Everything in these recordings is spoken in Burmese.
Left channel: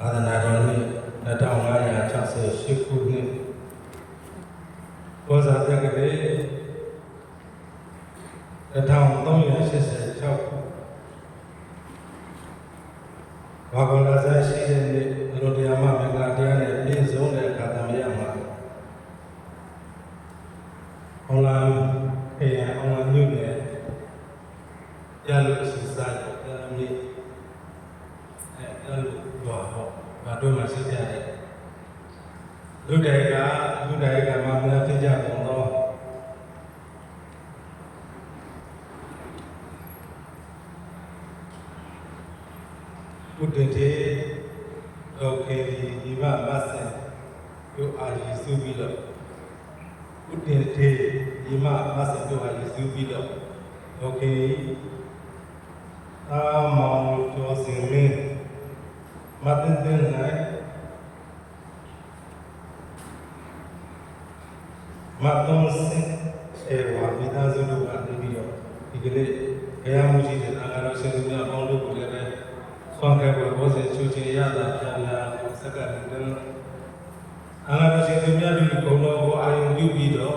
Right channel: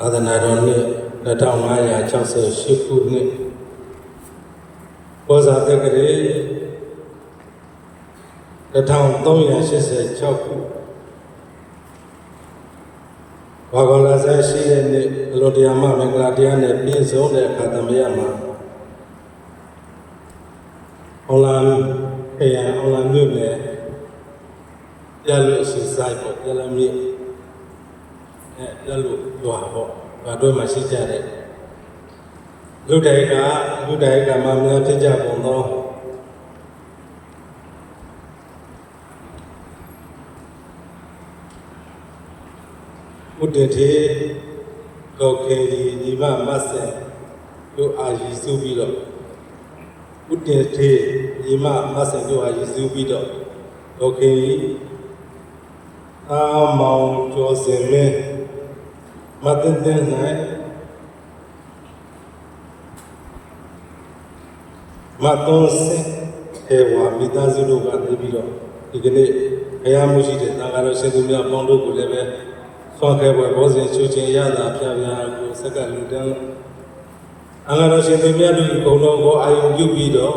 အာသနာတော်နှစ်2568ခုနှစ်ဘောဇာတက္ကရာ1386ခုဘာဂလာဇာရှိတဲ့နေ့အလိုတရားမင်္ဂလာတရားနဲ့ပြည့်စုံတဲ့အခါသမယမှာအောင်လာခရံအောင်လာမြို့နယ်ပြလို့ရှိဆိုင်ပေါ့ပြလမြစ်ပြလို့ရွာပေါ့ဘာတို့မှရှိကြတဲ့လူတိုင်းကမှများဖြစ်ကြပုံတော့ဘုဒ္ဓတေတော်ခေဒီမမတ်ဆေတို့အာရီစုပြီးတော့ဘုဒ္ဓတေဒီမမတ်ဆေတို့အာရီစုပြီးတော့တော်ခေအာမောင်ကျော်စင်မဲမတ်တဲ့နိုင်မတ်တော်စင်ေဝါမိသားစုတို့ကနေပြီးတော့ဒီကနေ့ဘုရားမှုရှိတဲ့သံဃာတော်ရှင်သူများပေါင်းတို့ကိုလည်းပဲဆွမ်းခဲ့ပွဲဘောဇင်ချူချင်းရတာဖျားဖျားကိုစက္ကန့်လူတန်းအငါတော်ရှင်သူများတို့ဘုံတော်ကိုအာယုံပြုပြီးတော့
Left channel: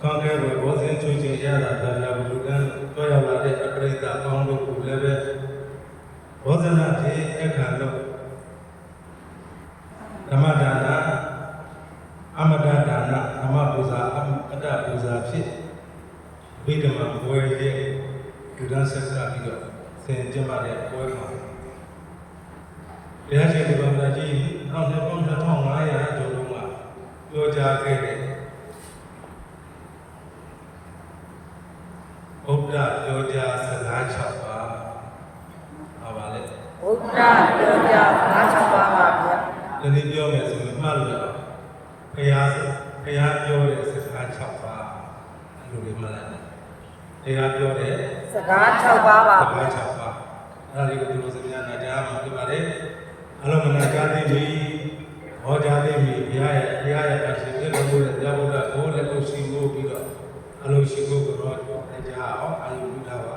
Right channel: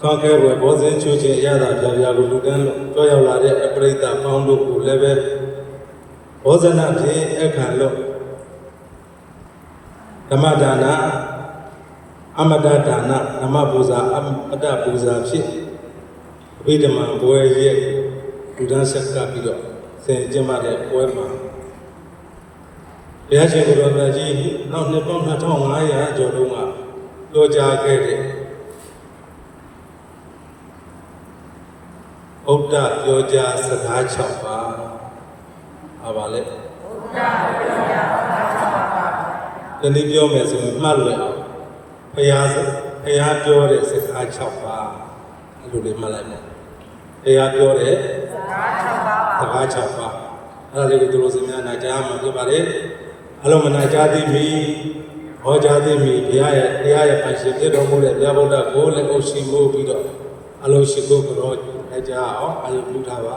ဆွမ်းခဲ့ပွဲဘောဇင်ချူချင်းရတာဖျားဖျားကိုလူတန်းတွားရောက်လာတဲ့အပရိသတ်ပေါင်းတို့ကိုလည်းပဲဘောဇနာဖြင့်အခါလို့ဓမ္မဒါနအမတဒါနဓမ္မပူဇာအမတပူဇာဖြစ်အဘိဓမ္မာပွဲရဲ့လူတန်းဆက်ကပြီးတော့ဆင်ကျင်းတဲ့ပွဲမှာဘုရားရှင်ကိုယ်တော်မြတ်ကြီးနောက်နှစ်ပေါင်း2500ကျော်လုံးကပြောကြားခဲ့တဲ့ဥဒ္ဒပြောကြားစကား6ပါးဟာပါလေဥဒ္ဒပြောကြားစကား6ပါးဒီနေ့ပြောမယ်ဆိုရင်မှတ်လို့ဘုရားပြောတဲ့စကား6ပါးအဲ့လိုလေးမှတ်လိုက်မယ်ဘုရားပြောတဲ့စကား6ပါးပါစကား6ပါးအဲ့ဒါလေးကိုသူတို့စများနိုင်ကြားမှာဖြစ်ပါလေအလုံးမနာကြသည်မိဟောကြားသည်မိဘုရားရဲ့အရှင်ဖြစ်တော်မူတဲ့ဘုရားဗုဒ္ဓကိုလည်းအုပ်ရှိမှုပြီးတော့အလုံးရှိကိုကြောအကြအောင်အာယုပြုထားပါ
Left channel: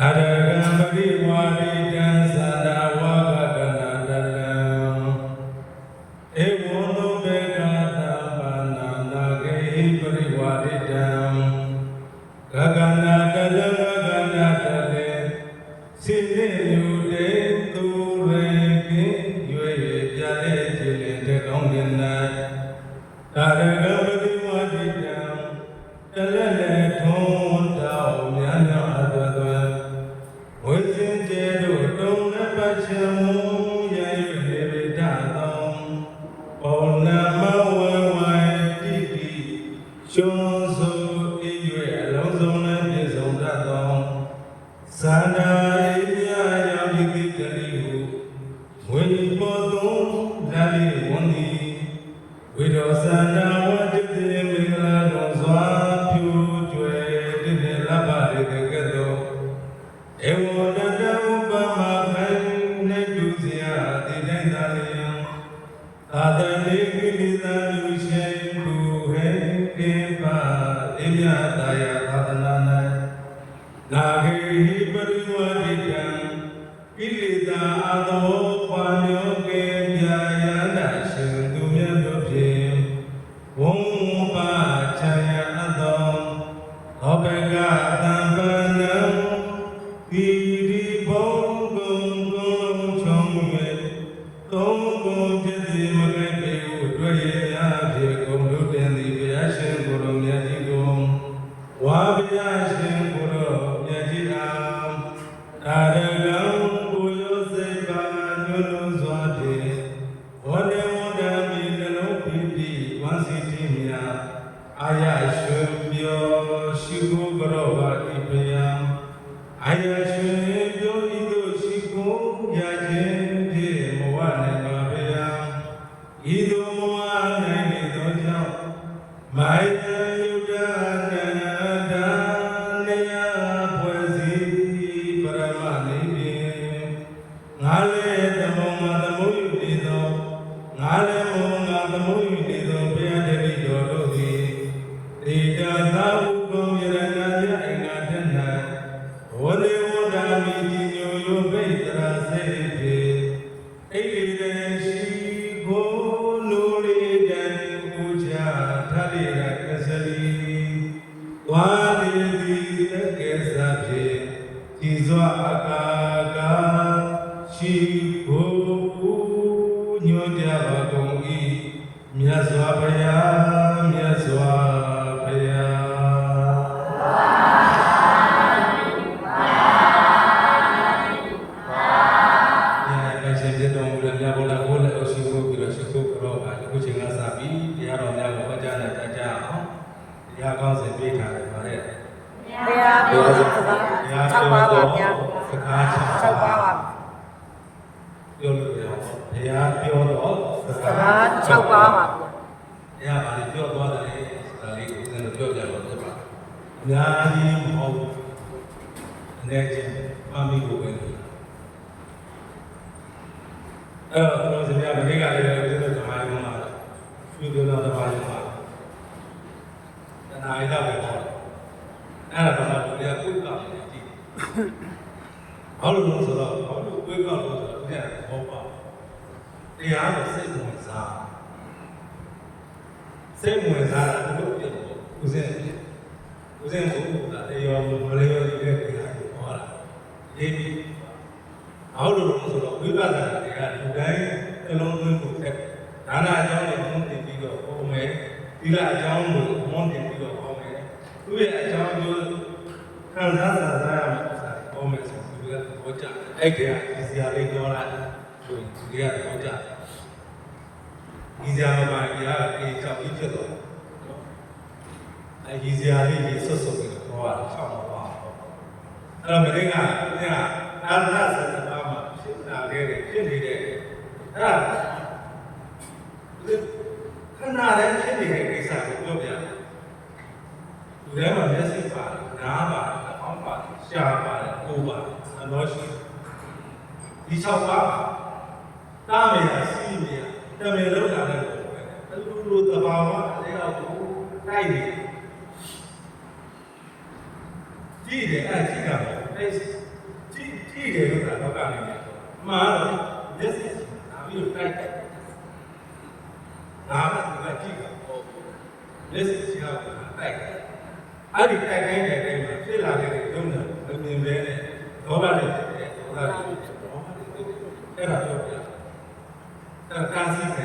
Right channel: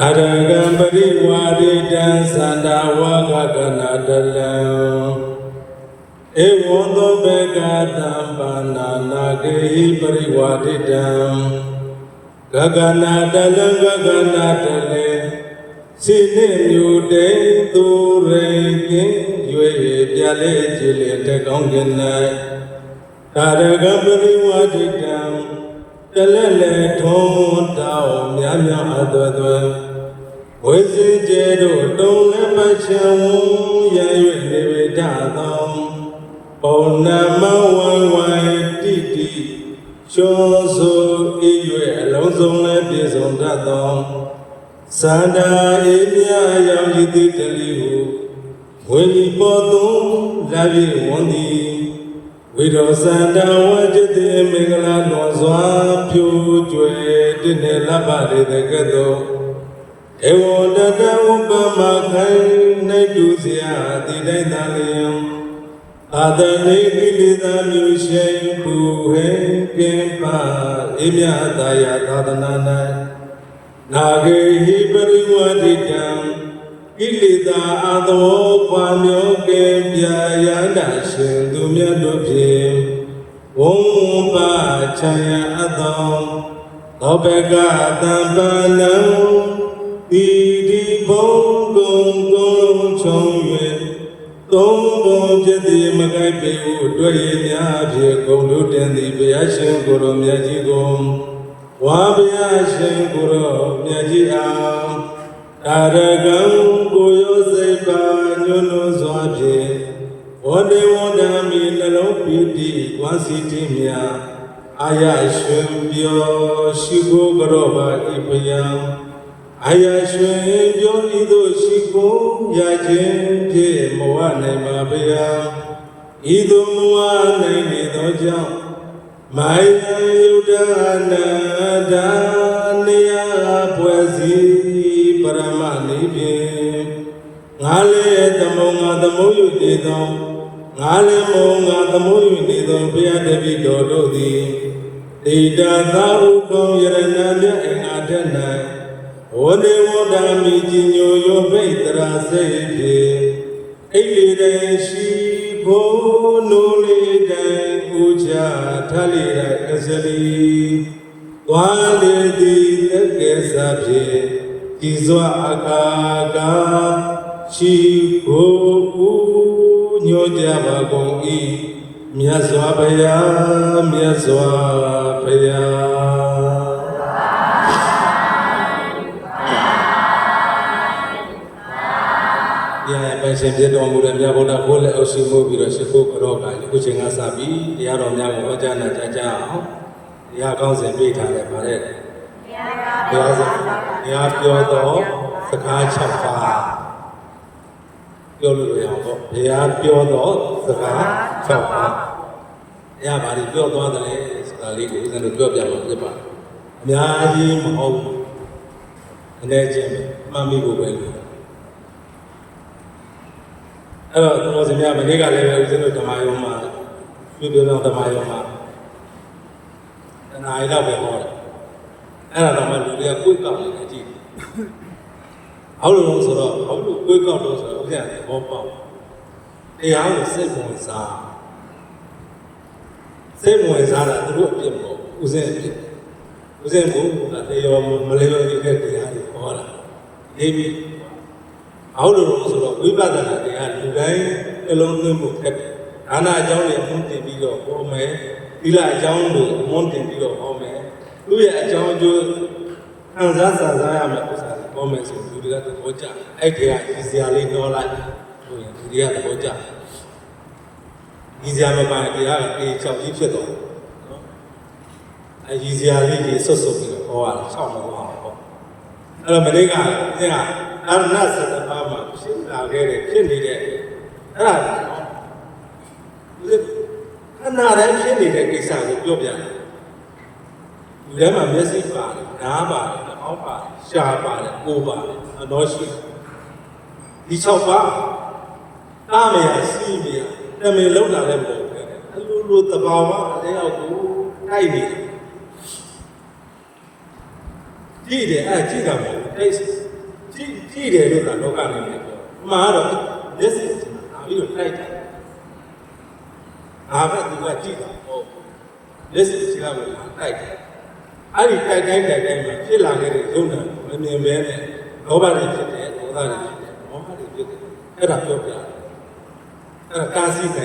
အရဂံပရိဝါရိတံသန္တာဝါကကနာတလံဧဝံသောဘေကသံပါဏာနာကေဟိပရိဝါရိတံဂဂနာတလံဂဂနာတလေစိနေညူတေသူရေကင်းရွေပြလေကြည်လေတကောင်းကျင်၌အရဂံပရိဝါရိတံတလဲလဲထုံးတောင်းများများအသွဲသွဲဝိဇင်ကျေတို့တုံလည်းမချံရ၍နေဝိဒသောပုံနာမဝဝတိတိရှုံးဆိုဤ၍အလုံးစုံလည်းပြည့်စုံတတ်သောသန္တာအေမြရောင်ရည်တိကလေးဟုဝိပေါ်သူလာပြီးဝန်သည်ဝိရောသန္တာဝကြတိမင်္ဂလာတော်စွာဖြူကျွေတည်နေလပ်ပါလေတကဲ့သို့ဧဝံတတဥပမာခိုင်နေတုစရာတိတိုင်းသာလျံအာတနေကိလေသာမျိုးရှိဘူဟေကင်ပါအေမြတာယသာသနာ၌နာဂေဟိပရိဝတိကံကိလေသာအသောပွားမျိုးကင်ပြာယနာရှင်သူမြတ်တို့ဖြင့်ဝံပါချာယအသောသောဘကတံပနံဤဒီဘုံကုံကုံချုံ၍သုံးဘုံဖြစ်သည်မကိုက်ပေဟုတွေ့ရများဖြင့်ဂုဏ်တို့တင်သည်ဘုရားရှင်ကိုယ်တော်မြတ်ကြီးကိုဝါဘုရားရှင်ကိုယ်တော်မြတ်ကြီးအားအာရကံကိုရောစိတ်ပါညွန်းလို့စွာဖြင့်ဝန္ဒေဝန္ဒမီနှလုံးပီတိဝါစီတိမြာအာယရွှင်ပြောရှိကိုကြောပါဤပယံအာယရွှင်ပြောဤသို့ရှိကိုရခြင်းဖြင့်မဝနိုင်ပါဗျာဤသို့မဝနိုင်နေသောကြောင့်မိုင်ယယုဒနာဒါနေယပွဲစီပရမနိဖြင့်ငါလည်းသမုံငါသမုံယူနေသောငါလည်းမောငါသမုံယူနေသောဘုရားတပည့်တော်တို့သည်ဣဒသာဥကောယရဏမြတ်အင်္ဂါထက်၌ဝန္ဒေ nuri dan uja thalira kasali walidi tekesabi izwa akaga shiko nyoja bagongi myazwa bayaရှင်ပြတော်မူတဲ့မြတ်ဗုဒ္ဓဘုရားအရှင်ကိုပြီးတော့ရှိခိုးကြောကအခုချိန်ကစပြီးတရားတော်များကိုအကြမ်းနဲ့ကြအောင်တရားကောင်းစဉ်ပြထားတယ်ဗါတဲ့တရားဆိုတရားပြောတော့စကားချက်ပါပြောလို့ရအောင်ပေါ့ဘုရားပြောတော့စကားချက်ပါတရားဘာတွေပြောသွားတယ်ဆိုတာလေးကိုဦးဇင်းတို့ပြောပြလို့ဖြစ်ပါအများကြီးမဟုတ်အနေချင်းမှတ်မိဖို့ပဲအဲ့တော့ကျွန်တော်စမြမနေ့ကလည်းဦးဇင်းတို့ဓမ္မယုံမှာပြုပြောတော့ဓမ္မယုံမှာတဏှာရတော့ပဲဟောတယ်အဲ့ဒါတော့မှလူတွေကကိုယ်ကောက်နေကြည့်အောက်လို့ဆိုတော့အောက်လို့ကိုယ်ကောက်လို့ဆိုတော့ဦးဇင်းကဘောပေါက်တရားကိုစိတ်ဝင်စားတာသူတို့အပြစ်မဟုတ်ဦးဇင်းအပြစ်ဦးဇင်းကိုတရားမလဲရောဒီကတရားကိုဟောတာဒီပြီးအောက်လို့ဆိုတော့ဝိပဿနာတရားလူတိုင်းအလုံးသွင်းဖို့ခက်တယ်။ဒါနအကြောင်းတွေအမှုတင်ပြီးတော့ဟောမယ်။သီလအကြောင်းကိုအမှုတင်ပြီးတော့ဟောမယ်။သူ့ရဲ့အကြောင်းအကျိုးခံစားရမယ်ဥစ္စာတွေဟောမယ်ဆိုလူတွေကသဘောကျတယ်။အဲ့ဒီကဒီစရာလေးပြောလိုက်ဆိုရင်လူတွေကသဘောကျတယ်။ဒီစရာမပါတရားကအေးချောက်ကြီးဖြစ်သွားတယ်နော်။အဲ့ဒီစရာလေးကြီးဆွတ်ပြီးတော့ဟောတာဆောက်တော့ဟော။အဲ့တော့မင်းကအာရဏစတပါမှာဖြစ်လာခဲ့တဲ့ဖြစ်နေတဲ့အဲ့ဒါခဏတည်းဖြစ်နေတဲ့ကိစ္စကိုပြောပြတယ်။လူထဲမှာမျက်စိပါတယ်၊နားပါတယ်၊နှာခေါင်းပါတယ်၊ရှားပါတယ်၊ကိုယ်ပါတယ်၊အနောရှိဒီ၆ပါးတားမရစီးမရတမင်လုံးလာတဲ့ပုံပဲ။အလိုတဘာဝအတရားကိုတိုက်နေတယ်။ကြည့်တယ်အဲ့ကြည့်တာမဟုတ်ဘူး။ကြည့်တယ်လို့ကလောကနေပြောအမှန်တော့မျက်စိဒါပြီးတော့တိုက်တယ်ငါပဲသူကကြည့်တာဟုတ်မျက်စိချာလို့တိုက်တယ်အဲ့ဒီတိုက်တိုင်းမှာဖြစ်လာခဲ့တဲ့ဒုက္ခကိုမမြင်ပဲနဲ့လောဘတွေဖြစ်တယ်ဒေါသတွေဖြစ်တယ်မောဟတွေဖြစ်တယ်အဲ့ဒါပြောပြတယ်အဲ့ဒါကာစီပဲ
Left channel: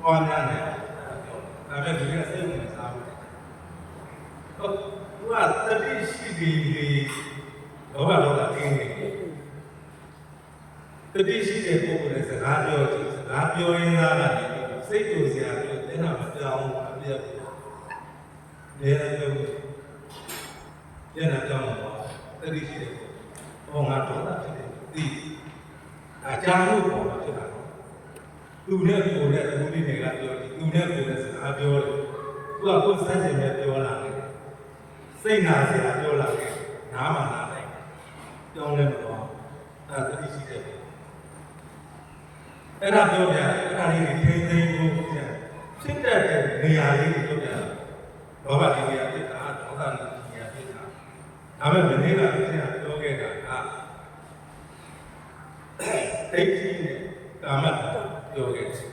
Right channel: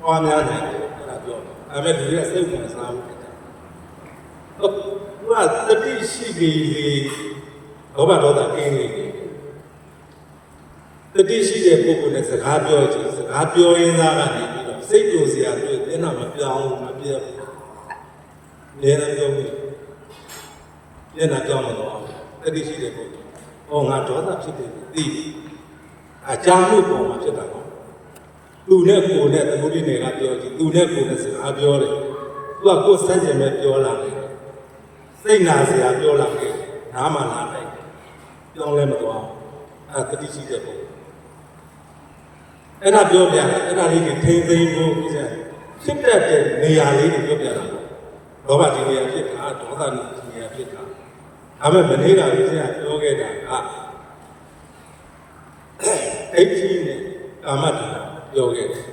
ပွားများတယ်အဲ့ဒါပြောဒါပေမဲ့ဒီကစိတ်ဝင်စားမှုဟုတ်သူကတတိရှိပြီးလောဘဒေါသကင်းနေတယ်တတိရှိတဲ့ပုဂ္ဂိုလ်နဲ့စကားပြောကြည့်စကားပြောရင်းသားကနေပြီးတော့စိတ်ကိုစရာတွေ့တဲ့နောက်မပြောင်းမပြတ်ဘူးလည်းပြောမှုပြန်လာကြောင်းတော့တတိရှိတဲ့ပုဂ္ဂိုလ်ဟောငါဒေါသဖြစ်တယ်သိအကြောင်းလို့ပေါ်မှာဖြစ်တာနော်သူနဲ့ကိုယ်နဲ့သူဒီနေကပြောကြည့်သူနဲ့ကိုယ်နဲ့စကားပြောတယ်သူကကိုယ်စိတ်ကြင်မဲ့ပြောလာတယ်စိတ်နာစရာပြောလာတယ်နားမှလာတယ်ပြောင်းလဲမသွားအဲ့ဒါတတိရှိတဲ့ပုံအဲ့ဒါပြောပြတယ်အဲ့ဒါလေးတွေထိမ့်သိမ်းဖို့ဦးဇင်းဖြစ်တတ်တဲ့နေရာလေးတွေပြောပြတာလောဘဒီနေရာဖြစ်တာဒေါသဒီနေရာဖြစ်တာဒါပေမဲ့မနေ့ကဦးဇင်းကပြောခဲ့တာကအိတ်ကြီးနဲ့ကာမတ္တပြောခဲ့တယ်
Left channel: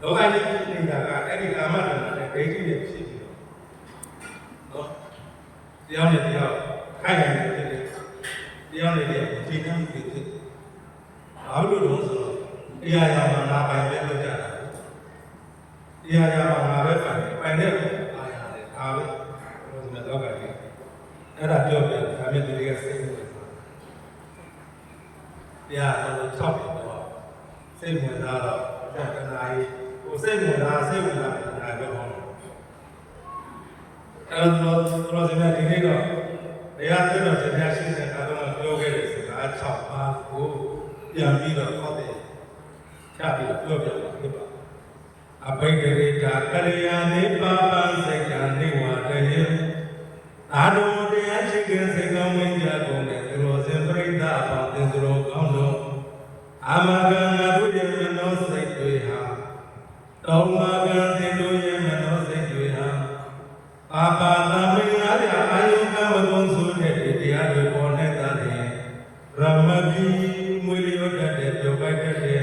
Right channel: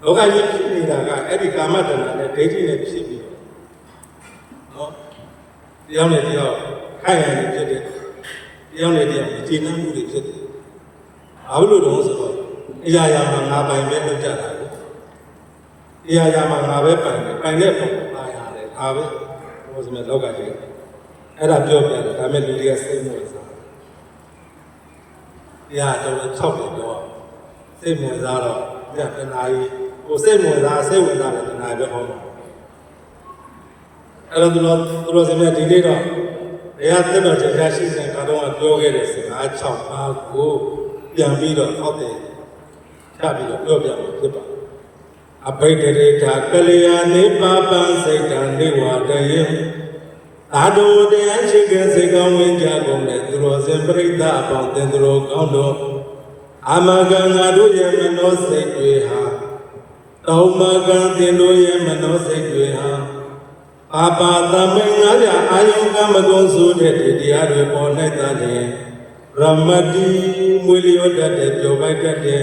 လောကကြီးဖြစ်နေတာကအဲ့ဒီကာမတ္တနဲ့ဒိဋ္ဌိနဲ့ဖြစ်ပြီးတော့နော်တရားနဲ့တရားခိုင်နိုင်ဖြစ်တယ်တရားနဲ့တရားဒီနှမှုတွေဖြစ်တယ်ဘာလို့လဲဆိုတော့အရာရာမှာငါပိုင်ပဲလုပ်ကြတာကိုအရာရာမှာငါပဲပိုင်တယ်ပိုင်တဲ့ပုံပါရတယ်ဒါပဲဘုရားရှင်လောကကြီးအဲ့ဒါပြောပြတယ်ဒါမဲ့လူတွေကစိတ်မဝင်စားတရားတော်6တယ်ပြောစိတ်ဝင်စားတော့တဏှာကြီးဟိုစိတ်ဝင်စားတယ်တဏှာပဲဟောမှာအဲ့တော့သူတို့ရှင်ဒီနေ့တော့တရားသင်တော်တရားရှိတဲ့ကတော့ပြောခဲ့တဲ့စကား6ပါးကိုပြန်ပြီးတော့ဟောတယ်ချပြီးတော့ပြောပြမှာဖြစ်ပါအဘိဓရေကကလျာဏိပါပံစေတံနိဝါဒယေအာဒုတရားရှိတဲ့စေကောင်းဝင်ကြကုန်တဲ့သူတော်စင်ပရိသတ်အပေါင်းတင်သူတော်ကောင်းတော်အာမဂံငါတို့ရဲ့မနောစိတ်တွေဟာတောမဂံတင်တို့ရဲ့မနောစိတ်တွေဟာပါပါသမင်္ဂါရအာယုကမကုံဆိုတဲ့တရားတွေပေါ်နဲ့တည်းရမတိမွေလျောတတ်တဲ့ပြောပိုက်တတ်တဲ့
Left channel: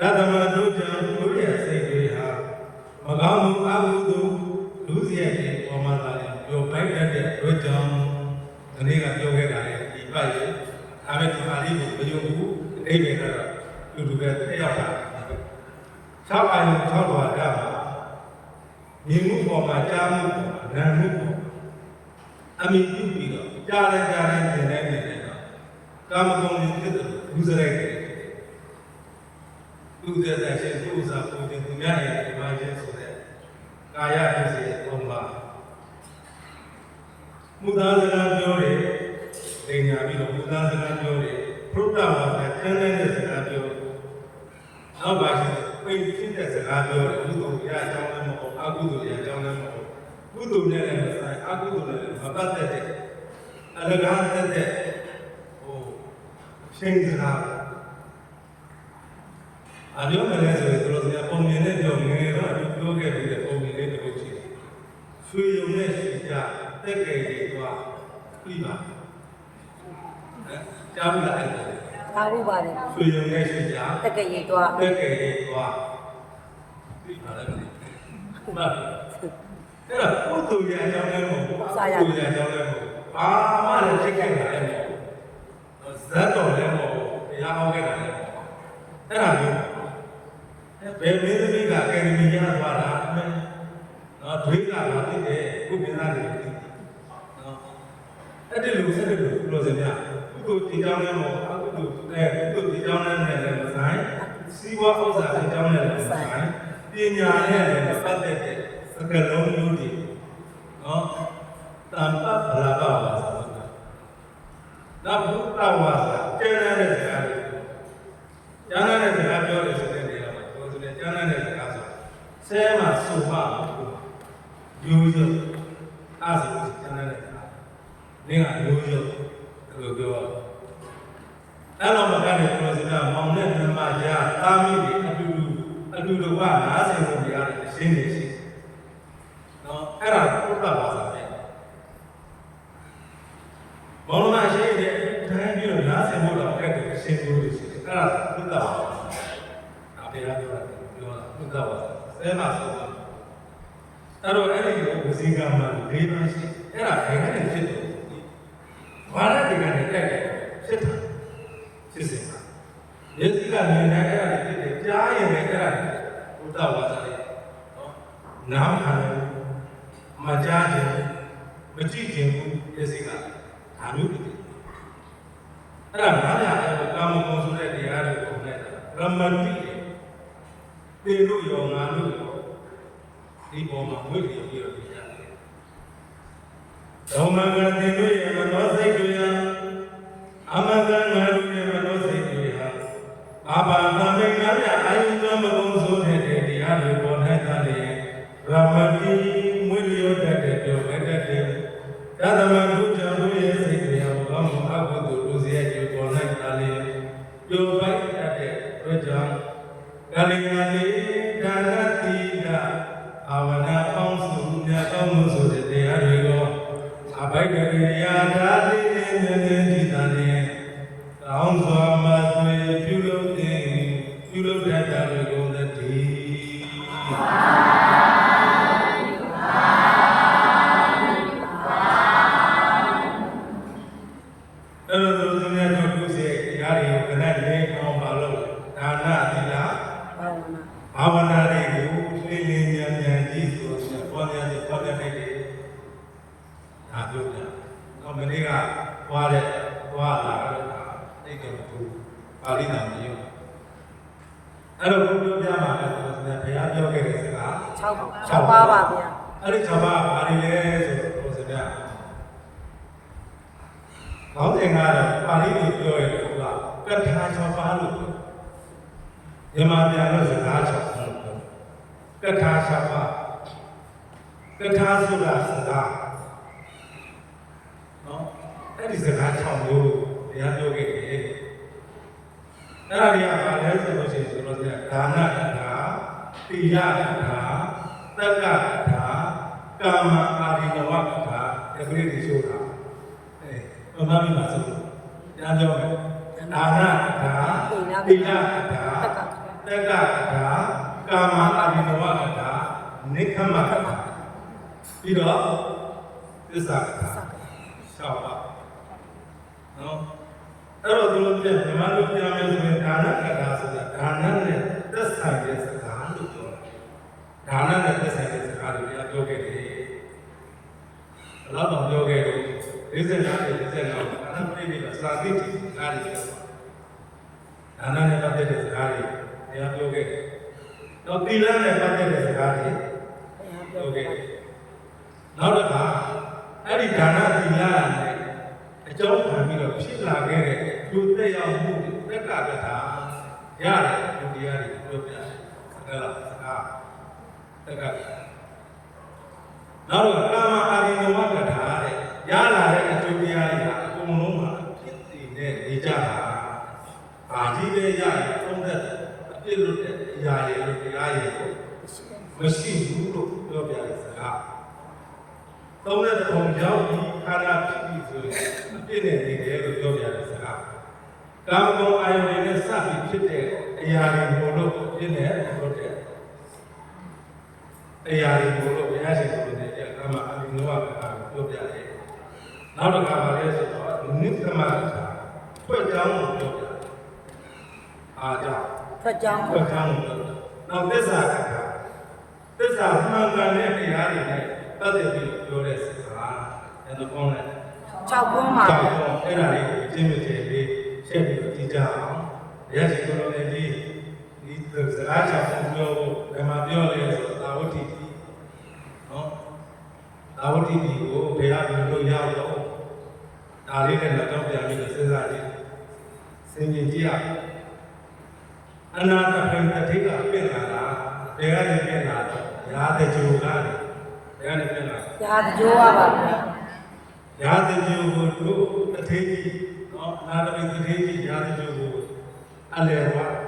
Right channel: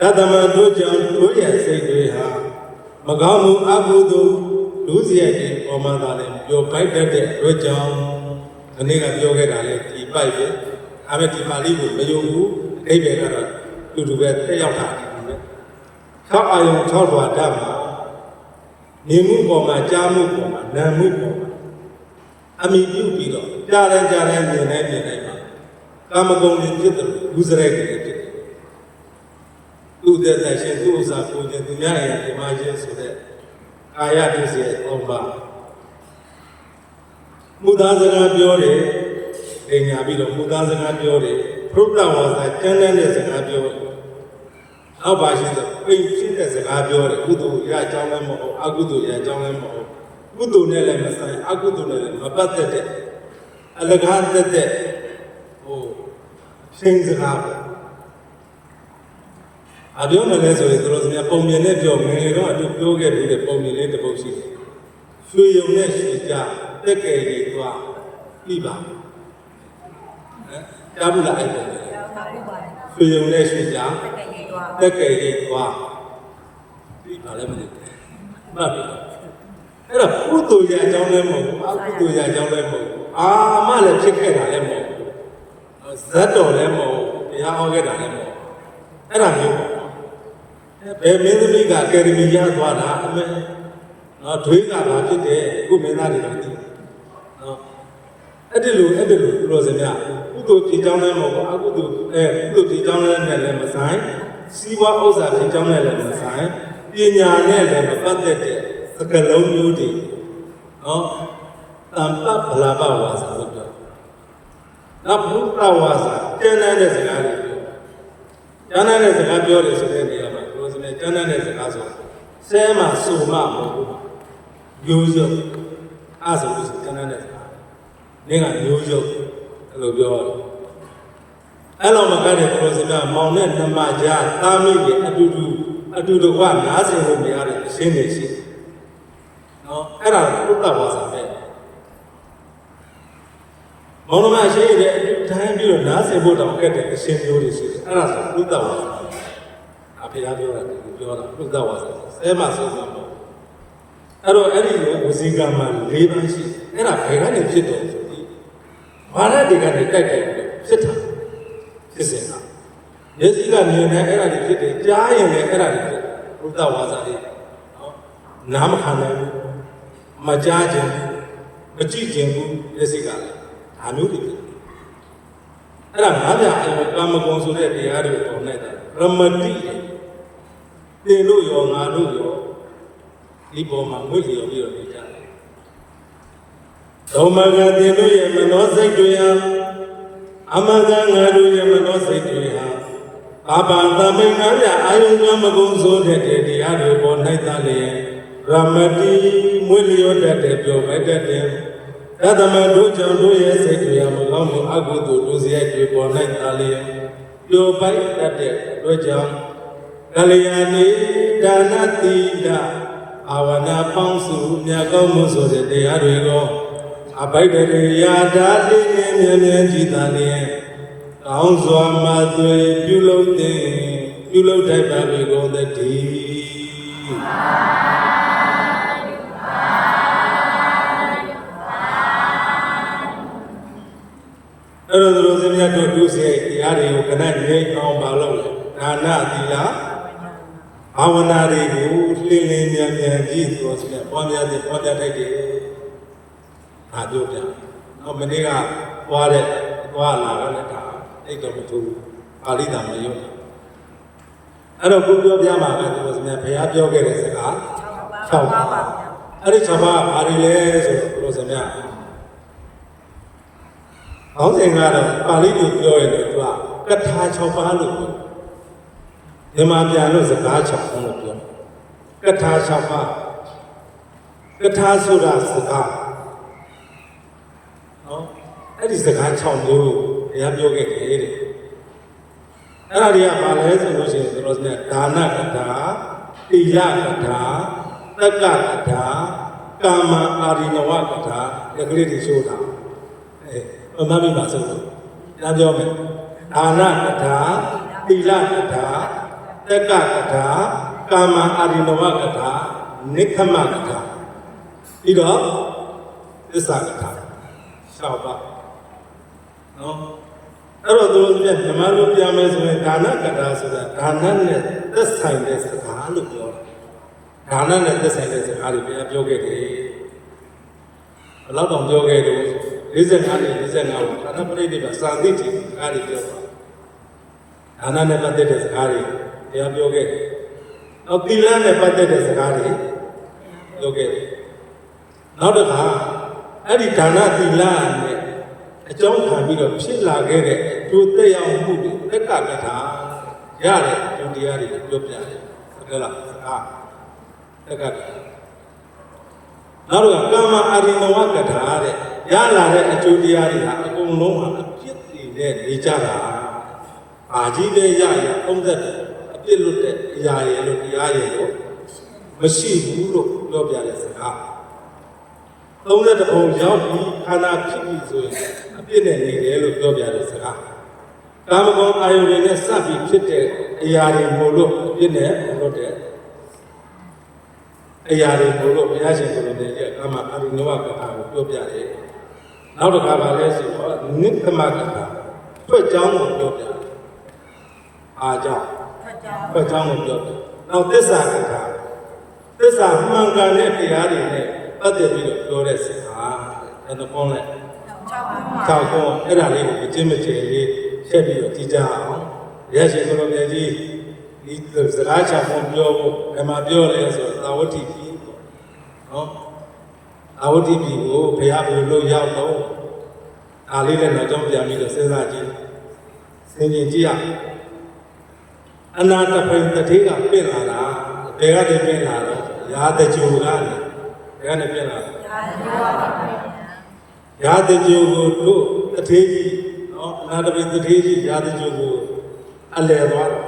ဒါသမတို့ကြောင့်တို့ရဲ့စိတ်တွေဟာမကောင်းမှုအကုသိုလ်လူစရိုက်တွေပေါ်မှာသာလေပြောပိုက်တတ်တဲ့အတွက်ကြောင့်ဒီနေ့ကပြောခဲ့တာလေဒီပိုက်ပဲအားပဲဒီပါဠိကိုမယုံဘူးအတိတ်ပဲကတော့တူတူပဲတက်ရောက်တာပဲ6အာယုံ6ဓာတ်ဓာတ်မှာနေမှုပေါ်မှာကြားမှုပေါ်မှာနာမှုပေါ်မှာအမိပြုပြီးတော့ကြားလဲမြင်နေမှာကာမဂုဏ်တွေဖြစ်တယ်လူစရိုက်တွေဖြစ်တယ်သူတဲ့ရှင်သူဥစ္စာကိုခြင်းသူများရဲ့ဒီမှာချင်းဆိုတဲ့ကာယဒုစရိုက်3ပါးမူသားစကားပြောတယ်ပညာပြီးတော့မူသားစကားပြောတယ်ဖရုဒ္ဓဝါစာကျမ်းတဲ့စကားပြောတယ်နောက်ပါရှိတဲ့ပိတ်ဖြစ်တဲ့စကားပြောတယ်ကုသိုလ်ရအကြောင်းလည်းမဟုတ်အကုသိုလ်ရအကြောင်းလည်းမဟုတ်ကုသိုလ်နဲ့လည်းမဆိုင်အကုသိုလ်နဲ့လည်းမပတ်သက်တဲ့အလကားသက်တဲ့ရှင်းစကားပဲအပြောနေလဲဆိုရင်တို့စမြပုံမြင်နဲ့ပြောငယ်တော့အတူပြောခဲ့ပြီးတဲ့ပုံမြင်လေးတစ်ပုဒ်ရှိတယ်ရွှေရုံနဲ့ရွှေကြတက်ကယ်ကြီးသွားပြီးပါကြားဘူးလားအဲ့ဒါအားဘူးပါတယ်ရွှေရုံနဲ့ရွှေကြတက်ကယ်ကြီးသွားပြီးပါလည်းမသိဘူးမှတ်ပြီအဲ့တော့ကုသိုလ်ရဲ့အကြောင်းလည်းမဟုတ်အကုသိုလ်ရဲ့အကြောင်းလည်းမဟုတ်အာမလည်းဖြစ်ခဲ့တာလည်းမဟုတ်ဇတ်တော်လည်းမဟုတ်ဘုရားဟောခဲ့တာလည်းမဟုတ်အဲ့ဒါမျိုးဘယ်မင်းသမီးကအကယ်ဒမီရသွားတာအမေနော်ဒွေးကဘာဖြစ်တယ်ခုမင်းသားတွေလည်းသိနော်အဲ့ဒီလိုသူတို့စများကုသိုလ်ဒီကြောင်းလည်းမဟုတ်အကုသိုလ်ကုသိုလ်ဒီကြောင်းလည်းနဲ့မဆိုင်စီးပွားဥစ္စာဒီကြောင်းနဲ့လည်းမဆိုင်ပညာနဲ့လည်းမပတ်သက်တဲ့စကလုံးမျိုးတွေနော်တန်ပဗလာပဝါစာလို့ပြောနောက်ဘုရားဝါစာကျမ်းတဲ့စကားတွေကျမ်းတဲ့စကားပြောတယ်ဆိုတဲ့နေရာမှာပြောစနေကျမ်းတဲ့စကားဆိုဆဲမှာစုံမမဟုတ်ဘူးရိုးရိုးအားဆိုလို့ကျမ်းတဲ့စကားနင်းကရိုးရိုးအဲ့လိုပြောအဲ့လိုမကိုင်းတဲ့ပြောစကားမောင်နဲ့နှမကြားတာမိတွေအတူတူကနားစင်လို့မရတဲ့အရှင်းနေရှိနော်အဲ့ဒါဘုရားဝါစာပဲမောင်မရှိတဲ့အတိုင်းပြီးတော့နားစင်ဖို့တော့အဲ့တဲ့အရှင်းမျိုးတွေရှိတယ်အဲ့ဒါဆိုဘုရားဝါစာအဖေကပြောတာပြောတာဘုရားဝါစာဆဲမှာဆိုတော့အဲ့တော့အဲ့ဒီလိုဝစီကံမှာ၄ပါးရှိအဲ့ဒါဘယ်ကနေဖြစ်တယ်ဆိုပြီးဘာလဲဒီကနေတက်တယ်ဖြစ်တာဖြစ်စင်တာမျက်စိကမြင်တယ်အဲ့ဒါတွေဖြစ်တယ်ကြားရင်လည်းအဲ့ဒါတွေဖြစ်ဘုရားဝါစာလေးနော်နားမခံနိုင်ဘူးမကြားခြင်းမကြည့်ခြင်းဘူးမျက်စိကလည်းဒါမျိုးတွေဖြစ်အဲ့ဒါငါးပြကာမဂုဏ်ဆိုတဲ့တရားတွေပုံနဲ့ရမတိသင်တို့ရောငါတို့ရောဒီပေါ်မှာဝိလျော်ပြီးတော့နေကြတယ်။သောမကသင်တို့ရဲ့မနောစိတ်တွေဟာအမကငါတို့ရဲ့မနောစိတ်တွေဟာဘာဘာသမိန်ငါပြအာယုံမကုံဆိုတဲ့တရားတွေပေါ်၌သာလျင်ရမတိဝိလျော်တတ်တဲ့ပြောမဲ့တတ်တဲ့သတ္တမတို့ကြောင့်တို့ရဲ့စိတ်တွေဟာမကောင်းမှုအကုသိုလ်တို့စရိုက်တွေပေါ်၌သာလျင်ပြောပိုက်တတ်တဲ့အတွက်ကြောင့်ကလျာဏိဒါနတိလအာဝနာပေါင်းစုမြတ်ကောင်းမှုဆိုတဲ့တရားတွေကိုအဘိဓရိယာဓာတိနဲ့မြဲမြဲကြည်သာလျင်ကောင်းစွာမှသွေပြုလုပ်တတ်တာတွေကိုတည်းအဲ့လိုလိုစင်မြတ်တို့ဒုစရိုက်တရားတွေကိုခဏနေအောင်ပါလို့ဒါနသီလဘာဝနာတွေကိုလှည့်လည်မြန်ကြည့်ဆိုတော့ပွားများတဲ့ပွားများတဲ့အားတို့ပြနောက်မနေ့ကသွားလာတဲ့ဒါတိတ်တော်မထူပါဠိတော်မရုံအဲ့တော့ဘုရားပြမှာကသူစမြဘုရားပြောခဲ့တဲ့စကား6ပါးပါဗျာအဲ့ဒီ6ပါးဘာတွေလဲဆိုတော့ဘုရားစမြခေါင်းစဉ်ကတော့ပါဠိလိုပြောရတဲ့သူကကထာ6ပါးလို့မြန်မာပြန်လို့စကား6ပါးလို့ပြောကထာ6ပါးကထာဆိုတာစကားနော်အဲ့ဒီစကား6မျိုးလို့ဘုရားပြောခဲ့တယ်တဲ့အဲ့ဒါတွေကဘာလဲဆိုလို့ရှိရင်တို့ကဒါနကထာသီလကထာသက္ကကထာကာမအာရိနဝကထာဒီကလေးတွေဆိုတာမမမိပါစို့ကြားပြောမယ်ဒါနကထာသီလကထာ တက္ကကထာကာမအာရိနဝကထာနိခမကထာပြီးတော့သစ္စာကထာ6ပါးနော်အဲ့တော့သူတို့ကမြန်မာလိုပြောမယ်ဆိုရင်ဒါနကထာဆိုတာဒါနနဲ့သက်ဆိုင်တဲ့စကားလို့ပြောတာဒါနနဲ့သက်ဆိုင်တဲ့စကားလို့ပြောခဲ့တယ်ဘယ်တော့ပြောခဲ့လို့45နဲ့45ကိုဒါနပရိနိဗ္ဗာန်စာသိတိစကားတွေပြောတာဒါနနဲ့ပတ်သက်တဲ့စကားတွေတရားပြောခဲ့တယ်နောက်သီလနဲ့ပတ်သက်တဲ့စကားတွေပြောခဲ့တယ်နောက်တစ်ခါအဲ့ဒီဒါနသီလနဲ့အကြောင်းခံပြီးတော့ဖြစ်လာခဲ့တဲ့ကျိုးသက်ရောက်မှုတွေတက္ကကထာရတဲ့အကျိုးတရားတွေပြောပြတယ်ဟုတ်လားစကားတက္ကကထာနောက်တော့ကာမအာရိနဝကထာတဲ့ရလာတဲ့အကျိုးတရားတွေဟာအကုန်လုံးမှာအဖြစ်တည်တဲ့နေကြတာအာကြီးပဲရရအောင်တဲ့အပြစ်လွတ်တဲ့အရာရယ်လို့တရားရယ်လို့မရှိဘူးလို့ပြောပြတဲ့စကား30ပုံရောက်ပြီးခန္ဓာဖြစ်ပြီးဆိုရင်အပြစ်နဲ့နေတယ်လို့ပြောပြတဲ့စကားကာမဂုဏ်အာယုန်နဲ့စပ်ပြီးဖြစ်တဲ့အရာတွေမို့လို့အပြစ်နဲ့လွတ်တဲ့အရာတွေမို့လို့ဘုရားရှင်ကိုယ်တိုင်ကကာမအာယုန်ကထာကိုပြောပြတယ်နောက်တစ်ခါပါလဲဆိုတော့နိက္ခမကထာထွက်ကြောင်းကိုပြောပြတယ်အားကြောင့်ထွက်ကြောင်းကိုပြောပြနောက်သစ္စာကထာသစ္စာမှန်ကန်တဲ့တရားတွေနဲ့ပတ်သက်ပြီးတော့ပြောတဲ့စကားအဲ့တော့ကောင်းတဲ့6ခုမှာ6ခုအဲ့ဒါလေးကိုအကျဉ်းမကျယ်လေးချက်ပြီးတော့ကြည်ကြအောင်ရရှိသလိုလည်းကြီးဒီစကားချောင်းပြောဖို့ဘယ်မှာပြောလဲဆိုတော့သာဝတိပြီနော်သာဝတိပြီကိုဘုရားဘယ်လိုရောက်တော့ဒါလေးနဲ့တော့ကြောင်းပြန်ပြီးတော့စဉ်းစားကြည့်စဉ်းကျင်ကြည့်ရအနာတပိတတိကပြင်လာတာဘယ်ကနေပြင်လာတော့ရာတကြိုကနေဘယ်ကနေပြင်လာရာတကြိုပါပါရာတကြိုကိုတို့တထေးကြီးနော်အနာတပိတထေးကြီးရာတကြိုကိုအလယ်သွားတယ်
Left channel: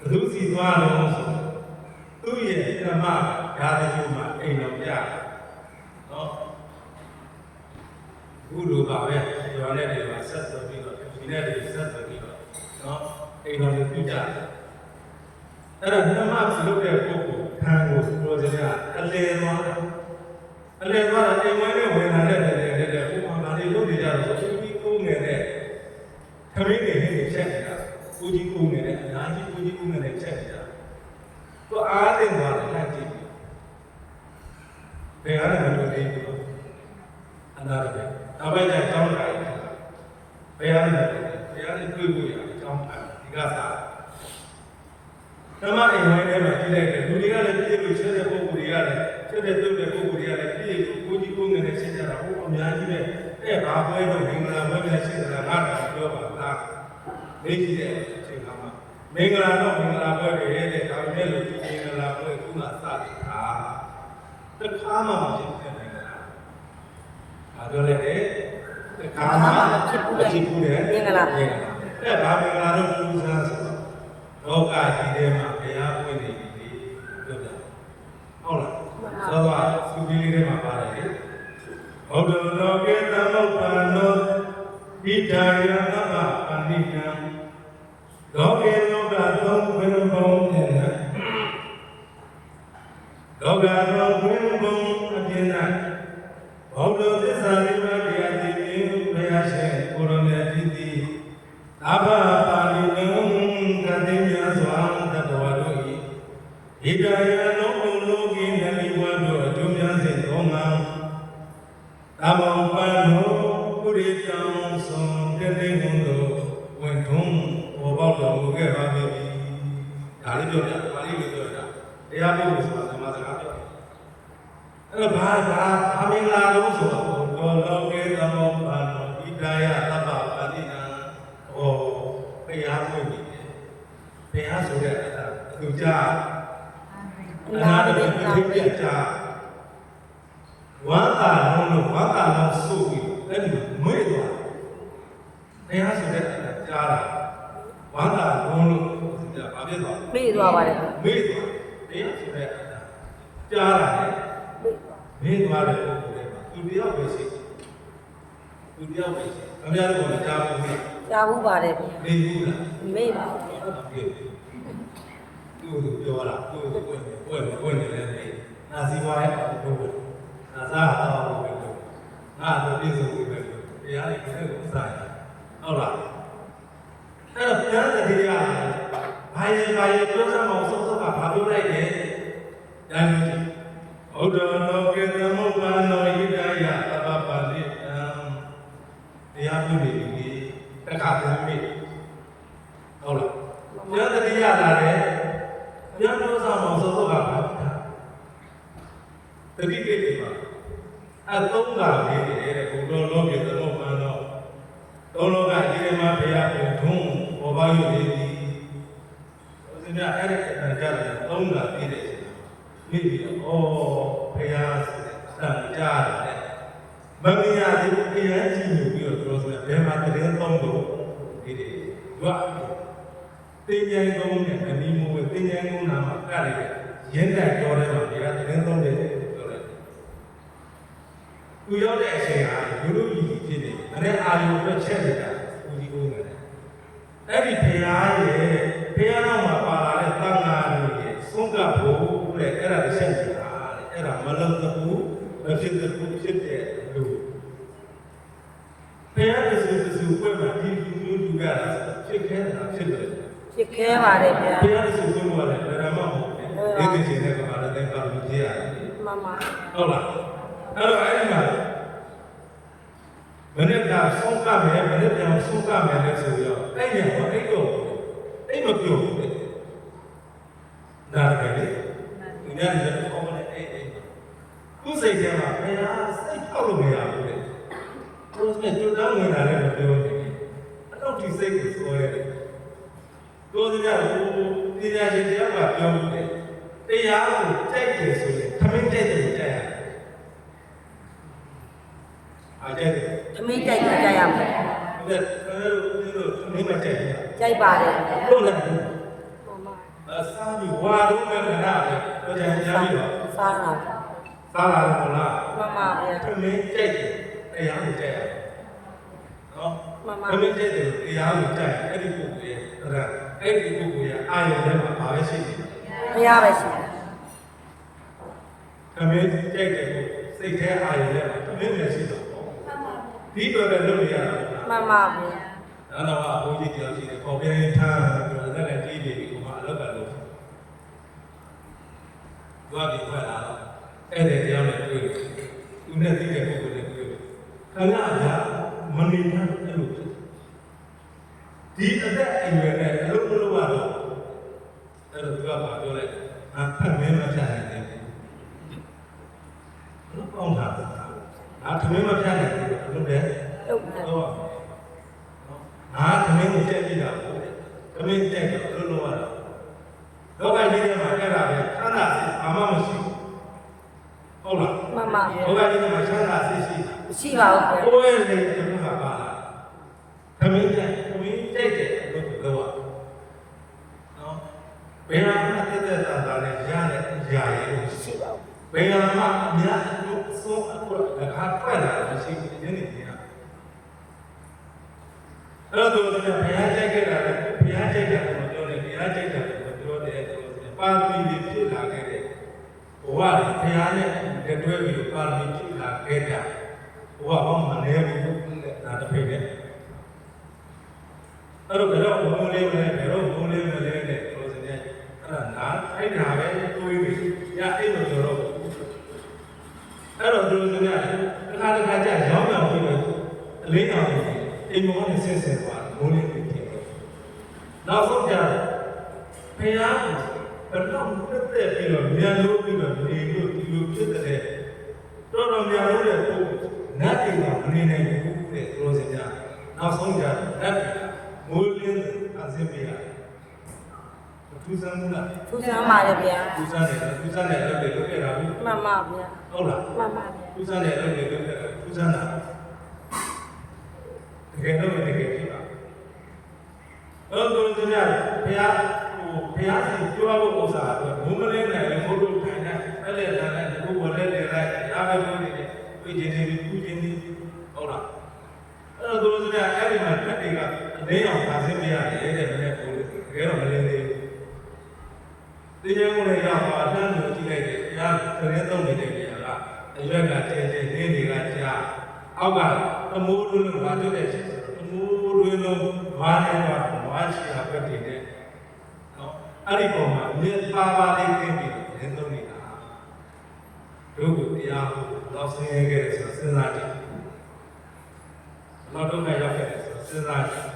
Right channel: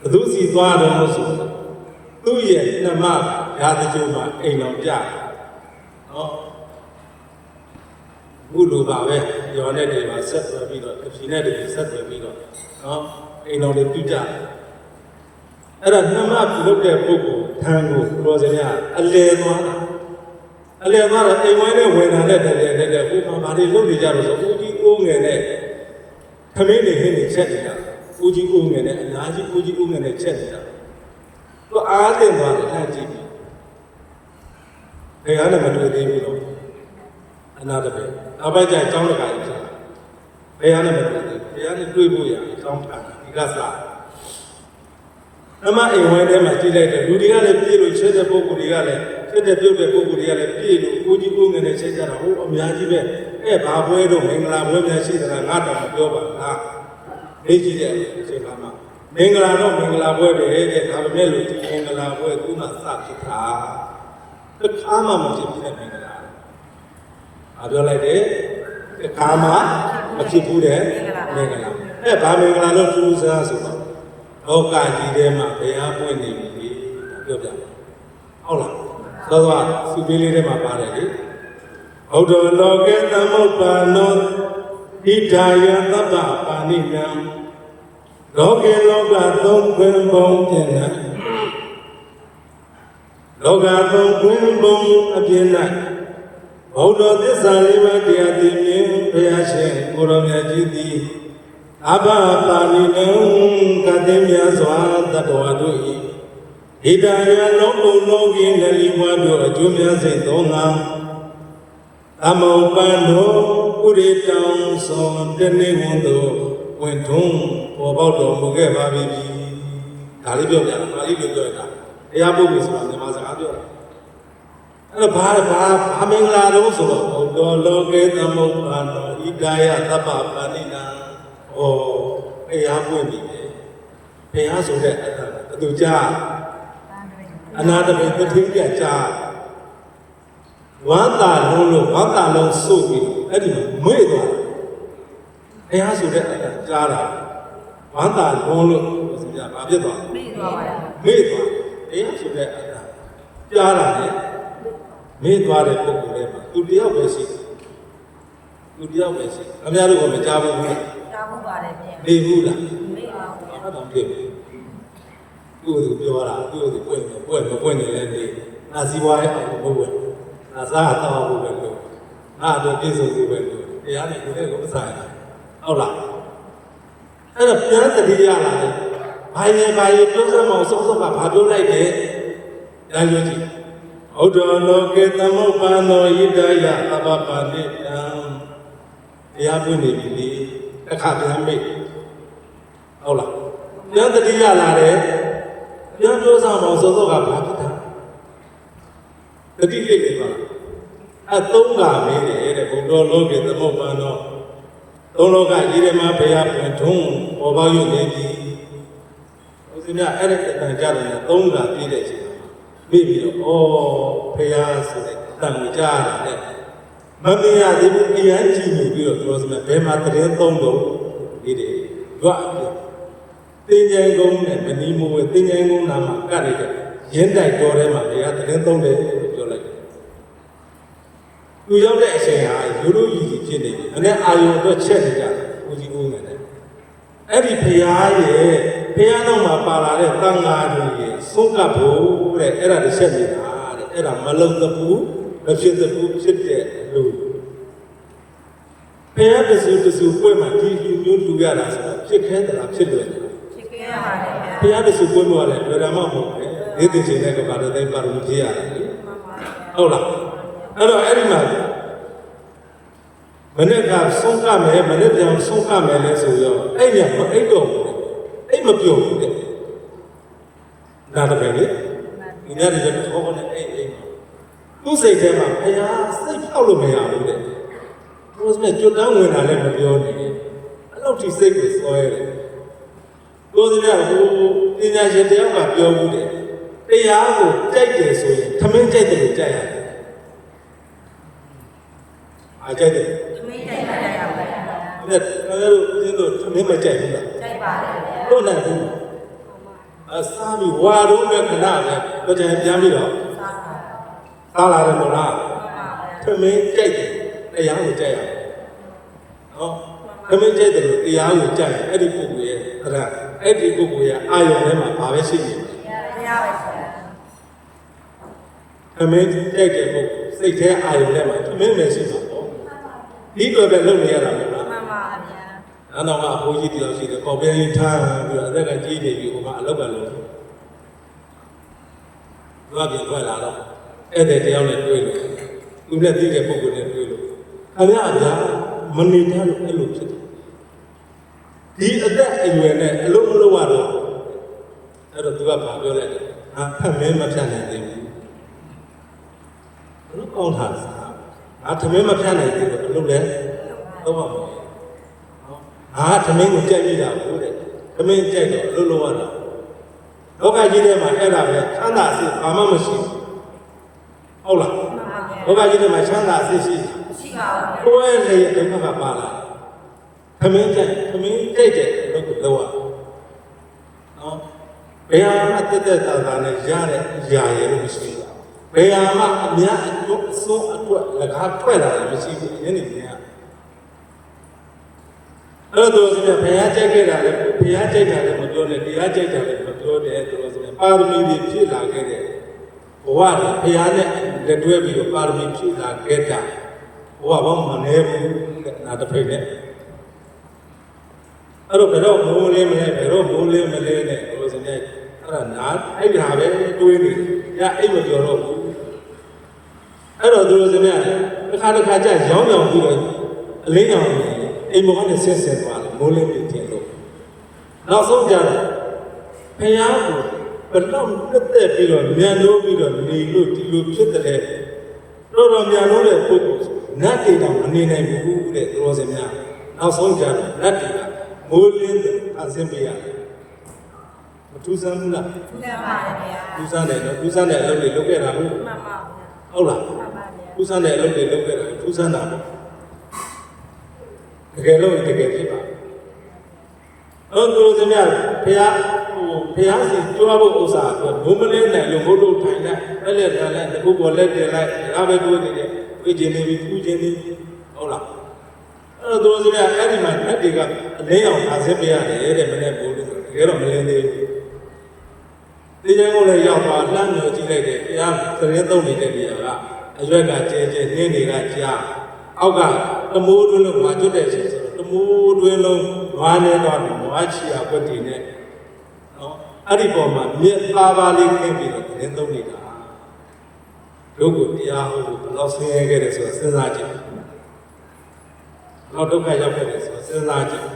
ဘသူစီသွားတော့ဆိုသူ့ရဲ့ဓမ္မရာတကြိုမှာအိမ်တော်ပြနော်ဘုလိုပါပဲရောနဲ့တွေပါဆက်သွယ်ပြီးတော့ဖြီနဲ့တွေဆက်သွယ်ပြီးတော့နော်အိမ်တော်တွေပြကြအဲ့တော့ဓမ္မပြုလုပ်တဲ့ပုဂ္ဂိုလ်ခံကိုပြောစရာအလယ်သွားတာအလယ်သွားတော့အိမ်ဝဲနဲ့ဝင်လာတဲ့တဲ့ဘုရားဘာတွေလုပ်နေကြလို့ဆိုဦးကြီးကိုငယ်နဲ့ခမင်းတွေဟင်းတွေချက်နေတာဦးကြီးကိုငယ်နဲ့အများကြီးဦးကြီးကိုငယ်နဲ့ချက်နေတာသူအားတင်သွားတယ်အဲ့ကြည့်ပြီးဘယ်ဟာနဲ့မတွေ့သေးဘူးတော့အနာတပည့်နောက်ပိုင်းကျရင်တောင်းတကာကြီးဖြစ်ဘယ်ဟာနဲ့မတွေ့သေးဘယ်ဟာနဲ့တွေ့ဖို့ရအကြောင်းခံဒီကစားဓမ္မအိမ်ဝဲထဲမှာကြည့်လိုက်တယ်လူတွေကလည်းပြေလို့ချက်တဲ့ပုဂ္ဂိုလ်တွေကလည်းချက်တဲ့ပြုတ်တဲ့ပုဂ္ဂိုလ်တွေကလည်းပြေလို့ကိုကြီးကိုငယ်နဲ့ချက်ကြတာဟိုအများကြီးပဲအဲ့ဘာပွဲတော့မင်္ဂလာပွဲများရှိသလားငါတော့ပြောပါလားနေကြည့်တဲ့အချိန်ခါမှာမင်္ဂလာတော့မင်္ဂလာပွဲပဲတဲ့ဒါပေမဲ့လို့ဒီမင်္ဂလာပွဲခုနစဖြစ်တာတခါမှမဖြစ်ဘူးတဲ့မင်္ဂလာအားပြောလိုက်တယ်တခါမှမဖြစ်ဘူးတဲ့မင်္ဂလာအဲ့ဘာမင်္ဂလာတော့ကျူးစားဆိုတော့လောကကြီးထဲမှာဘုရားပွင့်နေပြီပြောပြဟုတ်လားသောသောစုပေးလေးထဲမှာပါတယ်လေဘုဒ္ဓလောကေသမုပ္ပါနောဣဒာယသဗ္ဗပါဏိနံလောကေလောကသုံးခွင်ပုံပြင်၌လောကသုံးခွင်ပုံအပြင်၌ဘုဒ္ဓသစ္စာလေးပါးတရားသိမြင်ဘုရားရှင်ကိုရောင်မြတ်ကြီးသည်သဗ္ဗပါဏိနံကတိမြတ်စွာတတ္တဝါတို့၏ဣဒာယလောကုလောကီလည်းလီဝါတို့အကျိုးများစိတ်သုံးငါသမုပ္ပါနောပုရိတံသောတနေဝန်တို့ဝင်ထုံးပေါ်ပေါက်တော်မူခဲ့ပါပြီ။ဒါလေးပြောပြပါဠိလိုပြောတာ။တရားပုဂ္ဂိုလ်ဆိုတာဓမ္မစကားပြောတာ။အဲ့တော့ဘာမင်္ဂလာတော့ဆိုတော့ဘုဒ္ဓလောကေသမုပ္ပါနောဣဒာယသဗ္ဗပါဏိနံဩဘုရားပွင့်ပြီလေ။ဘုရားဆိုတဲ့အတူကြားအနာတပိပတိပြကြားဝမ်းသာလုံးလို့ဝမ်းသာလုံးစုပ်ပြီးအဲ့ဒီမေ့သွားဘုရားဆိုတဲ့ကြားတာဝမ်းသာလုံးလို့ဆိုကြဘာဖြစ်သွားမေ့သွားပါတယ်မေ့သွားဘုရားဆိုတဲ့ကြားတာလေမေ့သွားတဲ့ပုဂ္ဂိုလ်တွေမှာသူတယောက်ပဲရှိသူတယောက်ပဲရှိအများတို့ကလည်းကြားဘူးလေကြားဘူးပါတယ်ဗျာမေ့ဘူးလားမေ့ပါဘူးဘာမှမဖြစ်ဘူး သူ့ပြောတာသူ့ပွင့်နေလဲဒီနာစီဝါရဲ့ဘုံဘုံနာစားတော့ဘုံပဲလို့ငါတို့ပြည့်စုံပြီပဲလို့တရားလေးကိုမဆိုင်ဟုတ်လားအဲ့တော့ပြန်တတိယလာတယ်ဘာရင်ပြောစမ်းအောင်စုံစုံကဘာပြောလိုက်တယ်တိုင်းလို့ကြည့်ဩဒ္ဓလောကေသမုပ္ပန္နောဣဒယသဗ္ဗပါဏိတံတရားပြောနေပြီတစ်ခါပြန်မိဟုတ်လားပြန်တတိယလာတယ်ပြန်ပြောစမ်းအောင်စုံစုံကဘာဖြစ်တာတတိယလေးပါအသုံးတာမင်းတဲ့ဘုဒ္ဓလောကေသမုပ္ပန္နောသုံးလောကကြီးထဲမှာဘုရားပြန်ထုံးဟောပါရနေပြီဦးဇင်းကအဲ့ဒီအတန်ကြတယ်သုံးတာပြည့်တဲ့အချိန်မှာမိပြီးတော့ဩဘုရားဆိုတဲ့အတန်ကိုကြားရတယ်မမြင်ရသေးဘူးအရန်ကြည့်နေပြီးတော့သူကဘယ်မှာတရင်သုံးလို့ဒီတွေသူကတင်ញိုင်ကုန်းနဲ့မနီးမိုးပဲတင်ញိုင်ကုန်းနာမှာကရတယ်ရင်းတိုက်တော်ထဲမှာဘုရားတရင်သုံးတယ်လို့ပြောလိုက်သူရောက်တဲ့အချိန်ဟာရိုးရိုးကြီးဖြစ်နေတယ်။အဲ့အာယုံအတွက်ချက်နေတာဦးကြီးဦးနေတယ်။အဲ့ဒီဘုရားရဲ့ဘုရားတော်မှာပါလာတဲ့တန်ဃာတွေရဲ့ဆုံးကပ်ဖို့တဲ့အဲ့ဒါတစ်ချက်နေတာတဲ့အဲ့ဒါမလုံးတပူမဖြစ်တပူဖြစ်တဲ့လူဘုရားတဆူပွဲမှာဒီလူမျိုးလူရတာဆိုဖြစ်ခဲတာဖြစ်လွယ်တယ်ဖြစ်ခဲပါတယ်ဗျာဘုရားတဆူပွဲမှာလည်းဗေဒမမဟုတ်ဘူး။ဒီကိစ္စနဲ့ကဘာလို့လဲပါလို့ဖြစ်ရတယ်မှန်ပါဟုတ်လားအဲ့တော့အဲ့ဒီမှာမနေ့ကဆုံးကမယ်မနေ့ပြန်ဆုံးကမယ်လဲဆိုရောအဲ့ညမအဲ့တော့အဲ့မပြောဘူးတဲ့နားတကယ်လေဒီနေ့ရတော့ဟောမနေအဲ့သူ့စိတ်ထဲမှာဘုရားစိတ်ဖြောက်လို့မရဘူးတဲ့ဘုရားစမဲ့ကျွတ်တောင်းဝင်တာလည်းမပြောနေဘူးအဲ့လိုဒီစိတ်ကိုစွဲတယ်တို့ဒီကဟိုပညာရှင်တယောက်ကပြောဘူးတဲ့တရားကိုကြိုက်တယ်ဆိုရင်သမင်းကြိုက်တယ်လို့ကြိုက်ရတယ်အားကြိုက်တယ်သမင်းကြိုက်ကြရမယ်အဲ့ဒါသမင်းမကြိုက်ဘူးလားကြိုက်ပါတယ်လို့လည်းဘူးအစားပြီးဝါတော့လည်းခဏပဲကြံပြန်ပြီးတော့စားလာတယ်မလားသမင်းကြိုက်တယ်တရားကိုကြိုက်ရတယ်နော်သမင်းကြိုက်တယ်လို့တရားကိုကြိုက်အဲ့ဒီပုဂ္ဂိုလ်ရဲ့အဲ့ဒီပုဂ္ဂိုလ်ရဲ့အာရုံထဲမှာဘာပဲရှိနေလဲတရားပဲရှိတယ်သမင်းကြိုက်တယ်ကိုစိတ်ထဲအာရုံထဲမှာသမင်းပဲရှိတာပေါ့ဒီလိုပဲလုပ်နေရတာမလားမှန်ပါဗျာအဲ့တော့အဖိုးကြီးတယောက်ရှိတယ်ပေါ်ပြင်းထားပြီးတော့အသက်ကကြီးနေပြီဟိုမှာအလောက်ကလို့သူကပြင်ထွက်လာတော့အဲ့တဲ့တယောက်နဲ့တွေ့လို့သူနဲ့သိတဲ့ပုဂ္ဂိုလ်နဲ့တွေ့လို့ခင်ဗျားမနေတတ်လို့အဲ့လိုဖြစ်တယ်ဒီအသက်အရွယ်နဲ့အလုံးမလုံးရတော့အဲ့တော့သူကဘာပြောလဲဖတ်မင်းမဖြတ်နိုင်သေးဘူးဘလို့ကောင်းတာလားသမင်းမဖြတ်နိုင်သေးလို့အလုပ်လဲဟုတ်ပါဘူးသမင်းကိုကြိုက်ပြီးတာဟုတ်တယ်သမင်းကြိုက်တော့အလုပ်လုပ်ရတာလောကကြီးထဲမှာအဲ့ဒါပဲချမ်းသာစိတ်ဘာမှမရှိဘူးဟုတ်လားမှန်ပါလောကကြီးထဲမှာချမ်းသာစိတ်ရှိပါဘူးကိုယ်ရဲ့လေအတုံးကပါလာသမင်းကြိုက်တယ်လို့ပြောရနော်ဘယ်ဟာမှတက်တာနဲ့ရတဲ့အရာရဲ့လို့မရှိဘူးဘယ်ဟာမှအများအစိုးအတွက်လည်းခါထွက်လာတယ်မရှိဘူးယနေ့ကအဲ့တော့ဘုရားကြိုက်ခဲ့တာလေဘုရားကြိုက်တာလည်းမပြောနဲ့တရားကြိုက်တာလည်းမပြောနဲ့ဆိုတော့ပါရမီတွေဖြစ်လာခဲ့တဲ့ဘဝတွေဘုရားနဲ့လက်တွဲပြီးတော့ပါရမီဖြစ်လာခဲ့တာဘဝဘောမနေဘူးနာတစ်ဖိတ်နဲ့အဲ့တော့ဘယ်တော့မိုးလေးမလဲဘယ်တော့မိုးလေးမလဲနဲ့ဆိုတော့အဲ့ဒါနာအဲ့ဒါပဲတွေးနေညအိတ်မပြောတော့ဘူးအဲ့တော့သူတို့စမြတစ်ခါကြာရောင်းပြောင်းပြီးတော့အလင်းအောင်အိမ်မောင်းနဲ့ဆက်ဆက်သွားတယ်မိုးလေးပြင်တင်လို့နောက်ဆုံးကြတော့ဘုရားကိုဘယ်တော့တက်တက်ပြီးတော့မြန်လို့ပြီးတော့နေလို့ဒီလိုဖြစ်တဲ့တော်တော်မြန်လို့တဲ့ပုဂ္ဂိုလ်နတ်တွေတော့အနေနိုင်ဘူးတဲ့သူတော်စမြနောက်ဆုံးကြတော့နတ်တွေကမိုးလင်းအစင်ပြရတယ်သူစမ်းမှုလားသူစမ်းပါလေဗျာသူစမ်းတယ်အလုပ်တွေလုပ်ခဲ့တာဟုတ်မှန်ပါဗျာဟုတ်လားမှန်ပါဗျာသူစမ်းတဲ့အလုပ်တွေလုပ်ခဲ့တာသူစမ်းတာတကယ်လို့တကယ်ဖြစ်ပါအဲ့တော့သူစမ်းဘုရားစီတွားဖို့ဥစ္စာတော့ဘုံမလဲနဲ့ရုံဘုတို့ထိုင်လိုက်ပဲလေတယ်လည်းဒီဘုဘောလဲတယ်လိုက်အားပဲတွေးနေတယ်ဝိကျင်နေပြီကုကျင်နေဟုတ်လားအဲ့တော့သူစမ်းအဲ့ဒီမှာတက်တွေကအလင်းအောင်သာစင်းပြရတယ်တဲ့နည်းနည်းပို့လို့ဆိုတကယ်တော့မလင်းသေးဘူး တရားကိုလည်းရောက်သွားလှမ်းလို့ကြည့်လိုက်တယ်တရားသတင်းသုံးနေတဲ့နေရာကအရွက်ကကျဲကျဲနင်းတွေကကြားအောက်ကတမိုးတွင်းလုံးမှာကျွတ်တဲ့ချိန်ဆိုတော့တမိုးတွင်းလုံးဝါနေတော့ဝါချီအောင်ပြတ်တည်နေနော်အဲ့ဒီပုံမှာမြစ်ပါပါလေးခင်းပြီးတော့သတင်းသုံးနေတာတို့ကိုတရားဟောဘယ်တော့ဆင်းရဲခဲ့တယ်ဆိုတော့စဉ်းစားကြည့်ဘယ်တော့ဒုက္ခရောက်ခဲ့တယ်ဆိုတော့စဉ်းစားကြည့်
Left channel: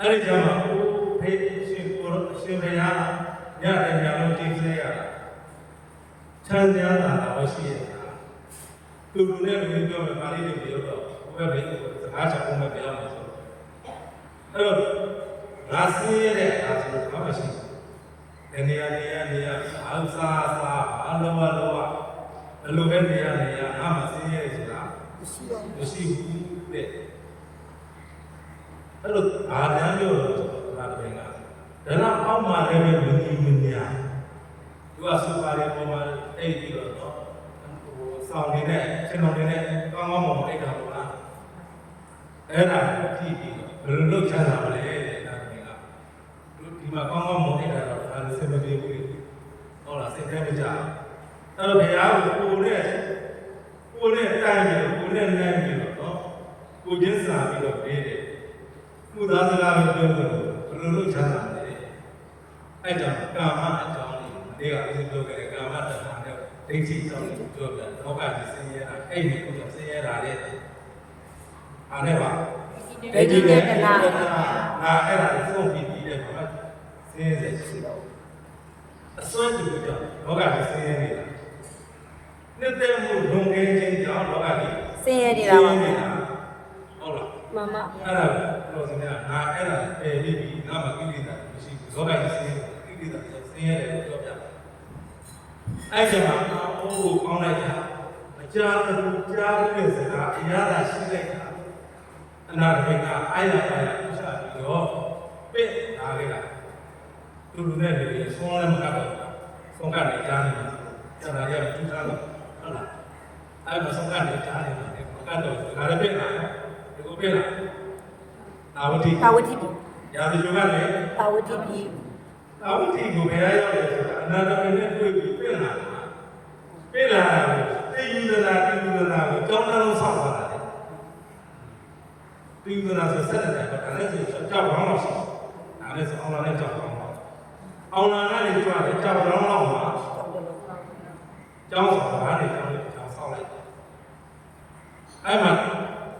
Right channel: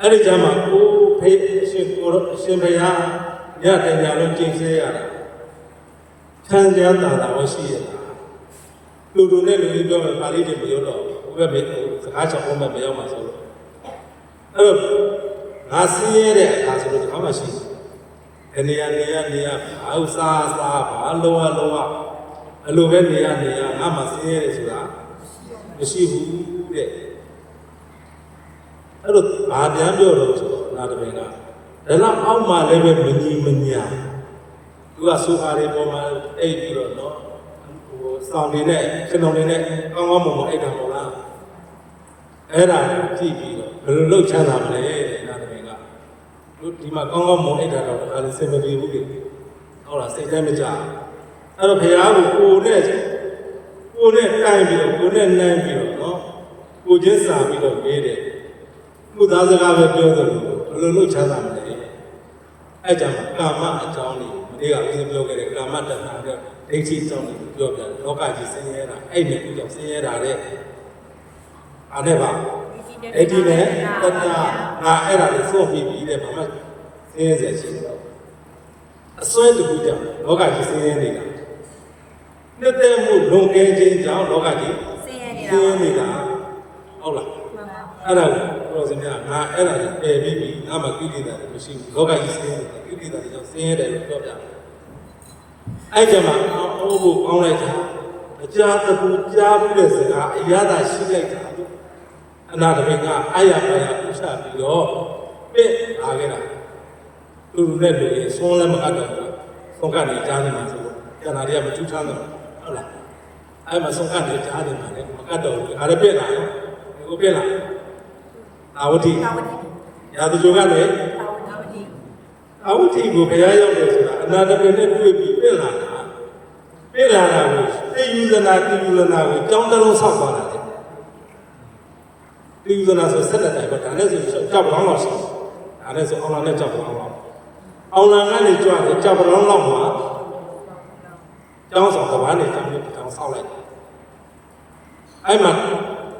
အဲ့ဒီကြမှာကိုဖေးရှင်ကိုရှင်ဘုရားညတင်ကြလို့ကျင့်စေရတာချမ်းသာတာဝရှိရတာလူတို့နဲ့လူကြီးပြောမယ်ပါဠိတွေပြောတော့ဘယ်ပဲစကားချက်ပုံမဲ့ပြောမှာဆိုတော့အဲ့တော့ငါဆင်းရဲတဲ့အခါဆိုလို့ဘာမှရှိတယ်နေရာဘာဥစားဘာလောဘဘယ်လိုပဲနေရာငါမှဆင်းရဲတယ်ဆိုတာမရှိဘူးတဲ့အဲ့လိုဘာပြန်ပြောလို့ဆိုတော့နာတပင်ကဒါတော့အောက်မှာလည်းပဲမညီမညာသူကဆိုအားလေးပေါ်မှာအိတ်ပြီးတော့နော်ဟိုစောင်းနေတဲ့ကျွန်တော်နေတဲ့ကောင်းကောင်းမွန်မွန်အိတ်တော်ပေါ့လားအဲ့ဒါကိုကြည့်ပြီးတော့ဘယ်လိုလုပ်ချမ်းသာမလဲတဲ့နာတပင်ကတို့ဒီမှာကောင်းကောင်းမွန်အိတ်တော်တော့ဒါလည်းစင်မပြေဘူးလေဟုတ်လားစိတ်ထဲမကြအဲ့တော့ဘုရားကိုကိုယ်နဲ့တိုင်းပြီးတော့ကိုယ်နဲ့နိုင်ပြီးတော့နော်ကိုချင်းစာပြီးတော့ပေးတယ်သူ့သားစကားပဲပြောတယ်ဘယ်လိုလုပ်ချမ်းသာမလဲအဲ့ကြောင့်ကာမအကြောင်းလေးမနေ့ကဦးပြောခဲ့တဲ့ကာမတဏှာနဲ့ဒိဋ္ဌိအကြောင်းလေးပြောပြတယ်လောကကြီးဆင်းရဲတာအဲ့ဒီကူကြောင့်ဆင်းရဲတာတဲ့အားနဲ့ပါအဲ့ဒီနဲ့တဏှာငါအဲ့ဒါကိုဆုံးပြီးပြီးတဲ့ဘာမှဆင်းရဲစေချင်တယ်အစွဲတကူကြောင့်လောကကြီးဆင်းရဲနေတာနှစ်သက်မှုလွန်ကဲခြင်းကြောင့်လောကကြီးဆင်းရဲနေတာ ဟုတ်လားမှန်ပါအဲ့ဒါကိုတော်စင်များငါအဲ့ဒါပယ်ပြီးပြီငါမှကိလေသာတွေမရှိဘူးလောကကြီးဆင်းရဲကိလေသာတွေကြောင့်ဆင်းရဲတယ်လို့ပြောပြတယ်အဲ့ကြောင့်အိုးကိုကောင်းလိုက်တာမကြားတခုကြားပြီးတဲ့စကားအရသာရှိလိုက်တာအနာတပင်ကအာရပါရဥစ္စာပြီးတော့ပြစ်လာခဲ့တာသူနဲ့လူတွေဆုံးလည်းမအပ်တော့ဘူးဆုံးကနေကြားနေမှာဆိုတော့ကြာလာကြမထူးထမ်းတော့ဟုတ်လားအဲ့မှာဆုံးကနေကြားနေမှာလေမအပ်တော့ဘူးဒါလည်းပြစ်လာတယ်ကိုပြလာသာဝတိရာဇဂျိုကလည်းသာဝတိကိုဘယ်ရောက်လဲဆိုတာအနာတပင်နဲ့တွေ့ပြီးပြလာတာကိုသိယူဇနာကိုကြောင်းတလုံးဆောက်သွားတာလေသိယူဇနာဆိုဆက်တဲ့တိုင်ပဲဒါလည်းဆိုကြောက်ပေါင်းလောက်ရှိဒါလည်းဆိုအောင်လာနဲ့ကြောက်ပေါင်းလောက်အောင်လာကနေကြွတယ်ကြောက်ပေါင်းလောက်မှာကျောင်းဆောင်ကဘာနဲ့တောင်းပြီးတောင်းဆောက်လိုက်အဲ့မှာသူ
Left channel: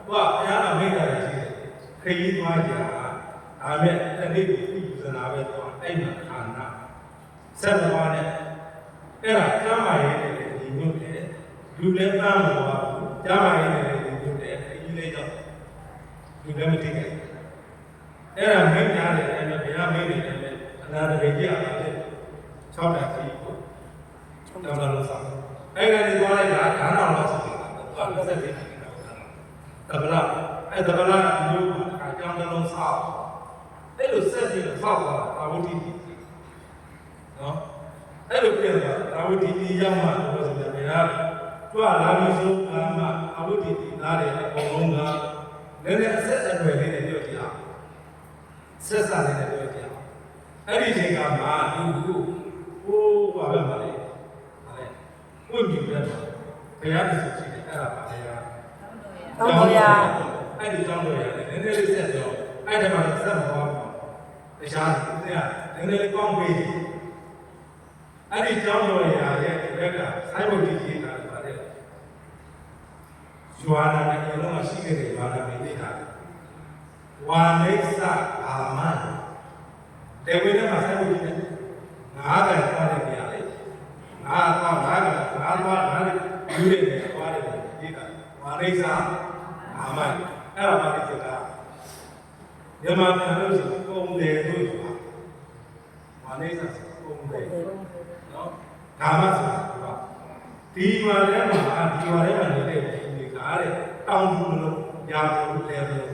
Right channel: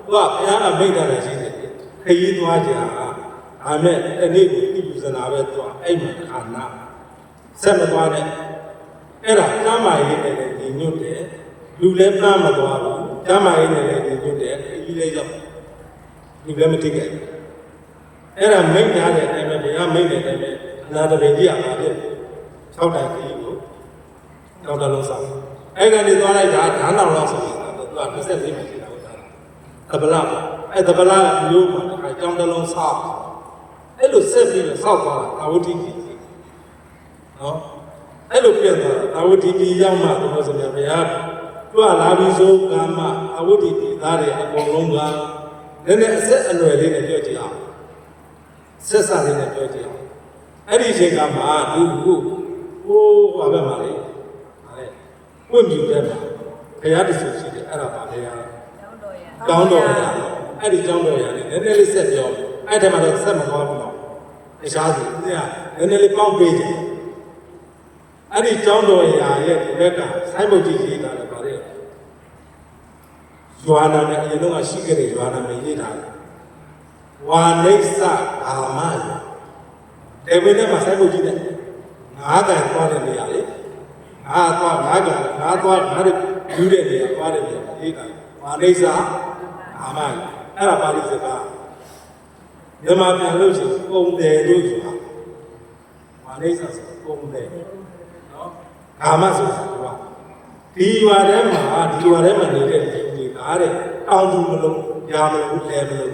ကဘုရားကမိတ်တယ်ရှိတယ်ခရီးသွားကြဒါမဲ့တနေ့ကိုသိယူဇနာပဲသွားအဲ့မှာခန္ဓာဆက်မသွားနဲ့အဲ့ဒါကျမ်းမာရေးနဲ့လည်းညီညွတ်တယ်လူလည်းသားမသွားဘူးကျမ်းမာရေးနဲ့လည်းညီညွတ်တယ်ခရီးလည်းရောက်လူလည်းမသိခဲ့အဲ့ဒါမိတ်များတဲ့အဲ့မဲ့ဘုရားမိတ်တယ်လည်းပဲအနာတပင်ကြီးရပါတယ်6တိုင်ခရီးကိုတောင်းတလို့ဆောင်အဲ့ကနေသွားလိုက်တာဓာတ်တော်လားဆိုရင်သူက24ပြီတာဟုတ်တာတပလာအဲ့တပလာမျိုးမှာအကြောင်းတလုံးဆောက်အဲ့လိုဆက်ပြီးတော့ဆောက်သွားတာအာဝတိကြီးနော်အဲ့လိုပြန်သွားအာဝတိကြီးရောက်မှသူဆိုကြဘုရားသူကလာပြီးဆိုကာမအာဝတိကြီးသားတွေအကုန်လုံးကလည်းအဆက်အနွယ်လေးနဲ့ပြောကြည့်အောင်ဆက်စားလေးနဲ့ပြောကြည့်အောင်အဲ့ဒီအချိန်ကမှသူဟိုဘာပဲမှာလေပွင့်မြူတဲ့မှာဘုရားတဆူရှိတယ်အဲ့ဒါပါလေကျောင်းတော်ရအဲ့ဒီကျောင်းတော်ရလည်းနည်းနည်းလေးဆက်ပြောအဲ့ဒါမှလည်းဆက်မသွားဘူးတရားစီနည်းနည်းလေးပေါင်းပေးတယ်အဲ့ဒီကျောင်းတော်ရရဲ့ဘက်ကဆိုင်းဘုတ်ကြီးရေးတာလည်းပါလေရွာနာနဲ့အရင်ကရှိခဲ့တဲ့ရွာနာမရေးတာဝါနိစ္စအာမတေဝိနဲ့မှာဆိုင်းဘုတ်ကြီးနဲ့ငါးတိုင်သွားတဲ့နေရာလေငါသွားတဲ့ယူတဲ့နေရာသွားတဲ့နေရာအေးတာမာရိစာအာမန်အဲ့ဒါပါဠိစကားမြန်မာပြန်လို့ရှိရင်ပုံတယ်လို့ဆိုတာမာရိစာဆိုပုံတယ်နော်ကာမဆိုတာကဒီရွာထဲမှာနေတဲ့လူတွေကတဲ့တောင်သူမလို့ညာမလို့လဲမလို့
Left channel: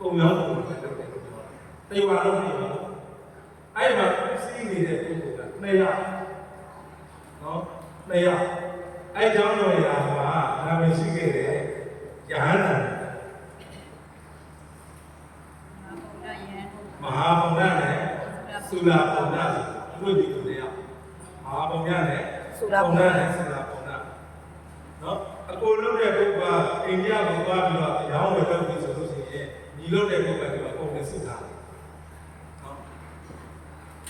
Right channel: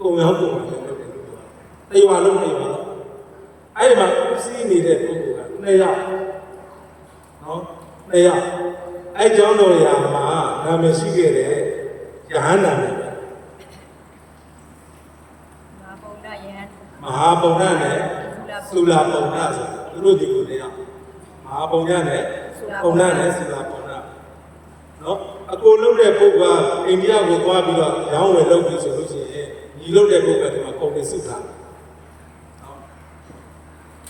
ကုံရောပုံပဲလုပ်တယ်လို့ပြောတယ်တရွာလုံးနေပါတော့အဲ့မှာစီးနေတဲ့ပုဂ္ဂိုလ်က2ယောက်နော်2ယောက်အဲ့ကျောင်းတော်ရာမှာနာမည်ရှိခဲ့တဲ့ယဟန္တာနဲ့မဟာဗုဒ္ဓနဲ့သုလာဗုဒ္ဓဆို သူတို့ဒီကိုနေရမဟာပုံရနဲ့ပုံရနဲ့ဆိုတာပုံရနော်အကိုလုံးတဲ့ပုဂ္ဂိုလ်ကအိန္ဒိယကိုသွားပြီးတော့ရောင်းဝယ်လုပ်ပြီးဆိုလို့ရှိရင်ညီလုံးတဲ့ပုဂ္ဂိုလ်ကဒီမှာကုန်နေစုတာ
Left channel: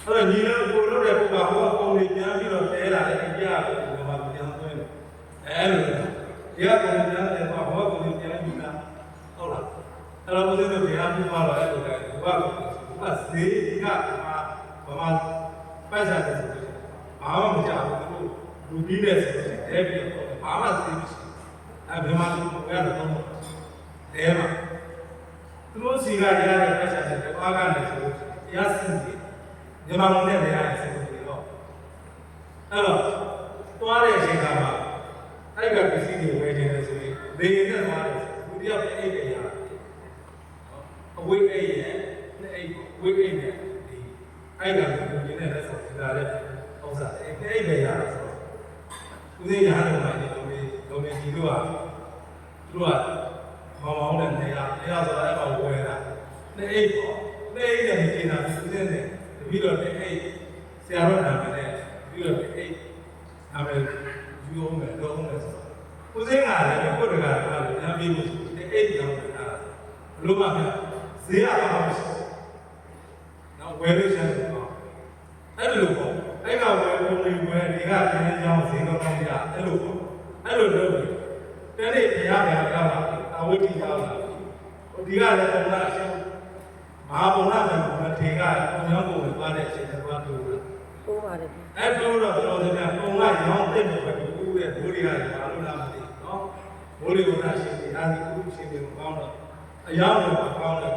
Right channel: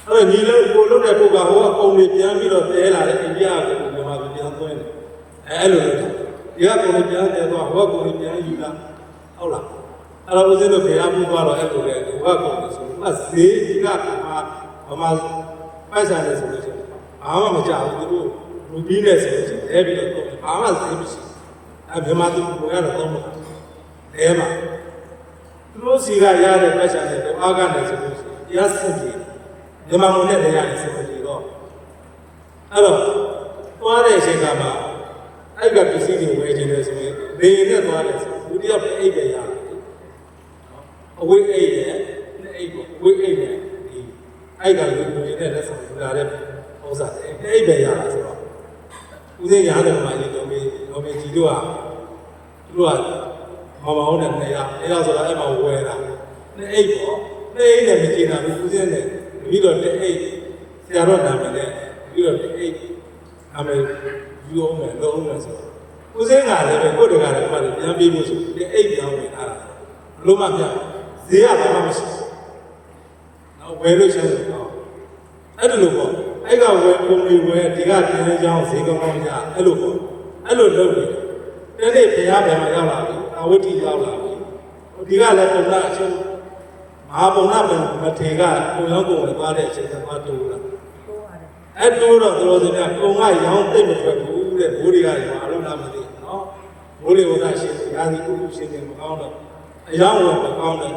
အဲ့ညီလုံးကိုလုံးတဲ့ပုဂ္ဂိုလ်ကဟိုကကုန်နေပြန်ပြီးတော့တဲလာတဲ့အိန္ဒိယကိုမြန်မာပြည်ပြန်သွင်းတယ်အဲ့လိုဒီကကုန်နေပြန်တဲသွားဟိုကကုန်နေပြန်ယူလာဟုတ်လားအဲ့တော့ဦးဇင်းတို့ဘုရားပြုသွားတော့အဲ့လိုလေဟိုကကုန်နေဆိုဟိုကဈေးကဗမာပိုက်ဆိုင်တယ်ဆိုလို့ရှိရင်ဘာမှမကြောက်ဘူးသူတို့လူပြီးနေဆိုလို့ရှိရင်လဲပြီးတော့ဘာမှဈေးမရှိအဲ့မြန်မာသူကိုရတော့တော့လဲမှာသူတို့စီကရတဲ့ပိုက်ဆိုင်တဲ့အားကနေဆိုလို့ရှိရင်တရားစင်ပြီးမြန်မာလူနဲ့နေရာနေဆိုပြီးတော့အဲ့တော့သွားတဲ့အချိန်ကမှအဲ့ကပစ္စည်းတွေဝယ်ခြင်းလဲဆိုရင်နေနဲ့သွားတယ်ဆိုလူတယောက်တည်းအိတ်ပဲရတယ်နော်အဝိအိတ်ရဲ့နဲ့အိတ်ကိုဝိအိတ်နဲ့ဒီအဲ့ကလူတွေနဲ့လက်ဆောင်လာတဲ့ဥစ္စာတွေအိတ်ပဲရတယ်ဆိုတော့ဦးစင်းရားတော်မှာဒီတော်ကြီးကြီးတို့ကသူတို့ကမောင်မောင်နဲ့နေရာဆိုတာအဲ့မှာဝယ်တာနဲ့အိတ်ပေါ့နဲ့အိတ်နဲ့မကြည့်တာဘူးဦးစင်းနဲ့ပြီးတော့တဲ့အိတ်ဆရာတော်နာမည်နဲ့ပြီးတော့တဲ့အိတ်နာမည်ယူအောင်မယ်လုပ်အောင်မယ်ဆိုတော့ဦးစင်းကလည်းကိုယ်တကားလည်းပြန်ပြေးဖို့ဆိုတဲ့အိတ်ပြောင်းဝင်ထားတာဘလို့မှပြဈေးရတော့မရှိနောက်ဝယ်လို့ရှိရင်တော့အဲ့လိုပေါ့အဲ့ကဝယ်ပုံလေးဝယ်ဒီကပြန်ရအောင်ဈေးကောင်းကောင်းရအဲ့လိုပေါ့အဲ့လိုလုပ်ပြီးတဲ့နေ့ဘုရားပြန်ရောက်လာပြီအဝိတ္တိရောက်လာပြီဒီကလည်းပုံလားအချင်းမဟာပုံနာမထေကကိုရောကိုဝင်သွားတဲ့အချိန်ကသွားတိုးတာတိုးပါတယ်အဲ့တိုးတော့သူတော်စင်ကပုံကရောင်းသိမ့်မထွက်ဘူးတဲ့ဘိုးတွေကလည်းမလို့လားမသိနော်ဘိုးတွေဝါရှင်တွေရာဇီဥရှင်တွေမကောင်းတော့အယောင်းဝင်မကောင်းတော့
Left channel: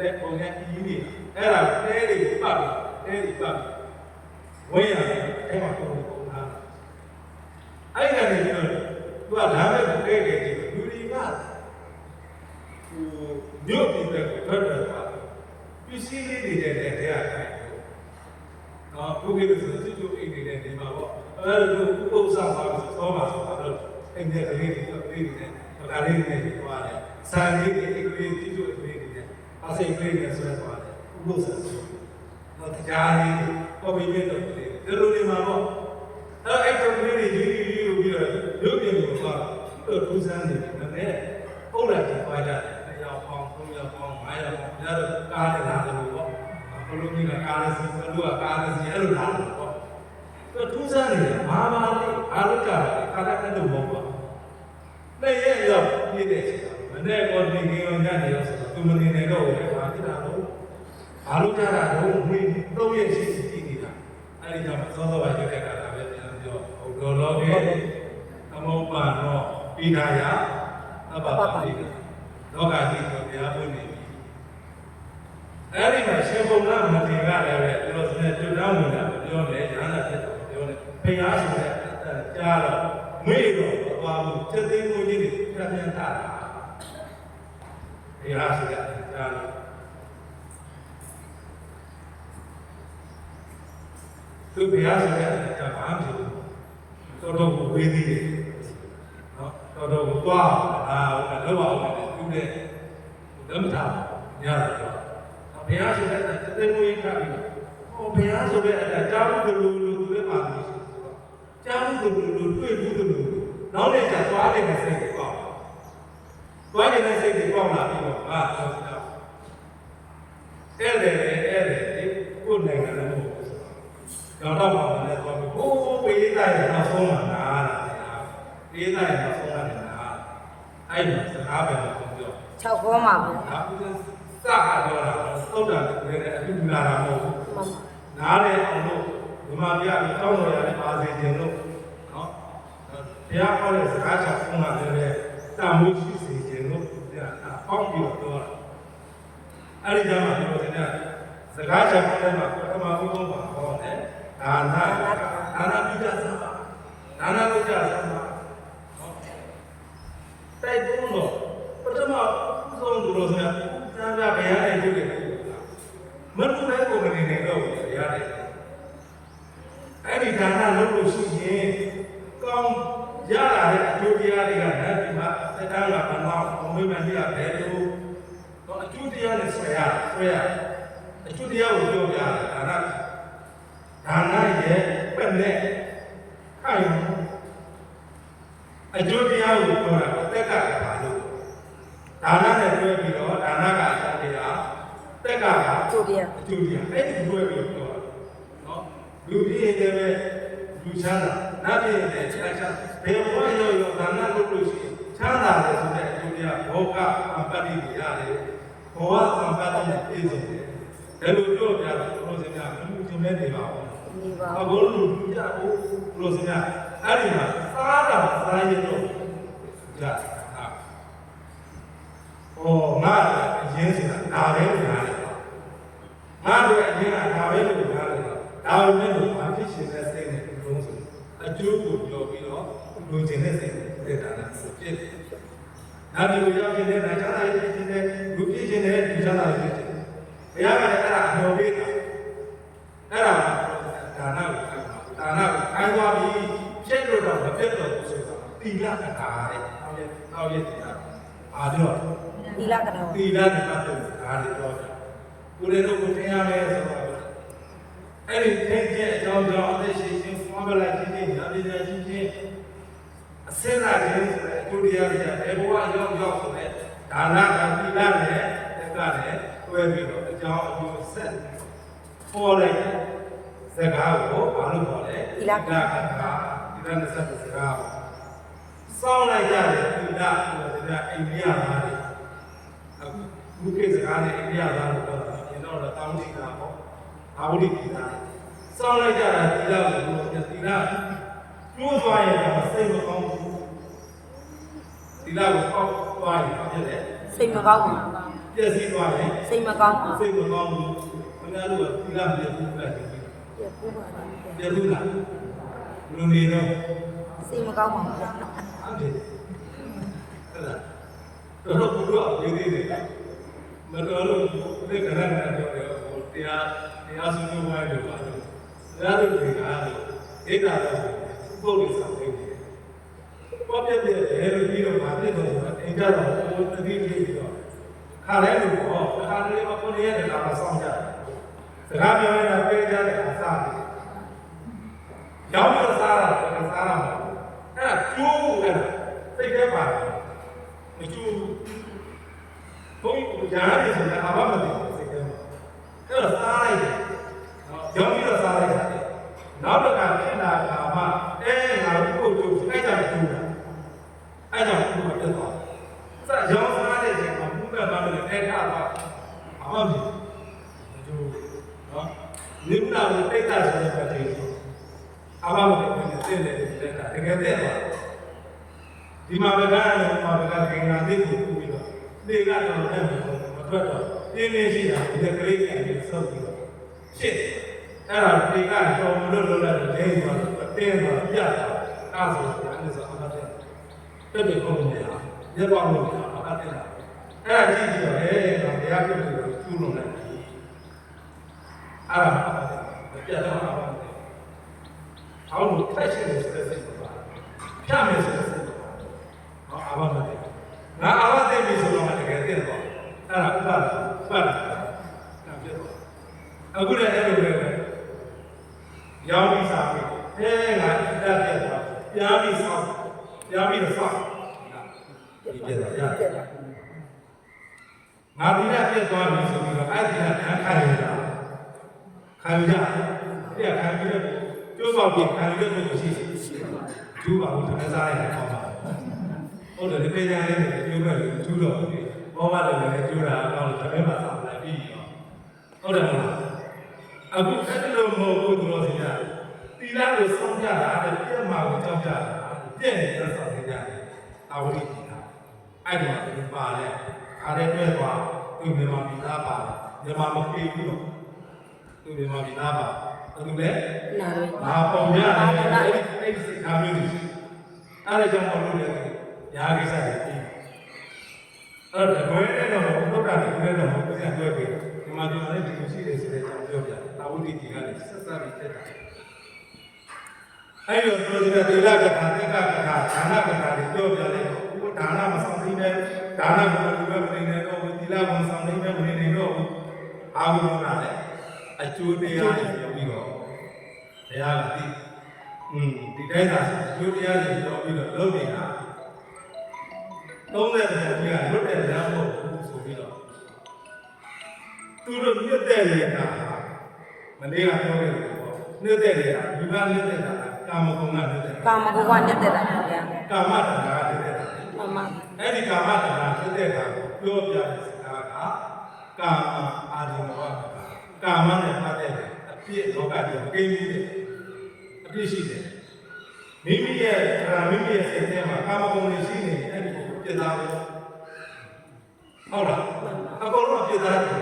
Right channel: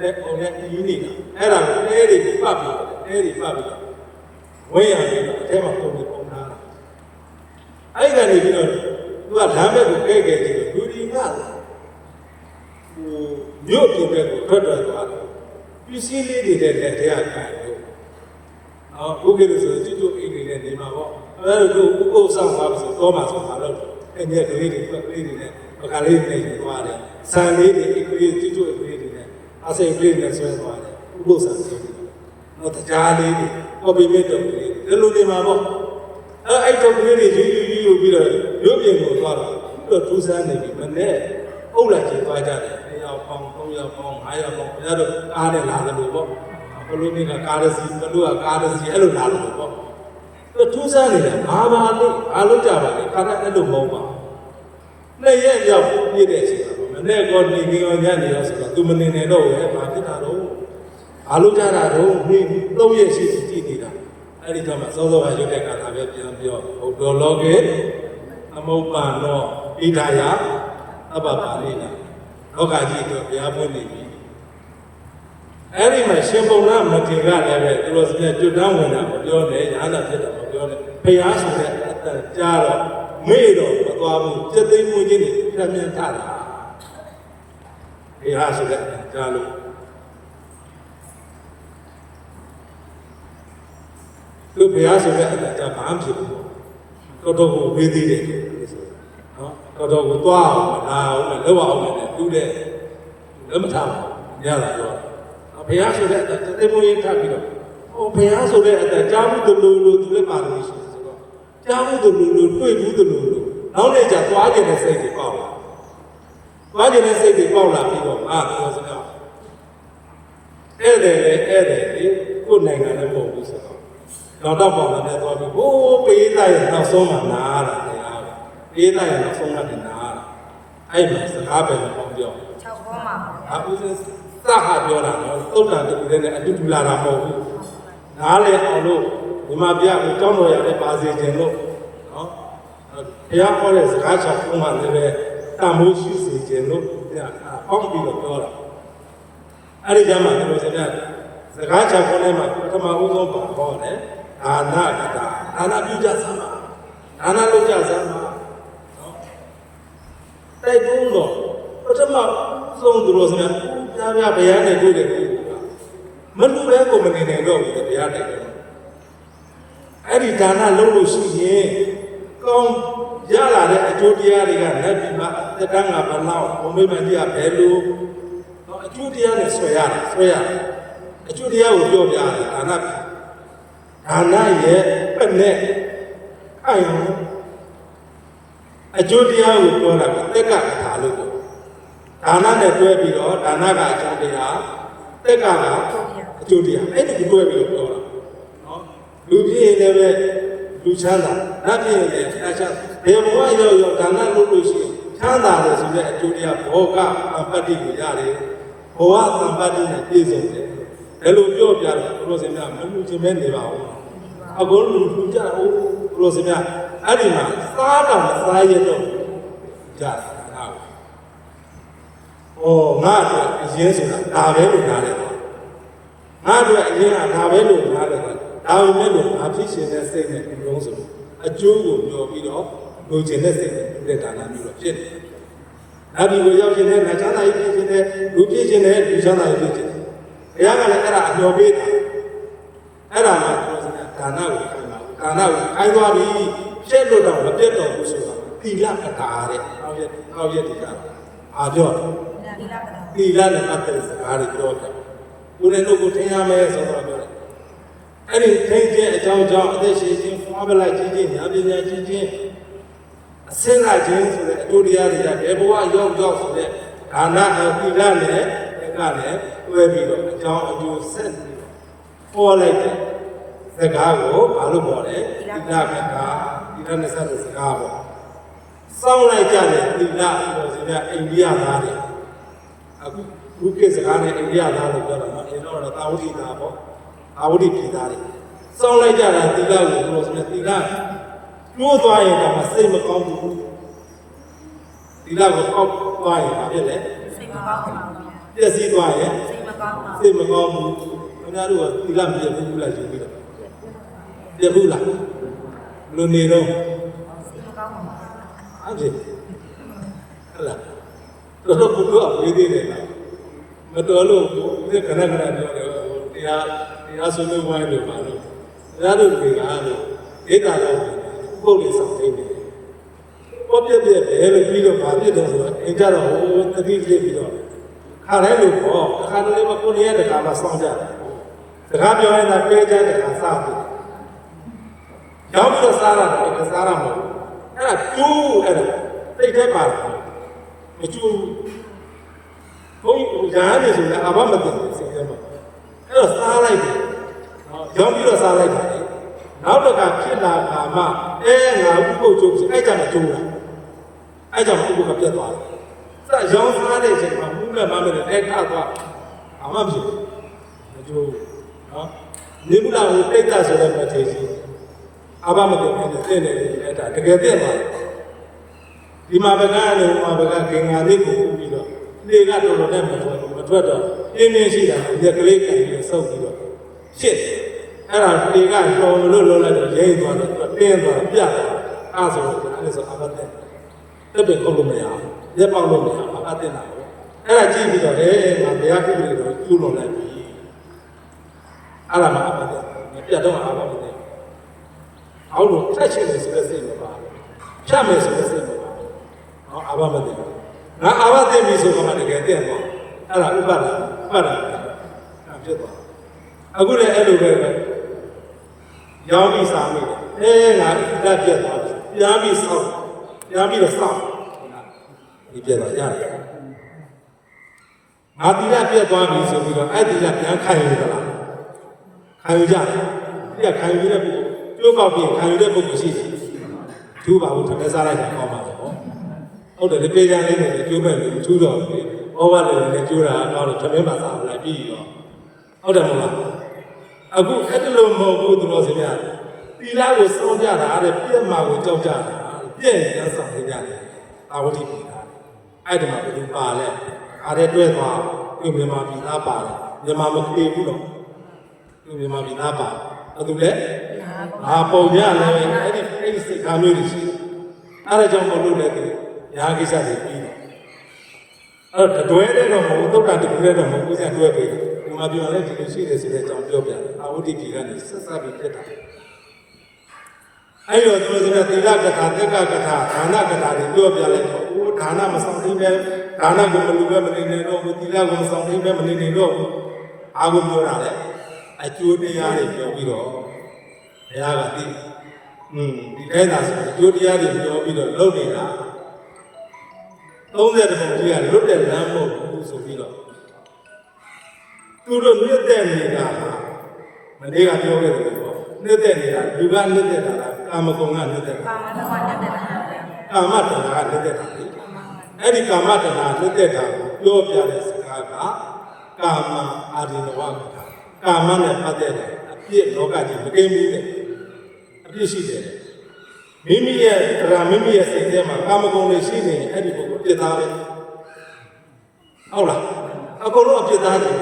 လည်းပုံနဲ့ကြီးနေတာအဲ့ဒါတဲတွေပတ်ပြီးတဲတွေပတ်ပြီးဝင်းရတယ်အထဲမှာပုံတွေပုံထားတာအဲ့ကနေပြီးတော့သူကလမ်းဘက်ကိုခဲ့ခဲ့ကြည့်တော့လူတွေကမြို့ပြည်ဘက်ကိုထွက်ထွက်သွားတယ်ပစ္စည်းလေးတွေတဲ့တရားကိုင်လို့ဘုရားလို့ဆိုသူတို့အိမ်တွေနဲ့နေမှာပေါ့အဲ့လိုဥပုသ်ဆောင်ပါဆိုတော့မှဆိုတော့အိမ်ထဲကလေးတွေပတ်ကလေးတွေနဲ့ပကားလေးတွေနဲ့သွားတယ်ဆန်လေးတွေအိမ်ကလေးသူတို့အိမ်ကလေးတွေနဲ့အစိမ်ကလေးနဲ့ဆွဲသွားတယ်ဥပုသ်ဆောင်ဆိုတော့တရားလေးတွေပေါ်ပြီးမြတ်တော်လေးဒီလိုနေမှာပေါ့အဲ့တော်ကလေးတွေယူပြီးတော့ရုပ်ပြင်ကိုသွားတော့ထူးဆန်းနေပြီမနဲ့အုပ်လိုက်ကျသွားကြတယ်2ယောက်ပေါင်း3ယောက်ပေါင်း5ယောက်ပေါင်းဘုရားတို့ကားနဲ့လာတယ်လို့ပေါ့ဘလို့မိကကားရစီဘလို့ကကားရစီအဲ့လိုလာတယ်ပေါ့သူထူးဆန်းနေတယ်ဘာလေးအားလုံးကြပါလေကားနဲ့အဲ့လိုမဟုတ်ပါ2ရက်ရောက်ပြည့်တဲ့အချိန်ကမနဲ့ကောနေကြီးရောညနေရောဆိုတော့သူမနေနဲ့တော့ပဲဘာဖြစ်တာတော့အားလုံးကြတာတော့နေ3ရက်ရှိကြည့်နေတာအဲ့ဒီကြောင့်မှစောစောကရုပ်တဲ့ကာလပဲပြန်ပြောဟုတ်တော်လောကေသမုပ္ပါနောပိဒါယအဘပါလိကလောကကြီးတော့ဘုရားဖွင့်နေပြီအဲ့ဒီမှာရှင်ဘုံရမထေရလည်းပဲသူတို့စတဲ့တွတ်တောင်းဝင်တာပြောတယ်ညာသာဖြစ်တာပြောတယ်ဘုရားဆိုတဲ့အတန်ကြားတော့မေ့တော့မသွားဘူးစက်သိမ်းမှုချင်းတွေပြန်ပြန်ထတာဘုရားဆိုတဲ့အတန်ကြားလို့သူဘုရားဆိုတဲ့အတန်ကြားဘာမှဖြစ်ဘူးတော်တော်ကိုဝေးသေးတယ်နော်တော်ကိုသွားအောင်လောက်အောင်လည်းတူးတဲ့လက်မထားဘူးညလာရောဘုရားဆိုတဲ့အတန်သိမိုးရေးထားပြီးတော့ဘုရားဆိုတဲ့အတန်ကြားမှုတို့လို့သူလည်းပါတယ်ဆိုတော့ကြားမှုတို့လို့တွေ့ဘူးတို့လို့နောက်နေ့ကျသွားတဲ့စိတ်တွေပေါ့သွားတဲ့စိတ်တွေပေါ့လာပြီးတော့ပြောစကားအဲ့တယ်ကိုနိုင်ငံလည်းမဟုတ်ဘူးဆိုတော့တော့ပေါ့လည်းသွားပြီးဟိုးပေးလိုက်ရနောက်ဆုံးမှနားတာတရားပေးလိုက်ရနောက်ဆုံးမှနားအဲ့မှာစကားပဲမဟုတ်ပြော6ဘောမှာဘူးဒါဦးစင်းစခါပြောတာတော့သုတ်တန်တူတဲ့နဲ့အတူတူလာတာမဟုတ်ဘူးနားလေအောင်လို့ဒီမှာပြကိုတောင်းတော်ရတယ်ပါစေခြင်းလို့နော်ဘုရားခေါ်တဲ့စကားချောင်းကလည်းပဲတာမိုးရှိစေခြင်းလို့အောက်ပြီးတော့ပြောတာအဲ့ဒီကြောင့်မှဒီလိုစကားစကားချောင်းထဲမှာပထမဦးဆုံးပါဟောတယ်ဒါနကတာဒါနပြုကြစမ်းပါဒါနလုပ်ကြစမ်းပါနော်တိုက်တွန်းတော့ပထမဦးဆုံးသူတို့ဆိုရင်ဘုရားနဲ့တွေ့တယ်မလူပဲကိုမနေနိုင်တော့ဘူးဘုရားနဲ့အဲ့ဒီဒါနလုပ်လို့ရှိရင်ကောင်းရလာတဲ့အကျိုးတရားတွေကလက်ပြီးမှသက်တမ်းကဘလောက်ဘုံမိမကြီးကဘယ်လိုတော့အကျိုးတရားနဲ့ဆွဲရတယ်အကျိုးတရားကိုပြောပြရတယ်ဒါန ဒါနရဲ့ပတ်နဲ့ခိုင်အကျိုးတရားကိုပြောတာကတက်ကထာလို့ဒါနနဲ့တွဲပြီးတော့ဒါနကအကျိုးတရားတက်ကကအကျိုးတရားအဲ့ဒီတွဲပြီးတော့ပြောတာနော်လူပြည့်နေပဲလူချမ်းသာနတ်ပြည့်နေတယ်ချမ်းသာဘယ်ဘဝရောဒါနလုပ်လို့ရှိရင်ချမ်းသာတယ်ဆိုတဲ့အကျိုးတရားဘောကအပတ္တိကိုရတယ်ဘဝအပတ္တိကပြည့်စုံတယ်ဘယ်လိုပြောပြတော့ဘုရားရှင်များမလူချုံမဲနေပါဘူးအခုလူကြအောင်ဘုရားရှင်များအဲ့ဒီမှာစားတော့စားရတော့ကြာတာငါအတွက်အရင်ဆိုတာဒါပဲလို့နားတယ်ငါအတွက်အရင်ကဒါပဲလို့နားတယ်ဒါပေမဲ့လို့အဖြစ်ရှင်တဲ့စိတ်နဲ့ဒီလုံးဆိုအကျိုးကိုပြောပြီးတော့လူကျင်တဲ့စိတ်နဲ့တဲ့ဒါနမျိုးတော့ဖြစ်တယ်နောက်ဒီကိုရောက်ရှင်တဲ့ငါချမ်းသာရေးဖြစ်ခြင်းနဲ့လူဖြစ်ခြင်းနဲ့လူချမ်းသာရေးဖြစ်ခြင်းဘုရားကလည်းအဲ့ဒါအမျှော်ပေးတာအဲ့ဒါမှဒါနကိုခိုင်းတာဒါနကိုခိုင်းသွားပြီးပြည့်လို့တော့မပြတ်တော့ဘူးဆိုတာသီလအထာတဲ့နောက်ရက်ဒီကအားပြောတယ်သီလနဲ့ပတ်သက်တဲ့စကားတွေပြောတယ်ကိုယ်လည်းတို့ကိုထင်ရမယ်ဆိုတော့ပြောတယ်အဲ့ဒီထင်ခြင်းအကြောင်းကြောင့်အသက်ရှင်ခြင်းဖွားပလိုက်ခြင်းညာပညာခြင်းအစင်းလိုက်ခြင်းဆိုတဲ့အကျိုးတရားတွေကဘယ်ဘဝရောက်ဆိုတဲ့ဒါနကသီလနဲ့တက်ကနဲ့တွဲပြီးတော့အကြောင်းအကျိုးဆက်ပြီးတော့ပေါ်လိုက်တဲ့စကားကိုဘာလို့ပြောလဲသီလကသီလနဲ့ဆက်တဲ့စကားပေါ့စောင်းလိုက်ကြတဲ့သီလဆိုတဲ့အိန္ဒိယသားတွေအခုခေတ်စကားနဲ့အိန္ဒိယသားတွေပြောတာနော်ကျွန်တော်တို့တာဝတိသားပေါ့တာဝတိပြည်သားတွေစောင်းလိုက်ကြတာသီလကိုဘယ်လိုဆိုလဲသီလကျိုးသွားရင်တော့စိတ်မကောင်းဘူးသီလကိုအောက်သွားရင်ဘာဖြစ်လဲစိတ်မကောင်းဘူးပြည့်စည်သွားရင်စိတ်မကောင်းဘူးစိတ်မကောင်းဘူးခင်ဗျားတို့ကသီလမပြည့်ဘူးလားယူပြီးတော့ပြည့်ဘူးလားလူနေတော့စိတ်မကောင်းဘူးဟုတ်တယ်ဟဲ့လားတော့ဘုရားဝေးသေးတယ်မတော်လို့ဒီကနေ့ကပြောတယ်တရားဆွေးနွေးဝိုင်းလို့ပါလို့ဒါတို့တွေကလို့ဒိဋ္ဌာလို့ပုဂ္ဂိုလ်ဆောင်နေတယ်ဘောပြည့်ပြည့်တယ်လို့ပြီးတော့ဗာပြည့်တယ်ဆိုတော့အင်ကြတော့ဟိုတတိလေးပြီးတော့ခါလဲလို့ပေါ့ခါလေးမကိုရတဲ့ကာမဆောင်းကြတယ်စကားပြောနေတာပေးကြတဲ့အခါစားတယ်ရောင်းပြီးတော့စားတာကစားရမှာအဲ့ဒါကျိုးအဲ့ဒါသိတဲ့ပါမကျိုးဘုန်းကြီးရာရည်ဆိုလည်းအဘမသိဘူးစိတ်ထဲမှာအဲ့တော့စားလိုက်တယ်ရောင်းပြီးတော့စားလိုက်တာလေနောက်တော့ကဖြစ်လာကာမငါဥပုပ်ကျိုးအဲ့ဒါနဲ့ကျိုးတာအဲ့ကြောင့်ဥပုပ်ကပြတ်သွားတယ်စရောင်းစားတဲ့အချိန်မှာဘူးမဲ့မမဲ့အဲ့ထသွားအမှမဖြစ်ဘူးမကျိုးနော်နိဗ္ဗာန်ကိုတိတ်တာဆိုတဲ့မထေစီအဘမသိဘူးတဲ့နေလက်တာတကယ်သိသွားဒီမှာဘကလည်းမှာဘကဂင်္ဂါလေးကိုပြီးတော့လေကတော်တော်နဲ့မထွက်တော့အင်းင်းရှိတာဒီကလေးကနေစောက်ပြီးတော့ရှစ်အဲ့ဒါလေကတော်လို့လောက်လိုက်တော့ရိမ့်သွားတော့တင်းသွားပြတ်သွားအဲ့ဆိုတော့အဲ့ဆိုအဘတဲ့တက်ပင်ကုန်လို့မရရက်ပေါက်လို့မရအဘတဲ့တာပေါ့အဲ့ဒါကြည့်ပြီးတော့ငါတရားပြုလို့ကျူးလွန်လိုက်ပြီအဲ့ဒါမှအဘတဲ့ပြတ်တော့အဘတဲ့အောက်လို့ထိုက်ချင်တယ်ဆိုတဲ့စိတ်မပါဖြတ်မယ်ဆိုတဲ့စိတ်မပါနော်အဘမသိဘူးငါအဘသိပြီဆိုတော့တကယ်သိတော့အဲ့ဒါဥပဒါအဲ့ပြတ်သွားအခုလည်းအဲ့လိုပဲရောင်းပြီးစားပြီငါဣဒပြတ်သွားပြီပြန်ပြီးစားပြန်ပြီးတော့စားဒီပြတ်သွားရတယ်ငါဒီကပြတ်သွားပြီဆိုပြီးတော့အဲ့ဒီကပြန်ခိုင်ရတာခိုင်ရကြဒီကခိုင်ရတဲ့ပုဂ္ဂိုလ်ကျိုးပေါက်ပြီးခိုင်ရတဲ့ပုဂ္ဂိုလ်ရှိတယ်ဒုပါဘူးတစ်စားလိုက်တော့ပါဟုတ်တယ်ဒီပေကြလေးနဲ့ကျိုးမဲ့လို့ကျိုးတော့ပြီဘောဘလည်းလည်းကျိုးတာတော့တမင်းမှာစားလိုက်ပြီးရောဟုတ်တယ်မလားအခုအဲ့ဒီလိုမဟုတ်ဘူးသူတော်စင်များသီလကိုစောင့်ကြတာအဲ့ပြည့်မှာကိုကြောက်ကြတာပြည့်ရန်ဆောင်နေကြတယ်အာဝတိပြည်သားအဲ့ဒီမှာဒီပါလဲအားရတွဲသွားဒီမြန်မာပြည်သားပါတယ်မြန်မာမခေဘူးတော့ဒီမြန်မာပြည်သားပါအဲ့ဒါလေပုံရလဲအဲ့ဒီစိတ်ကားမျိုးတွေရှိအဲ့ဒါကြောင့်မလို့လေညာကိစ္စတွေပြီးတယ်အဲ့တော့တွဲတဲ့တော့မဟုတ်တော့တာတွဲတော့မဟုတ်ဘူးဆက်တွဲပြီးဒီမှာပြောလဲဒီလိုရှိတယ်ဆိုတဲ့အကြောင်းပြောပြတယ်အာဝတိပြည်ကနေဆက်ဆက်ပြီးဖြစ်တာအဲ့လိုသူတို့ကသီလကထာသက်ကကထာဒါနကထာတွေပြောပြလိုက်တော့ဦးဒါနမဆောင်နိုင်ပဲဒါနကိုမလူပဲမနေနိုင်တော့ဘူးသီလကိုဆောင်နိုင်ပဲမနေနိုင်တော့ဘူးအာဟုပြောတာလေအကျိုးတရားတွေပြောပြီးတော့ ဘုရားကသိဒီတိုင်းသာဆိုကျိုးတရားတွေပြောပြီးတော့လုပ်နေတာ30တပုံကြီးကလွတ်တဲ့လမ်းမဟုတ်ဘူးဆိုပြီးတော့သူတို့မြတ်တဲ့နေတာမနေ့ကပြောခဲ့တယ်ပေါ့မြတ်တဲ့နေတာဒီကမြတ်တဲ့တာကာမဂုဏ်ကမြတ်တဲ့တာ ကာမဂုဏ်ကမြတ်တဲ့တာ ကာမတဏှာကမြတ်တဲ့တာလေအဲ့ဒီကာမတဏှာမြတ်တဲ့တာကိုပြောပြတဲ့စကားကကာမအာဒီနဝကကာမနဲ့ပတ်သက်တဲ့အပြည့်လောကကြီးမကိန်းဘူးတဲ့အပြည့်ရှိတယ်မိမိရဲ့မိမိရဲ့စိတ်ထဲမှာကာမဂုဏ်တွေရှိနေရင်အဲ့ဒီကိုပြစ်သားပဲဟုတ်လားအကုန်လုံးပြစ်သားတယ်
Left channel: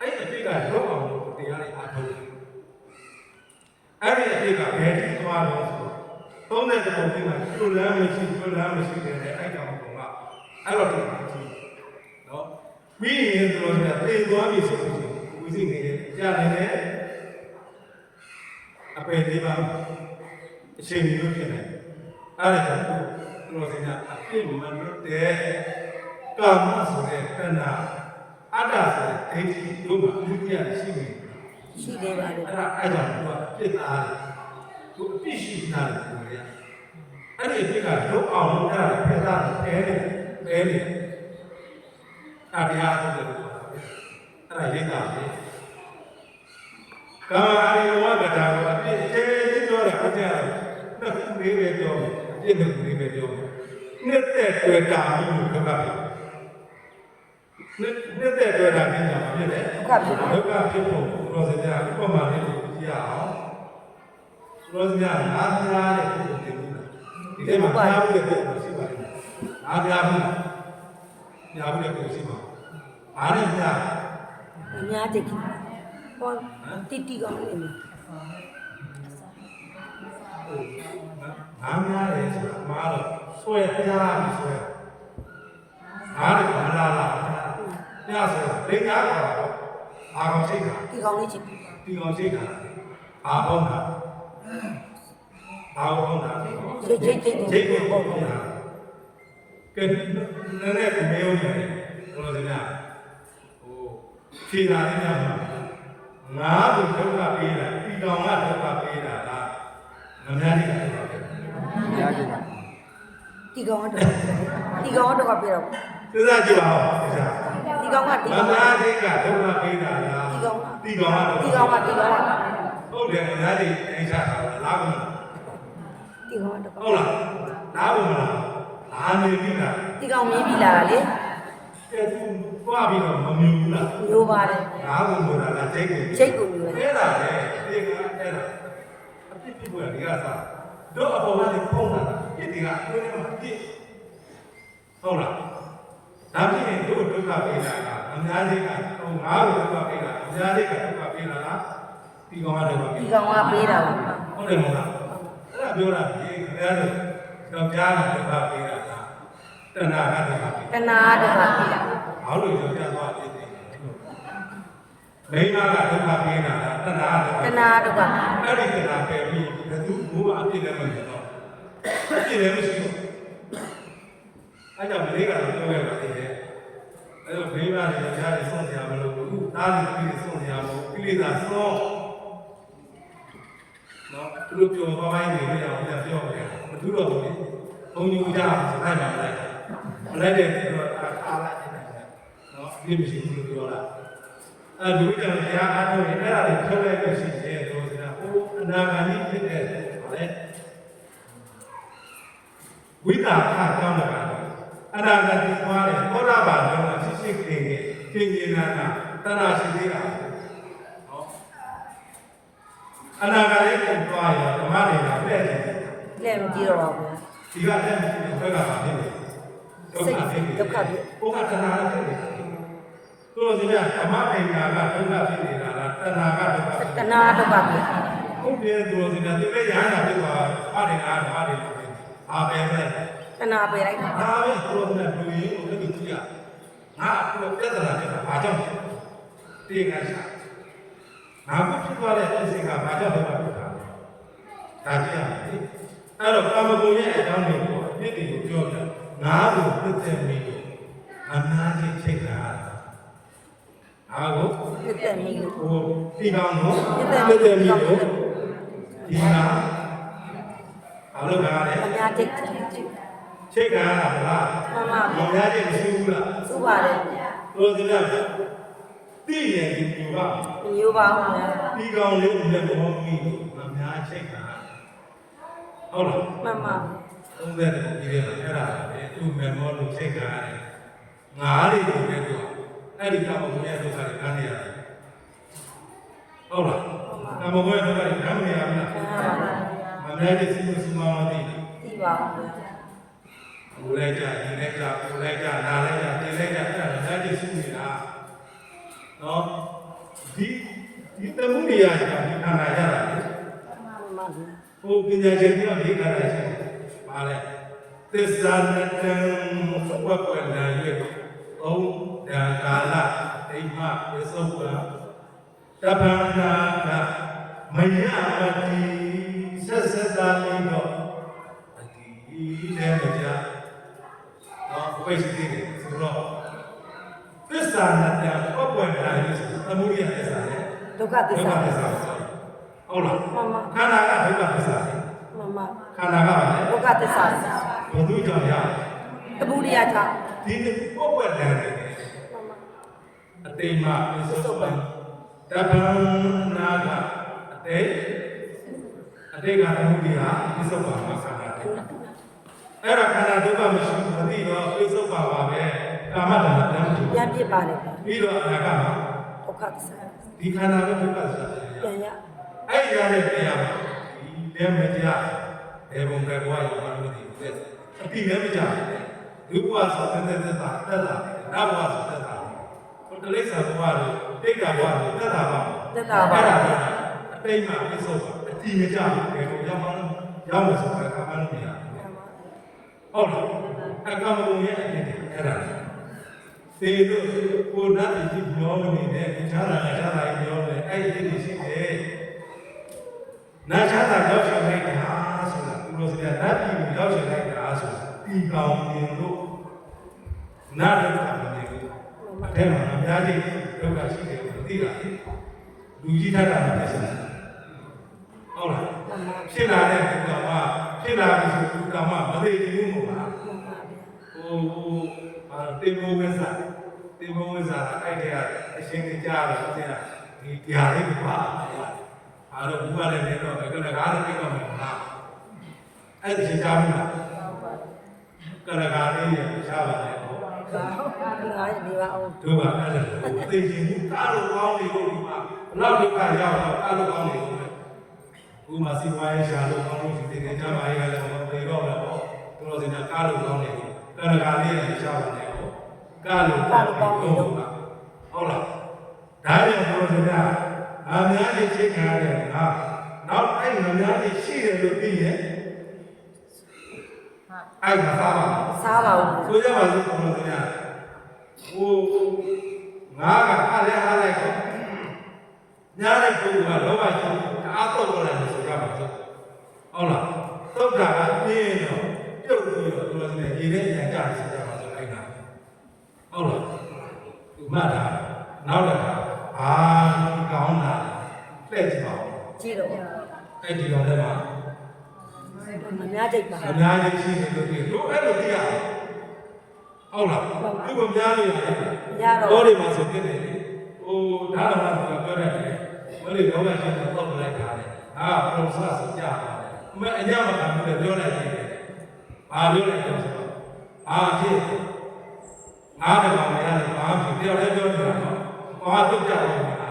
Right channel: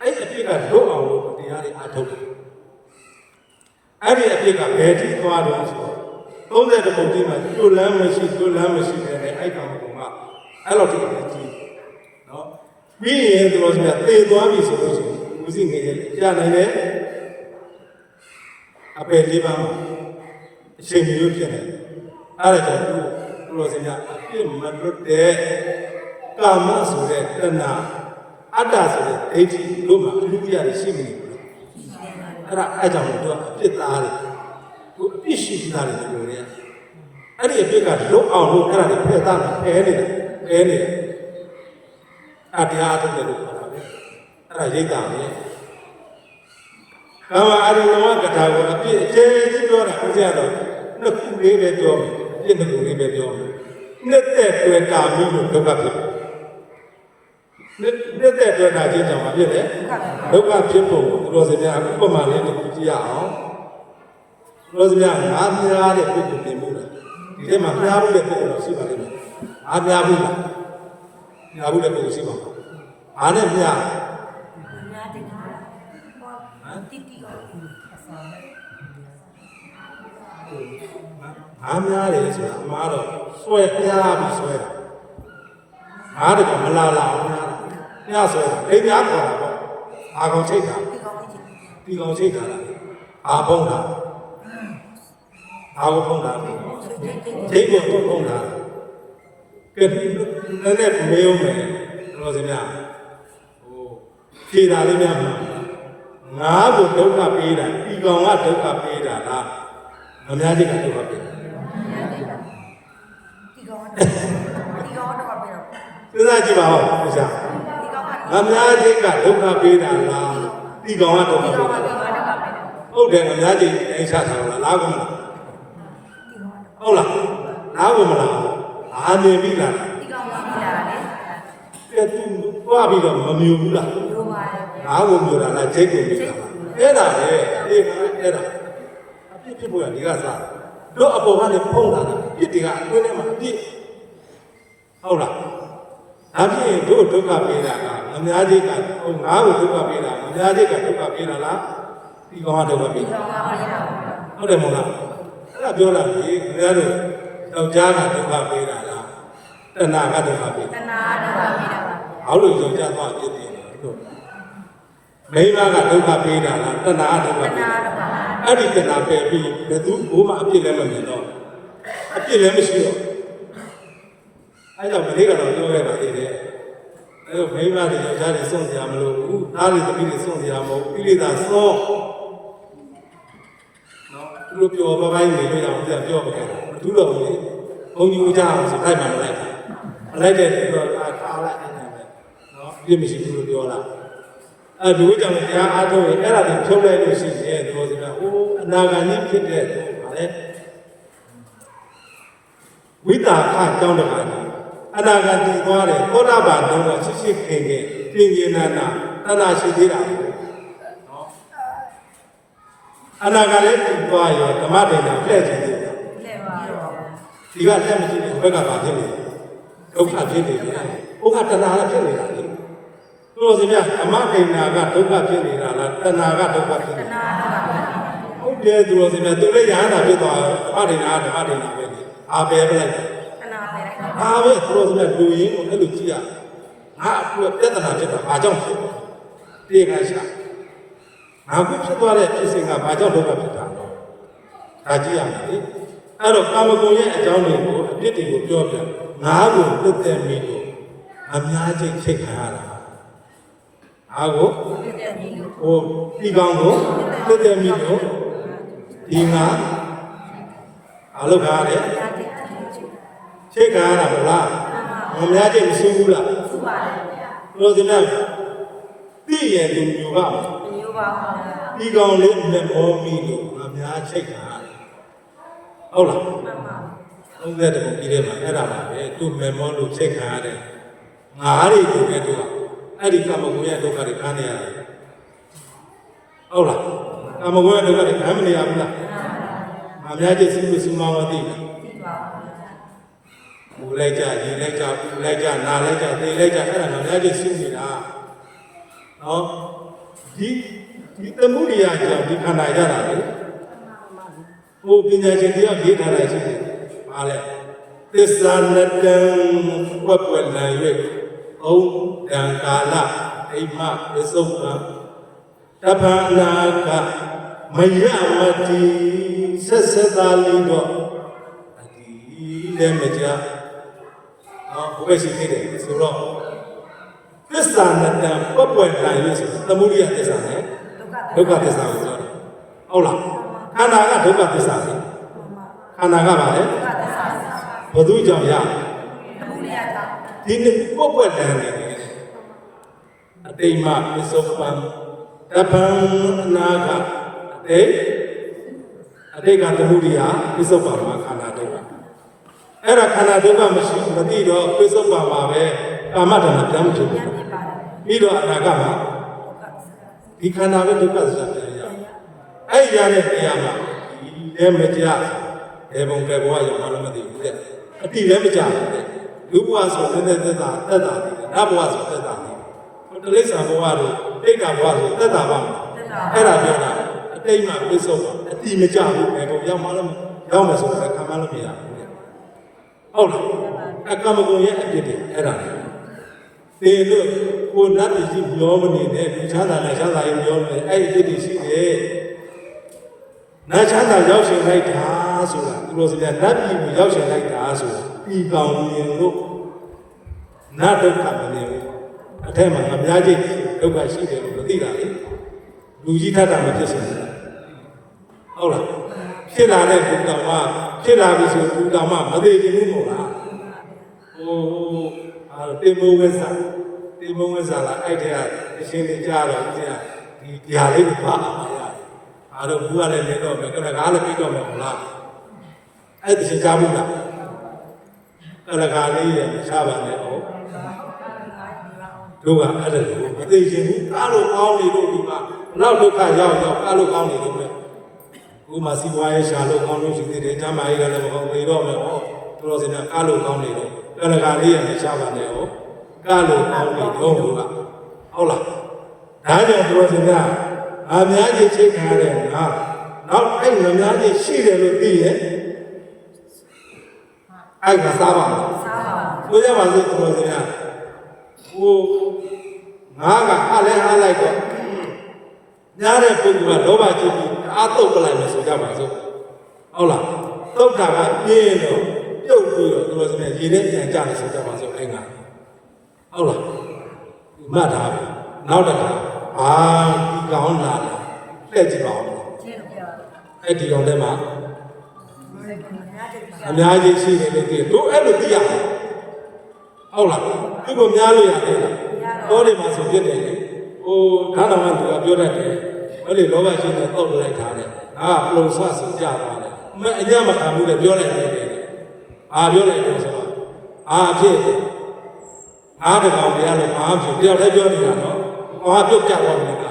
အဲ့ဒီအပြစ်ကလွတ်အောင်လို့တရားတွေအားထုတ်တယ်အဲ့ဒီအပြစ်ကဘယ်ထိသွားလို့ဆိုတော့30တပုံဒီမှာကျွလမ်းမရှိတဲ့အဲ့ကောင်ကအဲ့လိုတည်းကြီးနော်ပြီးရင်သူတို့ကသေသွားပြီဆိုလို့ရှိရင်ဝိသိငယ်ရနိုင်တယ်အပယ်လေးပါးအချိန်မျိုးဖြစ်နေအဲ့ဒါကြောင့်သူတို့စင်ကအပြစ်မလွတ်တဲ့ကာမဆိုတဲ့တဏှာအတ္တဆိုတဲ့ဒိဋ္ဌိတို့မှာအမှုရရှိနေတယ်ရှိတယ်ဗျာအဲ့ကြောင့်သူကအပြစ်သားတယ်သူအပြစ်ရှိသားတယ်ပြောရအဲ့ဒီအပြစ်ကလွတ်အောင်လို့အဲ့ဒါဖယ်သားဖယ်နေတယ်အပြားထုတ်တယ်လို့ပြောတာပဲအဲ့ဒါရိတ်တာပဲကာမအာရိယဝကတာကိုအပြစ်အခြေကြီးပြောတယ်ဟုတ်ကြတော့နှစ်ခုလေးပဲပြောမယ်အပြစ်နှစ်ခုလေးပဲပြောမယ်နှစ်သက်တွေ့တာမိလို့ဒုက္ခဖြစ်နှစ်သက်တွေ့တာချင်းကြောင့်ဖြစ်တယ်ဒုက္ခဖြစ်ဖို့သူတော်စကြဥပမာလေးကိုကြည့်ရအောင်သူတော်စကြငါးပြားတဲ့ပုဂ္ဂိုလ်တင်မှုလားဒီထဲမှာပြားမှုတဲ့ပုဂ္ဂိုလ်ရှိပါလိမ့်မယ်ငါးပြားမှုလားပြားမှုတဲ့ပုဂ္ဂိုလ်ရှိပါဘာနဲ့ပြားများတဲ့ဟောတိကောင်းနေတယ်အားများတယ်ဆိုတာအမှားတော့ဆွဲပြားပြီးဆွဲတာအားတော့မလာပြားဆွဲတာလိမ့်များခေါ်တာပေါ့အာကုန်ချိတ်တာဒီကောင်းလေးချစ်ဒီကောင်ချိတ်တာအာဖုံးတာအာဖုံးတာချိတ်ကိုဖုံးတာကဲနည်းနည်းမေးဦးမယ်တော်စများဖြေတာလေးများမှာငါ့ကိုဒုက္ခပေးတာဒီကောင်ကဒုက္ခပေးတာလားမများကြီးကဒုက္ခပေးတာဒီကောင်းတော့ပြတော့စဉ်းစားကြည့်ပါဦးဒီစားဒီကောင်းကမများကြီးကဒုက္ခပေးတာလားဒီကောင်ကဒုက္ခပေးတာဟုတ်တယ်မများကြီးအိမ်ချတာလားကုန်လားဒီကောင်းတော့ဟုတ်လားလားကုန်မလားအာနေပြီလားဒီကောင်းမြင်ပြီလားလေကဲသူသွားပြီးတော့မမြူဘူးလားမျိုးပါတယ်လားကုန်မြူတာလားချိတ်ကုန်မြူအဲ့ဒါလေဒီကအဲ့ဒါအပြစ်ဖြစ်ပေါ်ရဒီကစားတို့အပေါ်ကနေဖုံးလာတာပြစ်တွေကအတွင်းထဲမှာပြစ်ဟုတ်လားဒါဖြစ်ရင်တို့ဒုက္ခပေးတာကအများကြီးကဟိုငါ့ကိုဒုက္ခပေးတာအများကြီးကဒုက္ခပေးတာလားဒီကောင်ကဒုက္ခပေးတာဒီကောင်ကပေးတာဟုတ်တယ်မဟုတ်လားအဲ့ဒါပြောတာလေခင်ဗျားတို့ယောက်ျားကဒုက္ခပေးတာလားတဏှာကဒုက္ခပေးတဏှာဒုက္ခပေးတာဘာလို့ယောက်ျားသွားပြစ်တယ်မိန်းမကဒုက္ခပေးတာလားတဏှာဒုက္ခပေးတာအဲ့ဒီတဏှာပယ်ပြီးဘယ်သူဘိုးမှအပြစ်လည်းမမြင်တော့အပြစ်လည်းမရှိတော့အဲ့ကြောင့်မလေးကတော့ပြောခဲ့ပါသေးတယ်အဲ့တော့မိန်းမတွေယောက်ျားတွေစွန့်စရာမလိုဘူးသားတွေသမီးတွေစွန့်စရာမလိုကိလေသာစွန့်နော်သူတို့ပြောပါပိုင်းနေလို့ရအောင်ပြောပါမယ်မတူတော့ဘူးလေဘုံကြီးကြအောင်ဆိုလိုက်မှမလိုက်မလိုက်တဲ့သူတော့အားလိုက်နေတယ်နော်ဒီမရှိဘူးလို့ပြောတာအဲ့ဒီဝိတ္တံတရားအားထုတ်ရင်အဲ့ဒါကိုထုတ်လိုက်လို့ရှိရင်တို့ဆိုတာဟိုအနာဂါကြီးဖြစ်တဲ့ဗာလေဝိတ္တာအခကြောင်းတကားအနာဂါတည်သွားတယ်သောတာပန်တော့ရှိရှိခင်ခင်နာနာတဏှာရှိသေးတာနော်အနာဂါလေးကိုသွားရောဓမ္မဒေနာဖဲ့ခြင်းသေးတယ်လက်မကြည့်တော့ဒီကလက်မကြည့်ဘူးဘက်ကပါဖြစ်နေဒုက္ခဖြစ်နေတယ်ဘုရားတဏှာလည်းဖြစ်နေတာလေတို့စီမြဓမ္မဒေနာကဒုက္ခဖြစ်နေတာလားတဏှာကဒုက္ခဖြစ်နေတာတဏှာဒုက္ခဟုတ်တယ်တို့စီမြသူလည်းညာနာဖြစ်သွားဓမ္မဒေနာပဲအာပဲပဲတဏှာပဲလိုက်အာပဲတို့စီမြလူရင်းကိုလည်းကြည့်ရငါအခုပြဿနာဖြစ်တာဘာကြောင့်ဖြစ်ပြေငါရှာငါခုဖြစ်သွားတဲ့ဖြစ်စဉ်ကဘာကြောင့်ဒုက္ခဖြစ်တာလဲဒါကြည့်ရမယ်လေအဲ့တော့ကာမဂုဏ်ရဲ့အကြောင်းတွေကိုအပြစ်တွေကိုပြောပြငါကိုလွတ်တဲ့မိကိုအများကြီးချိန်ခါရတာအားကိုလွတ်တဲ့မိကိုဟိုဒီကောင်ကိုလွတ်တဲ့မိကို ဒီငါအလုပ်ကားတယ် ညာတိတ်ချိတ် ချိတ်ကားတာမလားမများချင်းမရှိဘူးလား စူပါတယ် တို့ဒီနေ့သိရင်ဒီမျိုးက မညိုပါဘူး ဒီကောင်လေးလက်မောမိလို့မများချိတ်ကားဟုတ်လား မှန်ပါ 30တည်းပြီးတယ်မှာအဲ့ဒါပါပဲသူ့မေမောလို့ချိတ်ကားတယ်ငါးရီကိုလည်းသူကအဲ့ဒီကမ္မဂုဏ်ရဲ့ဒုက္ခတွေခံနေရတယ်ဟုတ်လားကမ္မဂုဏ်ရဲ့ဒုက္ခတွေခံမနေရဘူးလားမများချင်းစုစုမောင်းမသိဘူး သိပါဘူး ဘူလိုက်ကြ၊ရင်လိုက်ကြ၊ပူလိုက်ကြ၊နာလိုက်ကြ၊သိလိုက်ကြအဲ့ဒါတော့လည်းဒီစုနေတာနော်ဒီတမှုရိယာကြောင့်ဒီခန္ဓာရတာလေဟိုပညာရှင်ကြောင့်ရေးထားတယ်ရှိတယ်ပါလေသစ္စာနတံဝက်ွက်လံ၍သုံးတံကာလဒိမပစ္စုပ္ပံတပ္ပနာကမယမတိဆက်စသာလီတော့အတိလည်းမကြဘယ်ရှိသေးတယ်ဆိုတော့သစ္စာနဲ့တန်ပတ်ပွက်လာရဆိုသမုဒိယသစ္စာနဲ့ ဒုက္ခ ဒုက္ခသစ္စာကိုပြောတယ်ဟုတ်လားခန္ဓာကဒုက္ခသစ္စာလေ မှန်ပါ ခန္ဓာကပါလေ ဒုက္ခသစ္စာ ဘယ်သူကြောင့်ရ တပူရိယကြောင့် ဒီနေ့ပတ်ပွက်လာတယ်အတိမပစ္စုပ္ပန်တပ္ပံအနာကအတိကသမုဒိယပစ္စုပ္ပန်မှာခန္ဓာဒုက္ခအဲ့ဒါခန္ဓာဒုက္ခမရှိမသိတော့ပစ္စုပ္ပန်ပါပဲကာမတဏ္ဍပြန်မဖြစ်ဘူး ပြန်ပြစ်ပါတယ် ပြီးတော့အနာဂတ်မှာ ဒုက္ခသစ္စာ ဒီခန္ဓာပဲဒုက္ခသစ္စာပြန်ရ ပြန်ရ အဲ့ရတဲ့တရားမှာဒီလည်းမကြဘယ်ဘုံကဘဝရောက်မှလည်းမသိဘူးတဲ့အတိလည်းမကြဘူးတဲ့လူဘဝဆိုတဲ့သက်တာတယ်နတ်ဘဝဆိုသက်တာတယ်ဟိုတလိ္ဆာဘဝတို့တိတ်တာဘဝဆိုသက်တာပါအဲ့ဒါပြောတာအတိတ်မှာပြစ္ဆုတ်ပါအတိမကြဘူးဘယ်ဘုံရောက်မှလည်းရောက်မှဆိုတော့ခံမလို့မရဘူးဟုတ်လားအကမဂုံရဲ့အပြစ်တွေအဲ့ဒါသေလို့ကိုနတ်ပြည်ကြီးပြောမနေနဲ့လူချမ်းသာနဲ့ချမ်းသာရင်ပြောနေအဲ့ဒီအပြစ်တွေရှိတယ်နတ်ချမ်းသာရောက်ရှင်လိုက်တာဆိုတာသူတို့စကားနတ်ပြည်ကိုရောက်ရှင်လိုက်တာဆိုတာဒီကောင်မြင်လို့နတ်ဒုက္ခမမြင်ဘူးအထက်မှာအများကြီးဒုက္ခရှိတယ်လို့မသိတာလေလူကြီးထတာမဖြစ်စင်ဟုတ်လားဖြစ်လာတဲ့ဒုက္ခမှာဖြစ်လာပြီဆိုဒုက္ခမှာမသိဘူးမို့လားတေမိုးဝင်းစားလာအဲ့တဲ့ကအရှင်ကြီးကြတော့ဒီဟာလေးကိုပါလာရအားတော့ဘူးရတယ်နေတော့မယ်ကလည်းကားလည်းပြီးတော့မယ်ဟုတ်လားအဲ့ဒီရှင်ကြဘူးလားကလည်းကားလေးရမချပါနဲ့ဟုတ် ဒီပါအောင် တို့ကအဲ့ဒါကိုမသိချင်ဘူးကားလို့ကောင်းနေလို့ဒီမှာဘလောက်ဒုက္ခရောက်ကားလို့ကောင်းနေလို့ပဲကိုမှစီဝါရေးရှာလို့ကောင်းလို့ရှိသေးတယ်ကျမ်းမာရေးကလည်းမဟုတ်သေးတော့မယ်ဟုတ်တို့တော့စင်ကကားလို့ကောင်းနေလို့ကလည်းကားလေးရမချပါနဲ့ဟုတ်ကားလို့ကောင်းနေတော့ဟုတ်လားဒါကြောင့်တို့စင်ကအများကြီးချိန်ထားတယ်ငါနောက်အဲ့အများကြီးရှိတယ်လို့သိရဲ့အဲ့ဒါစားပါမယ် စားပါဦး ဆိုကြပါစို့တို့စင်ကဟိုငါကအားလဲအားလိုက်တော့ညားတဲ့ပုဂ္ဂိုလ်ကလောဘချုပ်ပြီးတအားတုတ်ပလိုက်မယ်ဆိုကြပါစို့ဟုတ်လားတုတ်တာကပြင်းတော့ပြုတ်ပြီးတော့တို့စင်ရေထဲပြန်ကြတယ်ဆိုကြပါစို့အဲ့ဒါဟုတ်လားဒီမှတ်ထားပြီနောက်တစ်ခါဒီကောင်းတာလှည့်ကြည့်ပါဦး ကြည့်တော့ အဲ့ဒီတော့လည်းမှာ အများတိတ်ပါ အများကြီးရှိနေလို့ဒီတို့အဲ့လိုသိရအောင်ဟုတ်လားဒီလိုများလို့ရတယ်ဟောဒီမှာဆိုပြတယ်လေဟိုဓာတ်တော်ကပြောတတ်တယ်ဘယ်လိုလောဘရှိနေတော့လိုက်တာလေငါကပရိုဆတ်ဆိုကြပါလေအမေအညမခံဘူးလေပြောလိုက်တယ်ဘာပြောလိုက်လဲဆိုတော့ဖြစ်ငါတကောင်ရလို့ဖြစ်တယောက်တည်းပြောနေတာနော်ဘာပြုတ်ကြတော့နေတာ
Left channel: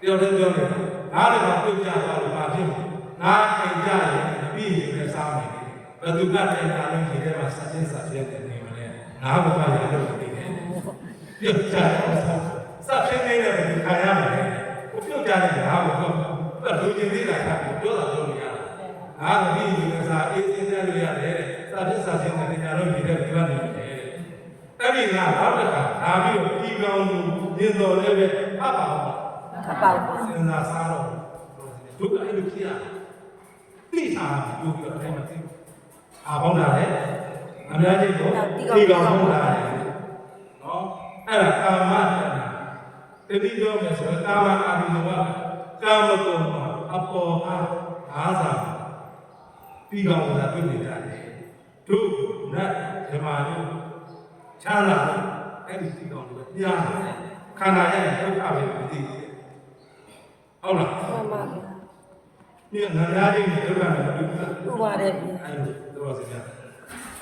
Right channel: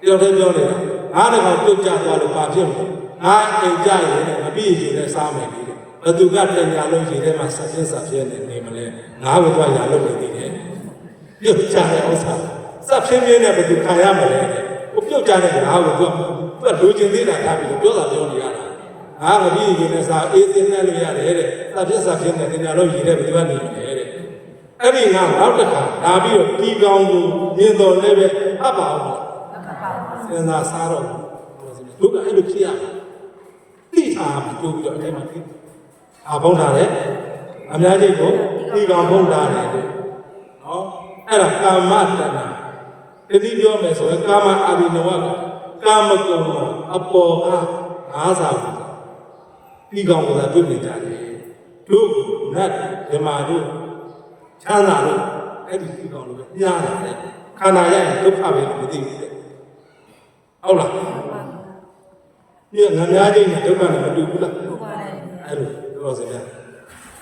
တယောက်တည်းပြောနေတာငါတကောင်ပြုတ်ကြသွားလို့ဘာဖြစ်လဲငါအိမ်ကြရင်မပြီးရင်လည်းစားမယ်ဒီဘသူကတင်ညာလို့ရေထဲမှာဆက်စင်းစားဖြစ်နေမလဲငါ့ဘက်ရလို့နေတယ်ပြုတ်ကြတဲ့ဥစ္စာစပ်ဖြစ်နေတဲ့ဘသူခံရမလဲကိုပြုတ်ကြတဲ့ငါ့ကိုသူကလူချင်းသေးတာထားပြီးတော့ပြောတာပြောနေရတာငါမပြီးရင်လည်းစားအေးစင်းနဲ့လို့ရတယ်တဲ့စပ်ဖြစ်နေတင်ညာလို့ရေထဲဘသူကနေတယ်တဲ့အဲ့ဒီငါနောက်တစ်ခါလာပြီးတော့ဒီကောင်ကိုမြင်တော်လည်းပဲဟပ်ပါအောင် ပါပါ စဉ်းစားစားတော့တို့ကအဲ့လိုဖြစ်ရတိထားပြီးပို့ပြီးတော့အဲ့မှာဘုံထားတယ်အများကြီးကိုဒီကောင်ဘုံထားတယ်နော်အဲ့ဒါကာမတဏ္ဍတတိပြောမယ်ဆိုရင်ကာမအာရိနဝကကာမကုံမှာအ အပေါ်ကအားစားတီးကောင်းတာတွေ့နေကြတယ်တို့နတ်ဓမ္မတို့ချမ်းသာတို့အဲ့ဒီတီးကောင်းလို့ညားလာတယ်ခန္ဓာရဲ့ဒုက္ခပဲမသိဘူးတဲ့ဟုတ်လားဒီငများလေးနဲ့ဒုက္ခနဲ့မတူဘူးလား ဟုတ်ပါတယ် အဲ့လိုပြောစရာ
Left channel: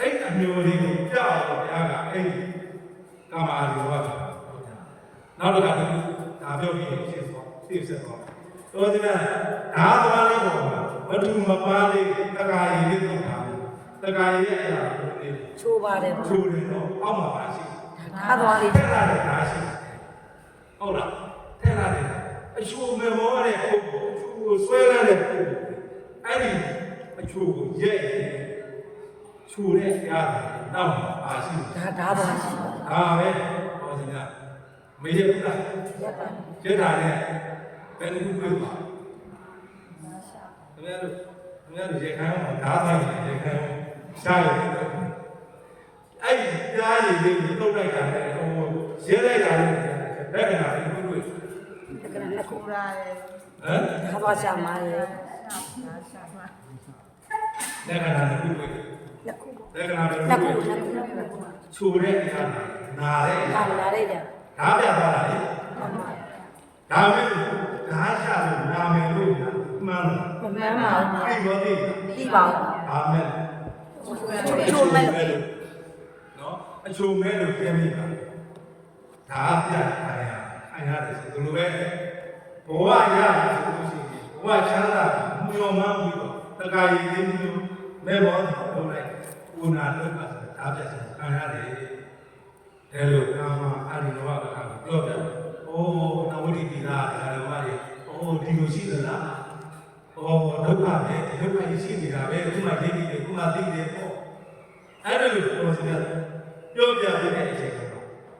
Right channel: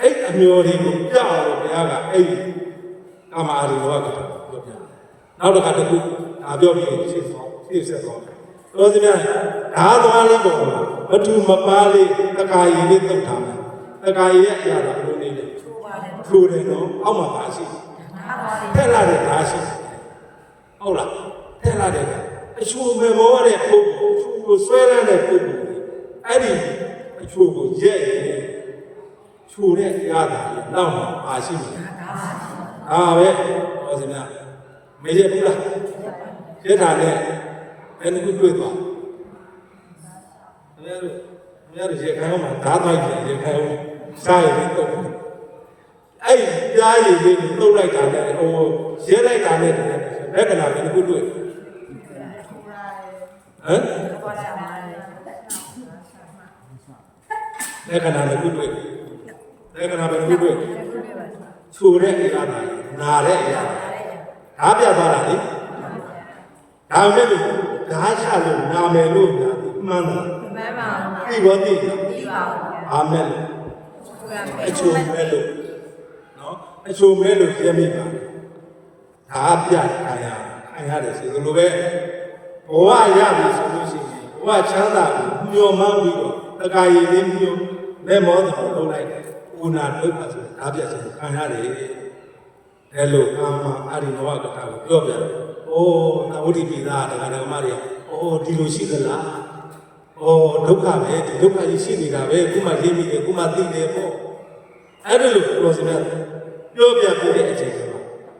အဲ့အမျိုးတွေကိုကြောက်အောင်ဘုရားကအဲ့ဒီကာမအာရိယောကပြောပြနောက်တစ်ခါတခုဒါပြောပြီးရှင်းသွားရှင်းဆက်သွားတော်စရာဓာသွားလေးပေါ်မှာဝတ္ထုမပါလေးတက္ကာယီလေးသုတ်ထားတယ်တက္ကာယီရဲ့အရာကဘယ်လိုနေလဲ ချိုးပါတယ် ချိုးတယ်နော်အောက်မှာပါရှိ ဒါတော့လေ ထက်လာတဲ့ဓာရှိဟုတ်လားထက်လာတဲ့ဓာအချိုးမဲ့ဘောတဲ့ပုဂ္ဂိုလ်အချိုးကိုဆွဲရတဲ့ပုဂ္ဂိုလ်အဲ့ဒီအချိုးကိုရဲ့ချိုးတဲ့အရာကနောက်မှာပါရှိတယ် ဒါတော့ရှိပါ အားပဲဟောစမြမရဘူးလားကျက်တာနဲ့ဘယ်နှခုတွေ့သွားခင်ဗျားတို့ရေခိုင်းမှာဓာတ်ပိုင်းရေခိုင်းစားရည်တော့အဲ့ဒီကြားရည်လေးကိုတုတ်လိုက်တာနဲ့ဟိုရဲလိုက်တာနဲ့လက္ခဏာဘယ်နှခုတွေ့ဟမ် ဒါပါရှာမှာလေ လက္ခဏာတစ်ခုတွေ့လက္ခဏာတစ်ခုတွေ့ချိုတဲ့အရာနာတဲ့အရာ ဒါလေးလေ ဓာတ်ပြသွားတာလေဒါမဲ့လို့ဓာတ်ချလို့နာမယ်လို့ညာမှန်တယ် မမှန်ပါဘူး သိပါသိ သိပါဘူး အာမင်အချိုမဲလို့နော်အချိုမဲလို့ပြောမိပါဓာတ်ပြခံရတယ်ဆိုလိုပဲဘဝရပြီဆိုလို့ရှိရင်ဘဝချမ်းသာကိုမျှော်မှန်းပြီးတော့တက္ကရာလေးမျိုးမဲမောတယ်လုပ်လိုက်တယ်ဥနာဒုက္ခဆိုဓာတ်ပြဆိုခံရတယ်အဲလိုကာမအာရိနောကတာကိုပြောပြတယ်။အိုးနဝတိပိသားတရားတော်မတွေအိုးဒီလိုရှိသလား။အိုးဒုက္ခပဲဒီဒုက္ခကြီးရှိနေတာပဲခုမှသိပြီးတယ်ခုမှသိတယ်ပေါ့။အဲ့ဒါလိုပြောစရာပြောပြပြတဲ့အချိန်မှာ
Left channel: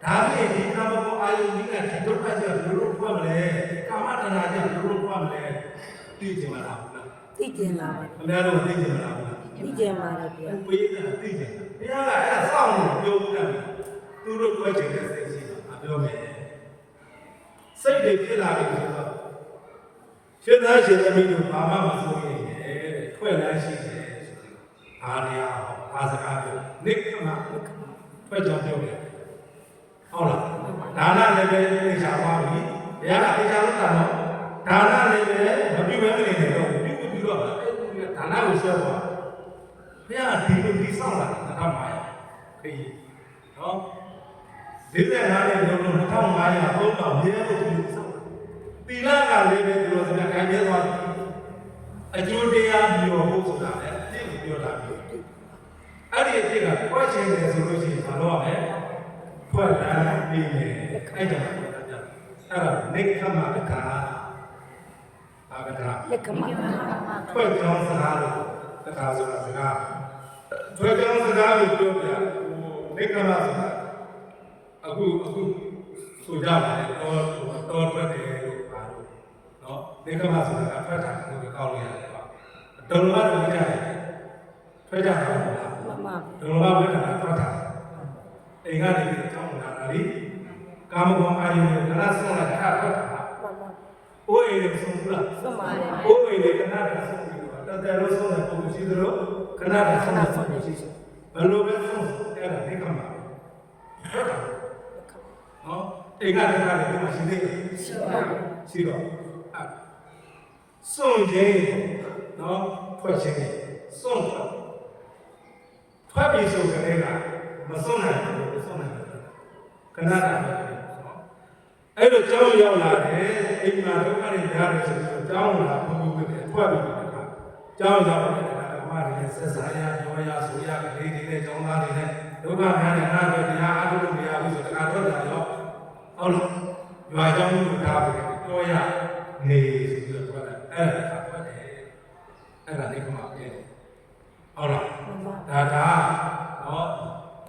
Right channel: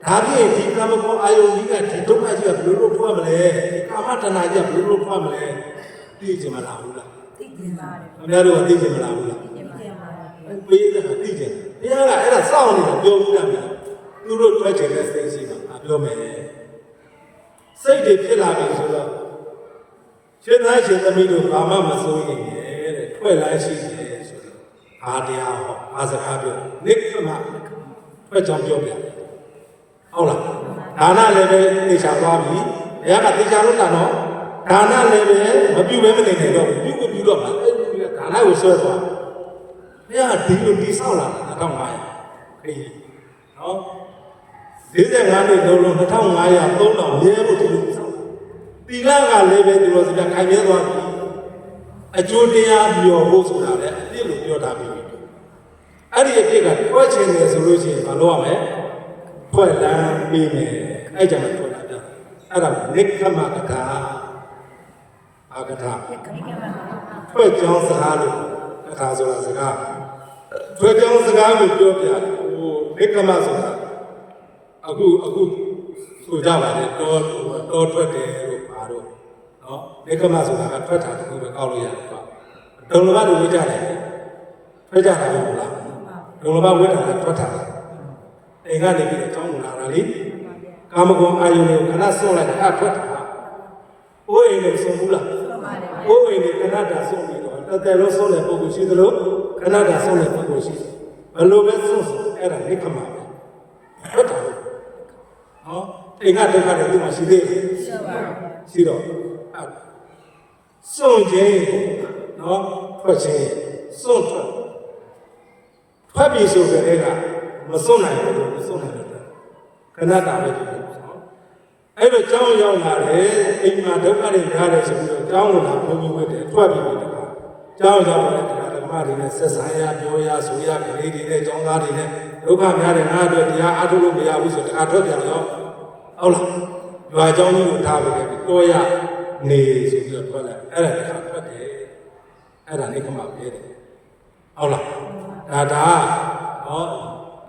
ဒါဖြင့်ဒီကာမဂုဏ်အာယုန်ကြီးကဒီဒုက္ခကြီးကဘယ်လိုဖွဲ့မလဲဒီကာမတဏှာကြီးကဘယ်လိုဖွဲ့မလဲသိကြမလားဘူးလား သိကျင်ပါ ။ခင်ဗျားတို့သိကြမလားဘူးလား သိကျင်ပါ ။ပေးတာသိကြတယ်။ဘုရားကအဲ့ဒါစောင့်နေတာပြောဘူးလားဗျာ။သူတို့တွေ့ချင်တဲ့စိတ်ရှိမှာပြောမယ်စိတ်တွေဖြစ်လာပြီဆိုတော့ရှင်သားရှင်သမီးတို့ဘာမှမစိုးရင်တဲ့ထွက်လန်းရှိတယ်ဆိုတော့အာတရားဟောအာစကားပြောနိခမထွက်ကြောင်းပြောပြတယ်ဟုတ်လားဒါနလည်းပဲသိချသွားပြီဘုရားကသိချလို့တာနော်ဒါနလည်းပဲမပြုဘဲမနေနိုင်တော့ပြုကိုပြုတော့မှာအဲ့ဒီကဒါနကိုဆွဲသွားဘုရားကဒီလိုဒီဆောက်လာ2500ခရီးနော်45နှစ်လုံးလုံး2500 3000ရဲဖို့သူစောင့်တာတီလာကလည်းပဲသူတို့စပြခိုင်ပြသွားပြီအကျိုးတရားပြောဖို့ဆိုတာလည်းအပြည့်လို့ပြောတာမျိုးအဲ့ဒီအပြည့်ကဖွဲ့ချင်တယ်ဆိုလို့ရှိရင်ဘာလို့ရမလဲဖွဲ့လန်းပြီးမယ်အဲ့ကြောင့်ဖွဲ့လာကြအဲ့ဒါနိက္ခမကထာအာကထာ လက်ကမှာ ဖွဲ့ကြောင်းစကားလို့ကထာဆိုတာစကားဖွဲ့ကြောင်းစကားကိုပြောပြဟိုနိက္ခမဆိုတာအခုဆိုကြပါလေတော်ထွက်တယ်လို့ပါတော့เนาะနိကမဆိုတာကထွက်တာတခုပဲကောက်လို့ရတယ်ကွာဒုံလဘတို့ဝိကြတယ်ထွက်ကြတာမဟုတ်လားဒုံလဘဝိကြတာထွက်တာအိမ်ကနေပြီးတော့ကျောင်းလာတာလေကာမဂုဏ်အာယုန်ကိုခဏဆုံးလိုက်တာထွက်တာအိုးအိမ်ကိုဆုံးဘူးလားအိုးအိမ်ကိုခဏတာဆုံးပြီးတော့တော်တယ်လို့ဆုံးတဲ့ပုံကိုရှိသလိုခဏတာဆုံးတဲ့ပုံကိုရှိဘယ်လိုပဲဆုံးအဲ့ဒါနိကမပဲထွက်တာနော်အိမ်ကတည်းကလည်းဒီမှာရှိသေးတယ်ရှိတော့စွန့်ခြင်းနော်ထွက်ခြင်းစွန့်ထွက်ပြီဆိုကြတဲ့ကမစွန့်နိုင်ဘူးမစွန့်နိုင်ဘူးခဏတာပဲနော်အဲ့လိုကြောင်းရောက်လာတယ်အိမ်မှာဒုက္ခတွေများတယ်ဆိုပြီးတော့ကြောင်းလာဘုံဘုံဝတ်တယ်ထွက်ပြီတခါကြောင်းရောက်လာတဲ့ဓမ္မတွေနဲ့ဆက်ဆံရပြောရဆိုရကလေးတွေနဲ့ကျောင်းသားတွေနဲ့ဒုက္ခများတယ်ငါတို့တရားအထုလို့မရဘူးဆိုတခါထွက်ပြန်ရောဟုတ်လားရွာကျောင်းကြီးကိုထားပြီးတော့ရနေဆိုပြီးတော့ထွက်လိုက်အဲ့ဒါတခါထွက်တယ်အဲ့ဒါနေခမပဲဟုတ်လားဒါနော်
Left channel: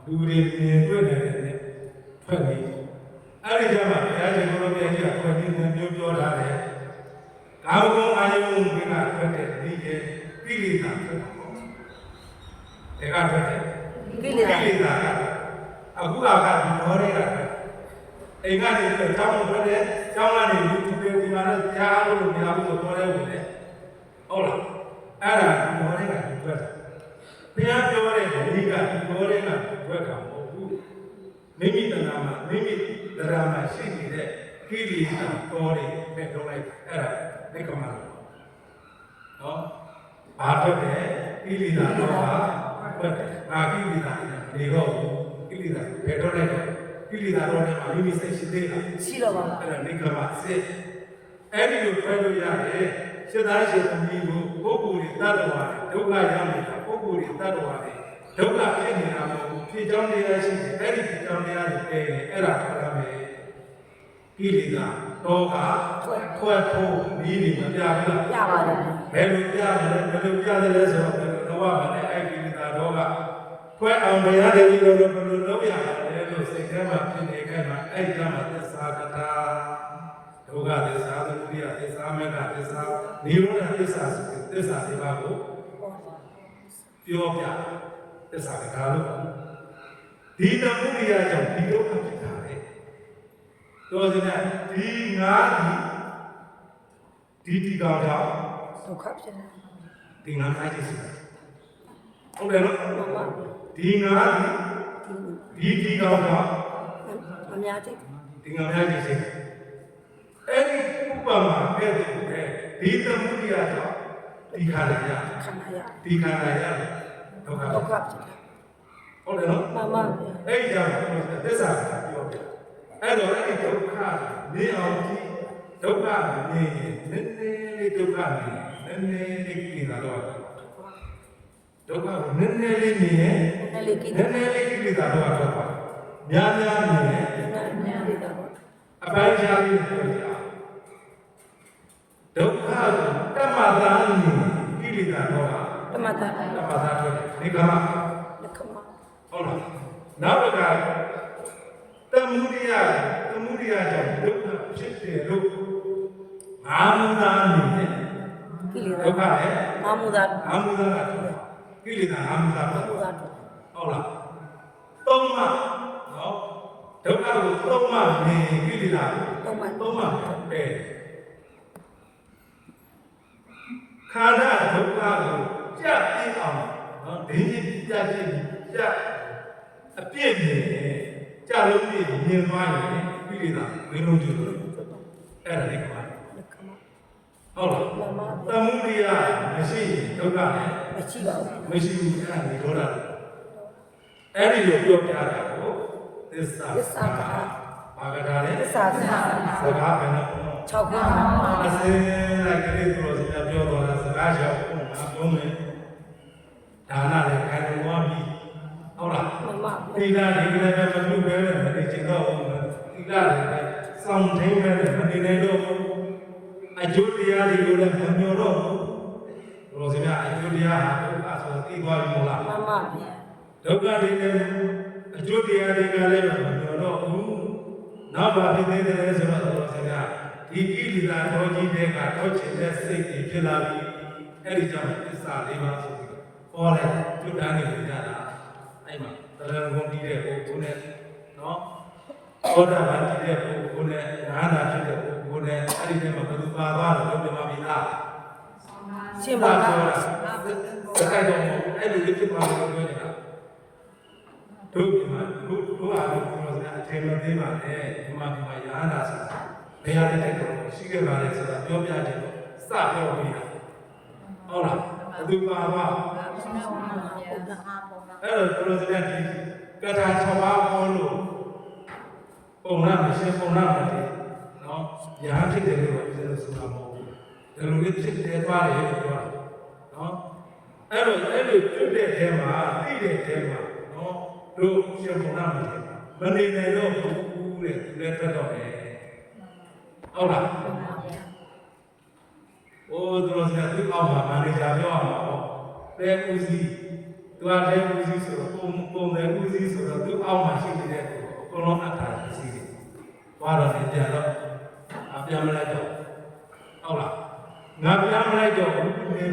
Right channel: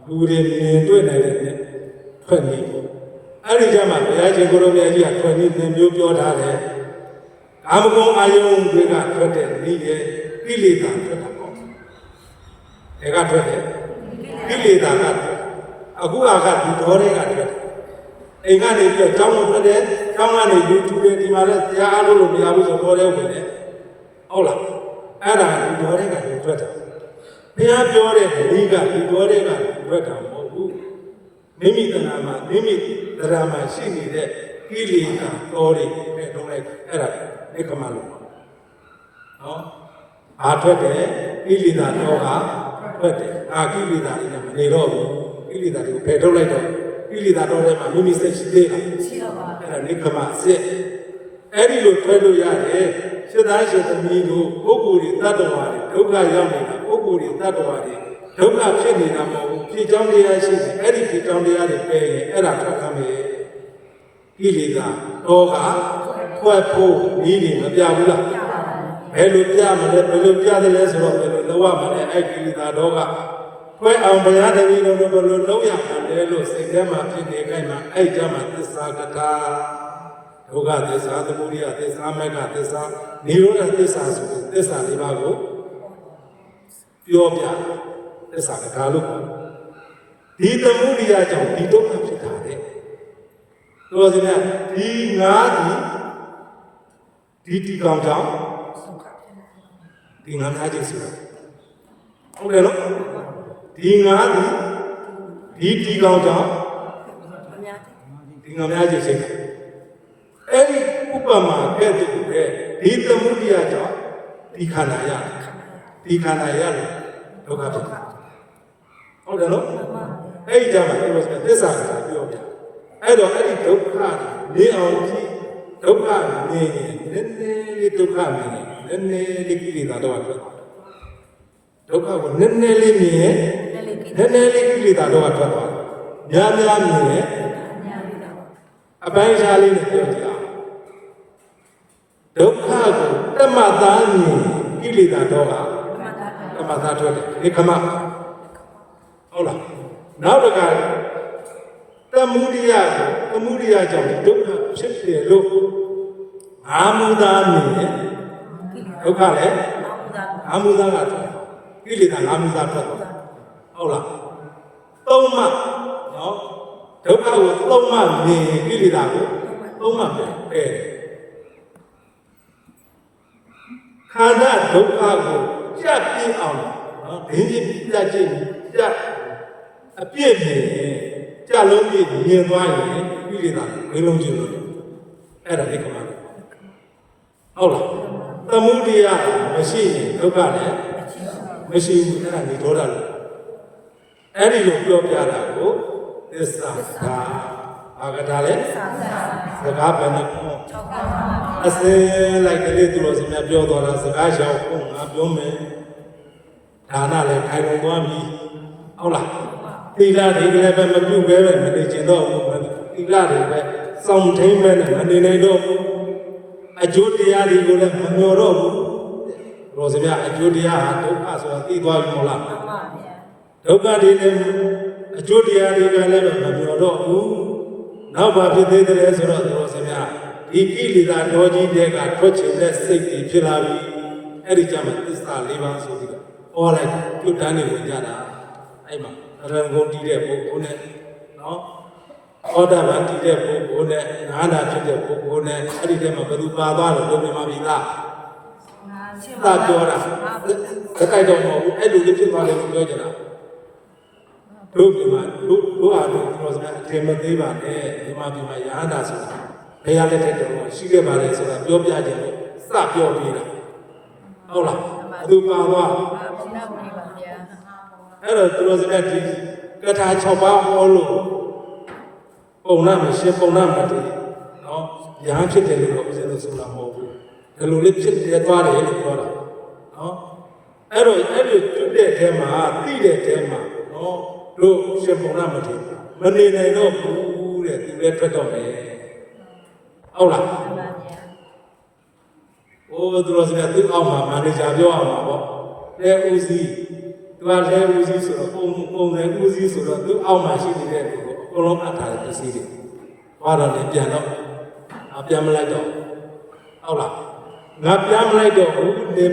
လူတွေမြင်တွေ့နေတယ်နဲ့ထွက်နေအဲ့ဒီကျမှဘုရားရှင်ကိုလိုမြတ်ကြီးကထွက်နေသင်မျိုးပြောထားတယ်ကာမဂုဏ်အာယုန်တွေကထွက်တဲ့နေရဲ့ကိလေသာထွက်တာပေါ့ဒါကထွက်တယ်ကိလေသာကအခုကဒီတော်တွေကထွက်အိမ်ကနေပြီးတော့ကျောင်းလို့ထွက်တယ်ကျောင်းကနေ YouTube တွေဒီမှာလည်းတရားအားလို့မရဘူးဆိုတော့လည်းဝင်တယ် ဟုတ်လားအဲ့ဒါဒီတော်တဲ့ကဒီဘက်တာဘုရားပြောတဲ့ဒီကဒီတော်တဲ့ကဒီဘက်တာမဟုတ်ဘူးမိမိတဏ္ဍာမှာမိမိတရားမှာရှိနေတဲ့ကိလေသာတော်တွေနဲ့ထုံးလိုက်အဲ့ဒါနိကမလို့နော်အားထွက်တယ်ကိလေသာတော့ကထွက်တယ်အာကိလေသာတွေကမနေတော့ဘူးကိလေသာတွေဘယ်ထုတ်လိုက်တော့ကိလေသာတော့လည်းမိမိစိတ်ရှိသေးလားရှိတော့ပါ အဲ့ဒါနိကမအစစ်အဲ့ဒီလိုထွက်လို့ရတယ်ရှင်းသားရှင်းသမီးကိုပုဂ္ဂိုလ်တွေတ attva တွေဒုက္ခရောက်နေတာပုဂ္ဂိုလ်တွေတ attva တွေဒုက္ခဖြစ်နေတာမဟုတ်ဘူးဖြစ်ကြောင်းတရားရှိတယ်အဲ့ဒီဖြစ်ကြောင်းတရားတွေပဲအဲ့ဒါထွက်ရမယ်ကိလေသာတော့ကထွက်ဖို့ဤနေမပြဘူးလားဘယ်လိုပြမလဲဘယ်လိုပြတယ်လဲဆိုတော့ဘယ်လိုလုပ်ရမလဲအဲ့ကိလေသာတော့ကဖွဲ့အောင်တရားတည်းလို့ဘယ်လိုလုပ်ရမလဲလို့စိတ်ထဲမှာဖြစ်နေကြမှာအဲ့ကြောင့်သစ္စာကထာဒုက္ခသစ္စာသမုဒယသစ္စာမေဃသစ္စာနိရောဓသစ္စာဆိုတဲ့သစ္စာလေးပါးကိုပြောပြသစ္စာကထာလို့ဒီသမုဒယကြောင့်ဒီဒုက္ခဖြစ်တာလေတော်စင်ကဒီငါးဒီကောင်ကြောင့်ဒုက္ခဖြစ်နေဒီငါးသားကြီးဆိုတာဟုတ်တယ်နော်ဒီငါးဒီကောင်ကြောင့်အများကြီးဒီငါးများကြီးရှိတယ်အဲ့ဒီဥပမာကဲ့သို့ပဲဒီသမုဒယကြောင့်ဒီခန္ဓာရဒီခန္ဓာရတယ်ဒုက္ခဖြစ်ဟုတ်တယ်နော်အဲ့ဒီကြောင့်ကျွန်တော်သစ္စာကပြောပြအဲ့တော့အဲ့ဒီဒုက္ခနေအောင်ကြည့်ဒုက္ခနေရင်နည်းနည်းလေးဒုက္ခနေရင်နည်းနည်းလေးကိလေသာတော့ဖြစ်ဒုက္ခကိုနည်းနည်းလေးမြင်နည်းနည်းလေးကိလေသာတော့ထွက်သွားများများမြင်ရင်အပိုင်းခြားလေးနဲ့ပြောကြအောင်ဒုက္ခကိုတမတာမြင်ကိလေသာတော့ကတမတာထွက်တယ်ဒီကမဟုတ်လားနောက်တစ်ခါသမုဒယကြောင့်ဒုက္ခဖြစ်တယ်လို့အာမုဒာမြင်ဒုက္ခလည်းအာမုဒာကကိလေသာအာမုဒာထွက်တယ်ဟုတ်လားသုံးမှနော်ဒုက္ခကိုသုံးမှမြင်ကိလေသာကိုသုံးမှပဲခန္ဓာဒုက္ခကိုကြပ်ပြင်းအောင်နော်ဒင်းကြီးပြတ်ခြင်းကြပ်အပြည့်မြင်ကြလုံးပြည့်မြင်သွားရင်ကိလေသာဝိလုံးကျလို့အဲ့ဒါလေးကမှဟုတ်လားသမုဒယမရှိရင်ဒုက္ခလည်းမရှိဘူးအဲ့ဒါနေတော့တာအဲ့ဒီလိုပြောပြတာကိုသစ္စာဘာကတာလဲစကားပဲနဲ့6ပါးအစင်းလိုက်ကလေးသူတို့စများပြောတော်လားစကားရှောက်ကိုငါပြောမယ်ဒါနလည်းခိုင်လုံသွားပြီဟုတ်လားသီလတွေလည်းပဲမပြုတ်ပဲမနေချင်တော့ဘူးသီလတွေပဲစောင့်ထိန်ပဲမနေနိုင်တော့ဘူးအကျိုးတရားတွေကိုလည်းမမျှော်တော့ဘူးတို့စများအကျိုးတရားဟာဒုက္ခဆိုတာသိသွားပြီမဟုတ်လားဒုက္ခတွေလည်းအကျိုးတရားတွေကလည်းမမျှော်တော့ဘူးနောက်ဘာဖြစ်သေးတယ်ဆိုတော့တို့စများဒီကိလေသာတော်ကြီးတွေကထွက်ချင်တဲ့စိတ်တွေဖြစ်လာပြီအဲ့ဒီကြောင့်သစ္စာ၄ပါးဆိုပြီးတော့ဟောလိုက်ပြုတ်တန်းနေကြတာအဲ့မှာတရံကုန်တည်တဲ့ပုဂ္ဂိုလ်နဲ့နော်သောတာပန်တည်တဲ့ပုဂ္ဂိုလ်နဲ့နာနာဖြစ်တဲ့ပုဂ္ဂိုလ်နဲ့အဲ့ဒီထဲမှာဘယ်သူပါသွားလို့ပြောပြမှာပြီလားရှင်းပါပြောတာအဲ့တော့မဟုတ်ဘူးအဲ့လိုဖြစ်သွားလို့ပြောကြတာတို့ဒီမှာတို့အားလုံးပြောစရာအထင်မသေးပါနဲ့ဒီမှာရဟန္တာဆိုတာဘယ်ရတဲ့တဲ့တော်ရှိခဲ့ပါလဲဆိုတာပြောပြတယ်လို့စပြောပြီးတာဟုတ်လားဘသူပါသွားအဲ့တော့သူတို့စတဲ့ဒီကထာ6ပါးဟောလို့ပုံနာမရှိပုံနာမတည်နော်ရဟန်းဖြစ်တယ်လို့ပြောလို့ဆိုတာမဟုတ်ဘူးဒီလိုလေးဖြစ်တယ်သွားတယ်လို့ပြောတာနော်အဲ့တော့အဲ့လိုကျွတ်တဲ့ထဲမှာသိတဲ့ထဲမှာနော်တို့ရှင်ပုံနာမတည်မနေနိုင်တော့ဘူးတဲ့သူလည်းထွက်တော့တယ်ဟုတ်လားโอ้သူတို့စတဲ့သူ့အောက်မှာမန်နေဂျာပြောအောင်ပါပေါ့လဲဦးစီးသူကလဲဦးစီးဆိုတော့ပုံတယ်ဦးစီးဆိုတော့သူ့အောက်မှာရှိနေတဲ့သူကိုအကုန်လုံးအပ်ထားတဲ့စီးတယ်ဘာတော့လဲပြန်တော့ပြန်မလိုက်တော့ဟုတ်လားငါပြန်မလိုက်တော့ဘူးနေ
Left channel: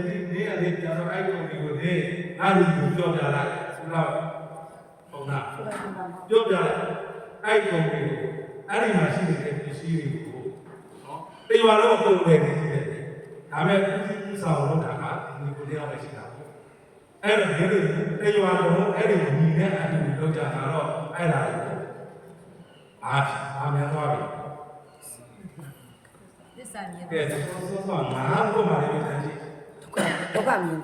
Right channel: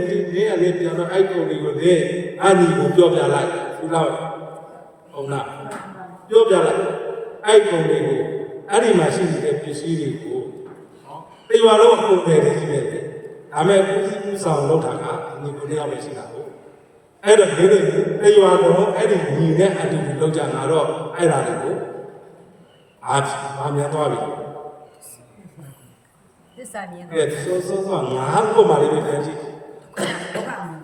အလေးပြန်တော့အဲ့ကုန်တွေကိုလေအဲ့ဒီကိုပြောပြလိုက်သူတော့ပုံနာပြောပြလိုက်အဲ့ကုန်တွေကိုအဲ့ဒီမှာရှိနေတဲ့ပစ္စည်းတွေကိုနော်တေဝါလုံးပုံတယ်ကြီးပဲ ဒါမဲ့ဦးစီးဦးဆောင်လုပ်တာကဒီကိုတယောက်ပဲရှိတာပေါ့အဲ့တော့ဒီနေ့တရွာတော့အဲ့ဒီညီနဲ့အတူတူလုပ်ကြတာတော့အဲ့ဒါတွေကိုအားမြန်သွားပြီ သစ္စာမြင် ကဲဆိုငါကိုမှလေးပဲတန်းကြည့် ဒုက္ခမြင်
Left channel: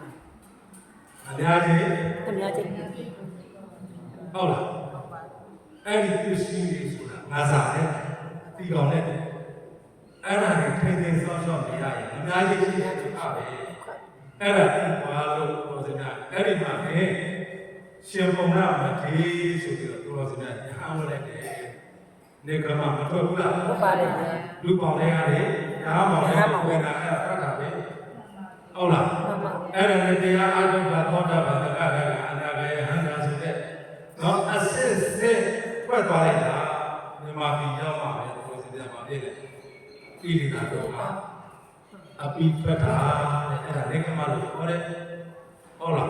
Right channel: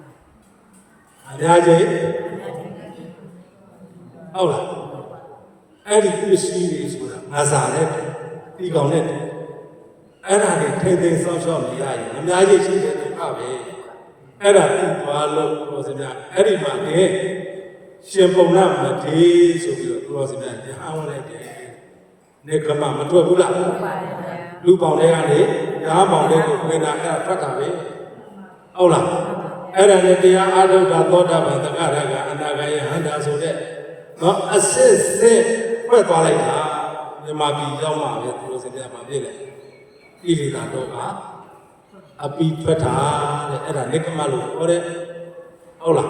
အများကြီး အများကြီး ဟုတ်လားအဲ့ဒီပစ္စည်းတွေဆိုတာငါစားနဲ့တီကောင်နဲ့အဲ့ဒါတွေထိမ့်သိမ်းဆောင်းရှောက်နေရရင်အများကြီးရှိတဲ့ဒုက္ခပဲအဲ့ဒါသိသွားလို့ပြောစမြအဲ့ဒီမှာလေရှင်ပုံနာမထေဆိုပြီးတော့ပြောစမြညဟန်းဝင်လိုက်တယ်နေကမှမတွေ့ဘူးလား ဟုတ်ပါတယ် လူပေါင်းတွေကနေညားပေါင်းတွေကိုပြင်တာအဲ့ဒါဖတ်တာပဲဟုတ်လားအဲ့ဒါနဲ့တရားအားထုတ်တာသောတာပန်သက္ကရာကအနာဂယဟန္တာဆိုတဲ့နော်အစစ်စစ်ဖွဲ့သွားလိုက်တာမြန်မာပြည်ရောက်မှပဲသူတို့စပြမှာပြည့်တယ်ဣရိတာတော့ကအပိထွက်တာတဲ့အဲ့ဒါနေကမှလို့ပြောတဲ့ဟုတ်လား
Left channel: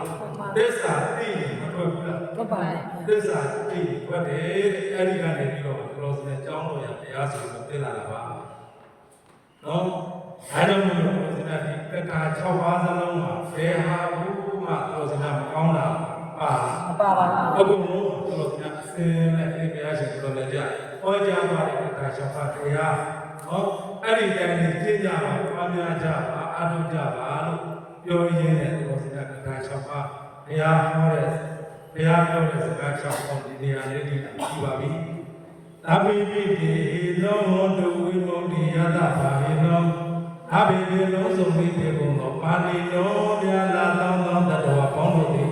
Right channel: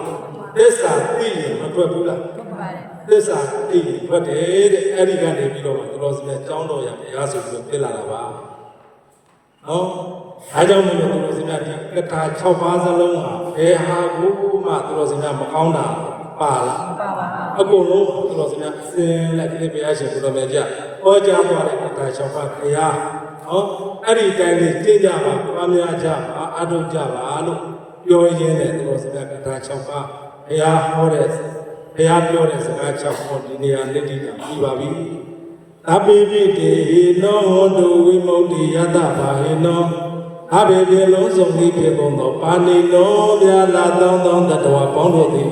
သစ္စာသိရင်မထွက်ဘူးလား ဟုတ်ပါတယ် သစ္စာသိရင်ထွက်တယ်တဲ့အဲ့ဒီကနေပြီးတော့သူတို့စပြကျောင်းတော်ရဘုရားဆိုပြီးတော့ပြလာတာပါနော်အဲကြောင့်မို့လို့သူတို့စပြဒီကထာ6ပါးစလုံးမှာဘယ်ဟာကိုမှသူတို့စပြမကောင်းတာပါလား ပါပါ အကုန်လုံးသူတို့စပြအစင်းနဲ့ဒီဘုရားရှင်သူတို့မြတ်ကြဟောကြားသွားတဲ့ကထာ6ပါးဘုရားနော်အဲ့ဒီတိုင်းလေးသိကြပါပွားများကြပါအထုကြပါလို့ပြောရင်းနဲ့သူတို့စပြကထာ6ပါးဘုရားဟောတဲ့ဘုရားပြောတဲ့စကား6ပါးဒီနေရာနဲ့ဒီတာပြီးပါပြီအပိပိတေနောဟောတုဝိမု ക്തി ယတဘာဟေနောအဘေပြေလုံးစုံပြီးပြေကုန်သောပါဏိနောမြာလာသောတတဝပေါင်းတို့သည်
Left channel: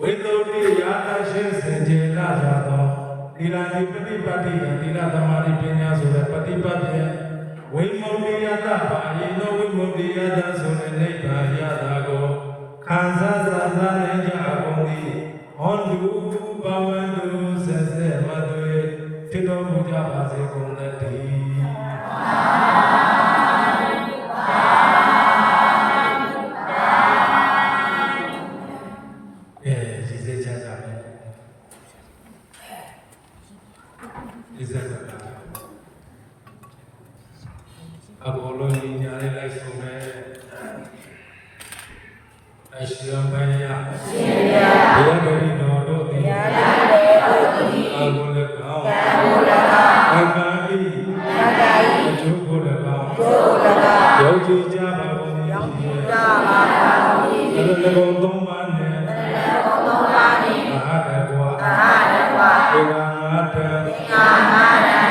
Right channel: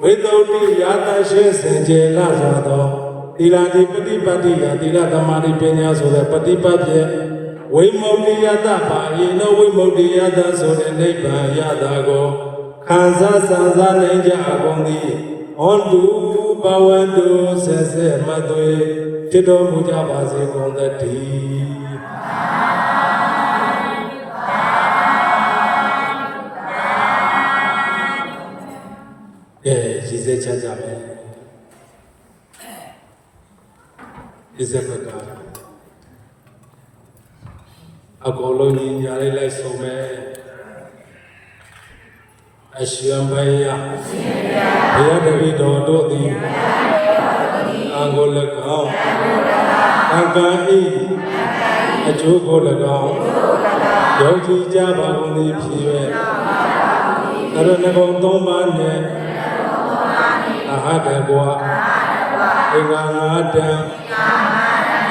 ဝိသုဒ္ဓိယာတရှိစင်ကြယ်လာစွာသောသီလတိပฏิပတ်တိယသီလသမာဓိပညာဆိုတဲ့ပฏิပတ်ဖြင့်ဝိမု ക്തി ယတဘာဟေနောဝိမု ക്തി ယတဆိုတဲ့နိဗ္ဗာန်ရတာကိုခံစားစံစားနိုင်ကြကုန်သည်ဟောတုဘဝတုဆက်ဆက်မသွေဖြစ်တော်မူကြပါစေကုန်သတည်းရည်စဲချမ်းသာပဲရည်စဲဖက်ကအကုန်လုံးညီညာလေးလိုက်ဆုံးမယ်အရှင်ဘုရားဘုရားတပည့်တော်တို့သည်အကိုလည်းကောင်းအကံဤအကျိုးကိုလည်းကောင်းယုံကြည်ကြပါကုန်သည်ဖြစ်၍အရဏဂုံသုံးပါးနှင့်အဟတကွာဧကငါတံ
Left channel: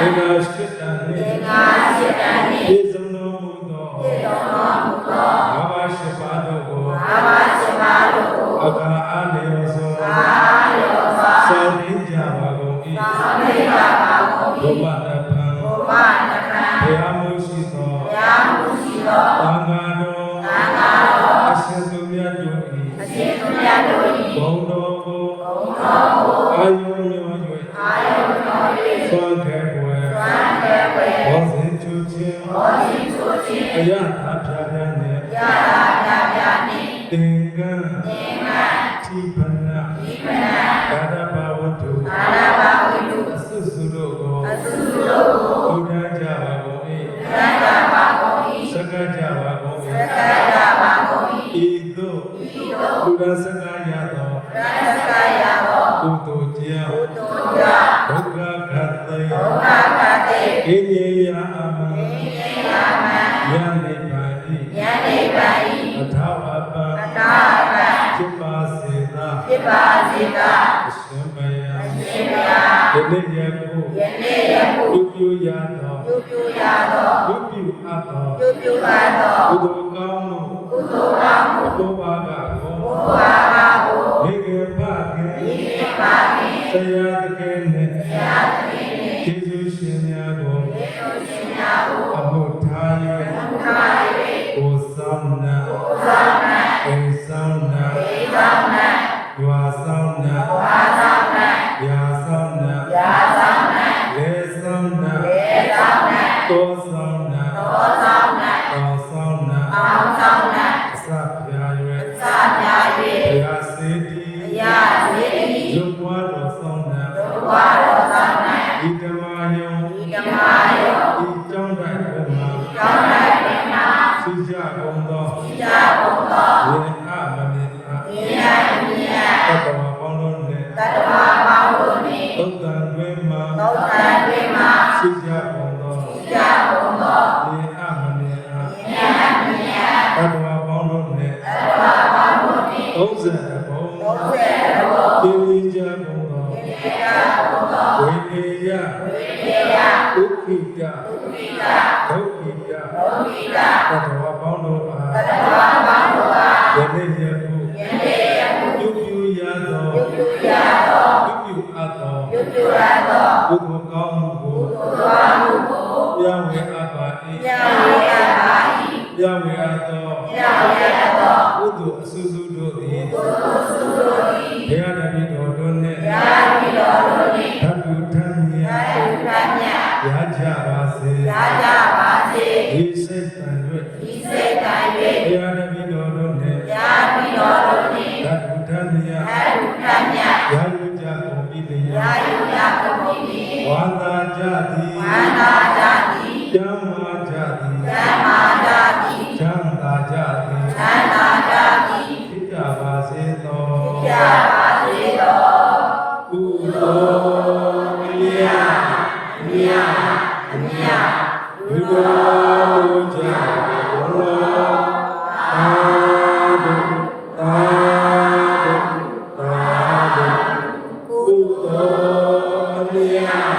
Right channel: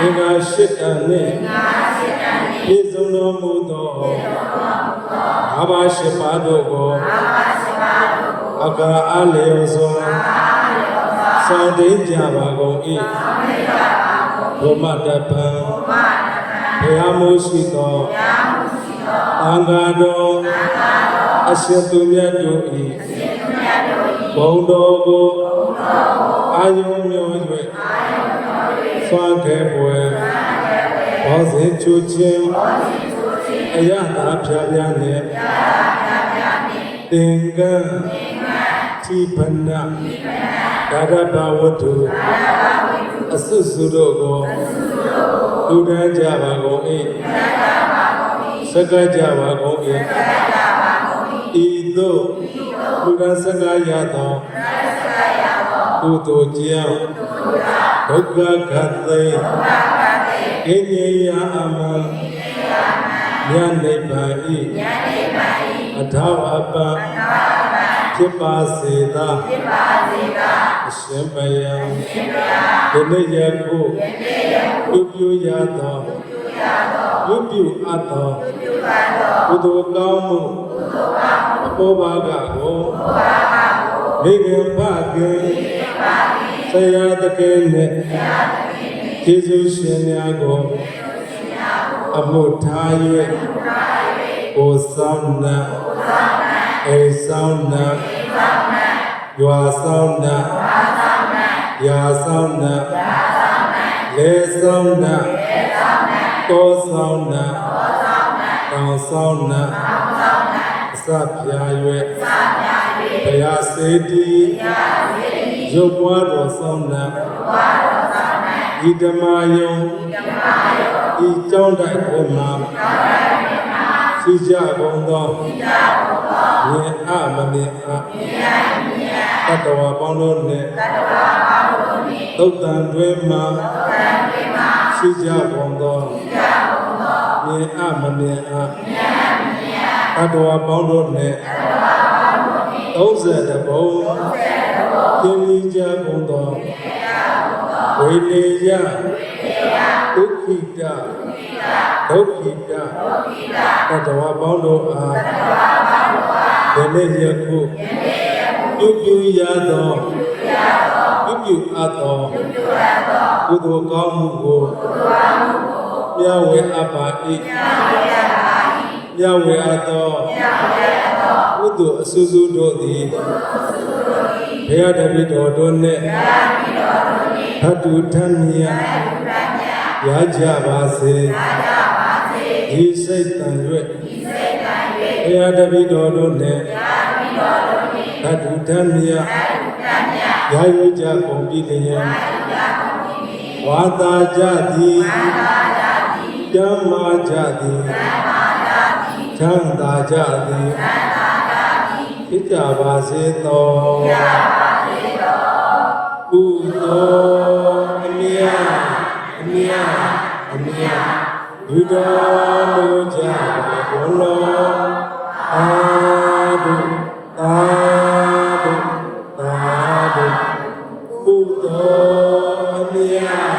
ဧကရှိတံနှင့်ပြည့်စုံတော်မူသောဘာဝရှိပါတို့ကိုအကအလေးဆုံးစေတိကြပါကုန်၏ဘုမတပံဘုရားမိုးရှိသောသံဃာတော်အရှင်သူမြတ်တို့၏ဘုံတော်ကိုအာယုံညွှန်၍ဆွမ်းခဲ့ပွဲဘောဇင်ချူခြင်းအယတာဖြာဖြာနှင့်သင်္ကန်းတိပနာဒါရဘဝတ္ထုအစွစုတို့ကိုလူတန်းကြပါကုန်၏စကကြပါကုန်၏ဤသို့လူတန်းစကရသောကုသိုလ်ကြောင့်ဒုက္ခခတ်သိအိဉ္ဇယအမံဉာဏ်နိဗ္ဗာန်ဤအထာဝပံဖြစ်ပါစေသာအရှင်ဘုရားဒီနေ့ယခုပြုပြုရသောပြုပြုအပ်သောကုသိုလ်ကောင်းမှုအပေါ်ဘာကကိုမိခင်ဖခင်ဆရာသခင်နှင့်ကျေးဇူးရှင်များကိုအမှုထား၍ကိုဆောင်နာအိဆောင်နာရွာဆောင်နာရာဆောင်နာလေဆောင်နာတောဆောင်နာတောဆောင်နာအစပြာ၍ဘုရားစေတီရုပ်ပွားတော်ဆောင်နာဤဓမ္မယုံဤကျောင်းတိုက်အတွင်းမှာစေ သိကြကုန်သောမြင်အမမြင်အတ္တဝါပေါင်းတို့နှင့်သုတ်တံတွင်မှသိကြကုန်သောမြင်အမမြင်အတ္တဝါပေါင်းတို့နှင့်30ဘုံသင်္ကြန်ကြကုန်သောဝိနည်းယဒုက္ခိတဒုက္ခိတတတဝါပေါင်းတို့အားယနေ့ယခုပြုရသောပြုအပ်သောကုသိုလ်ကောင်းမှုကိုပြဝေအပ်ပါ၏ပြဝေအပ်သောကုသိုလ်အဆူဆူတို့သည်ဘုရားတပည့်တော်တို့နှင့်ဓာတုထမြတ်ရကြပါစေဒီစိတ်တန်၍ဘုရားတပည့်တော်တို့နှင့်ဓာတုထမြတ်ရယူကြကုန်ပြီလျက်ဝါသာကြသည်ဓမ္မာကြသည်ချမ်းသာကြသည်ဖြစ်ကြပါစေသောကုသိုလ်အမြတ်အမြတ်အမြတ်ယူတော်ကြဘုရားအာဒုအာဒုအာဒုကုသိုလ်အမြတ်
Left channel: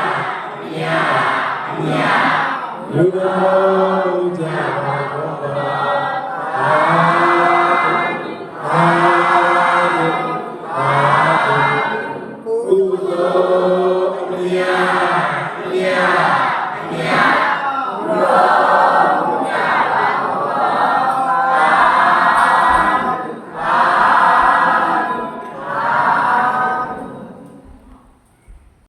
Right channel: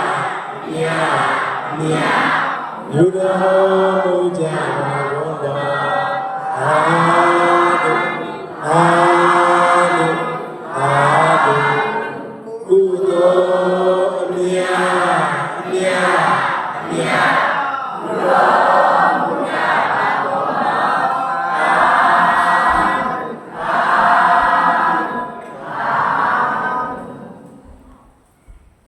အမြတ်အမြတ်ယူတော်ကြဘုရားအာဒုအာဒုအာဒုကုသိုလ်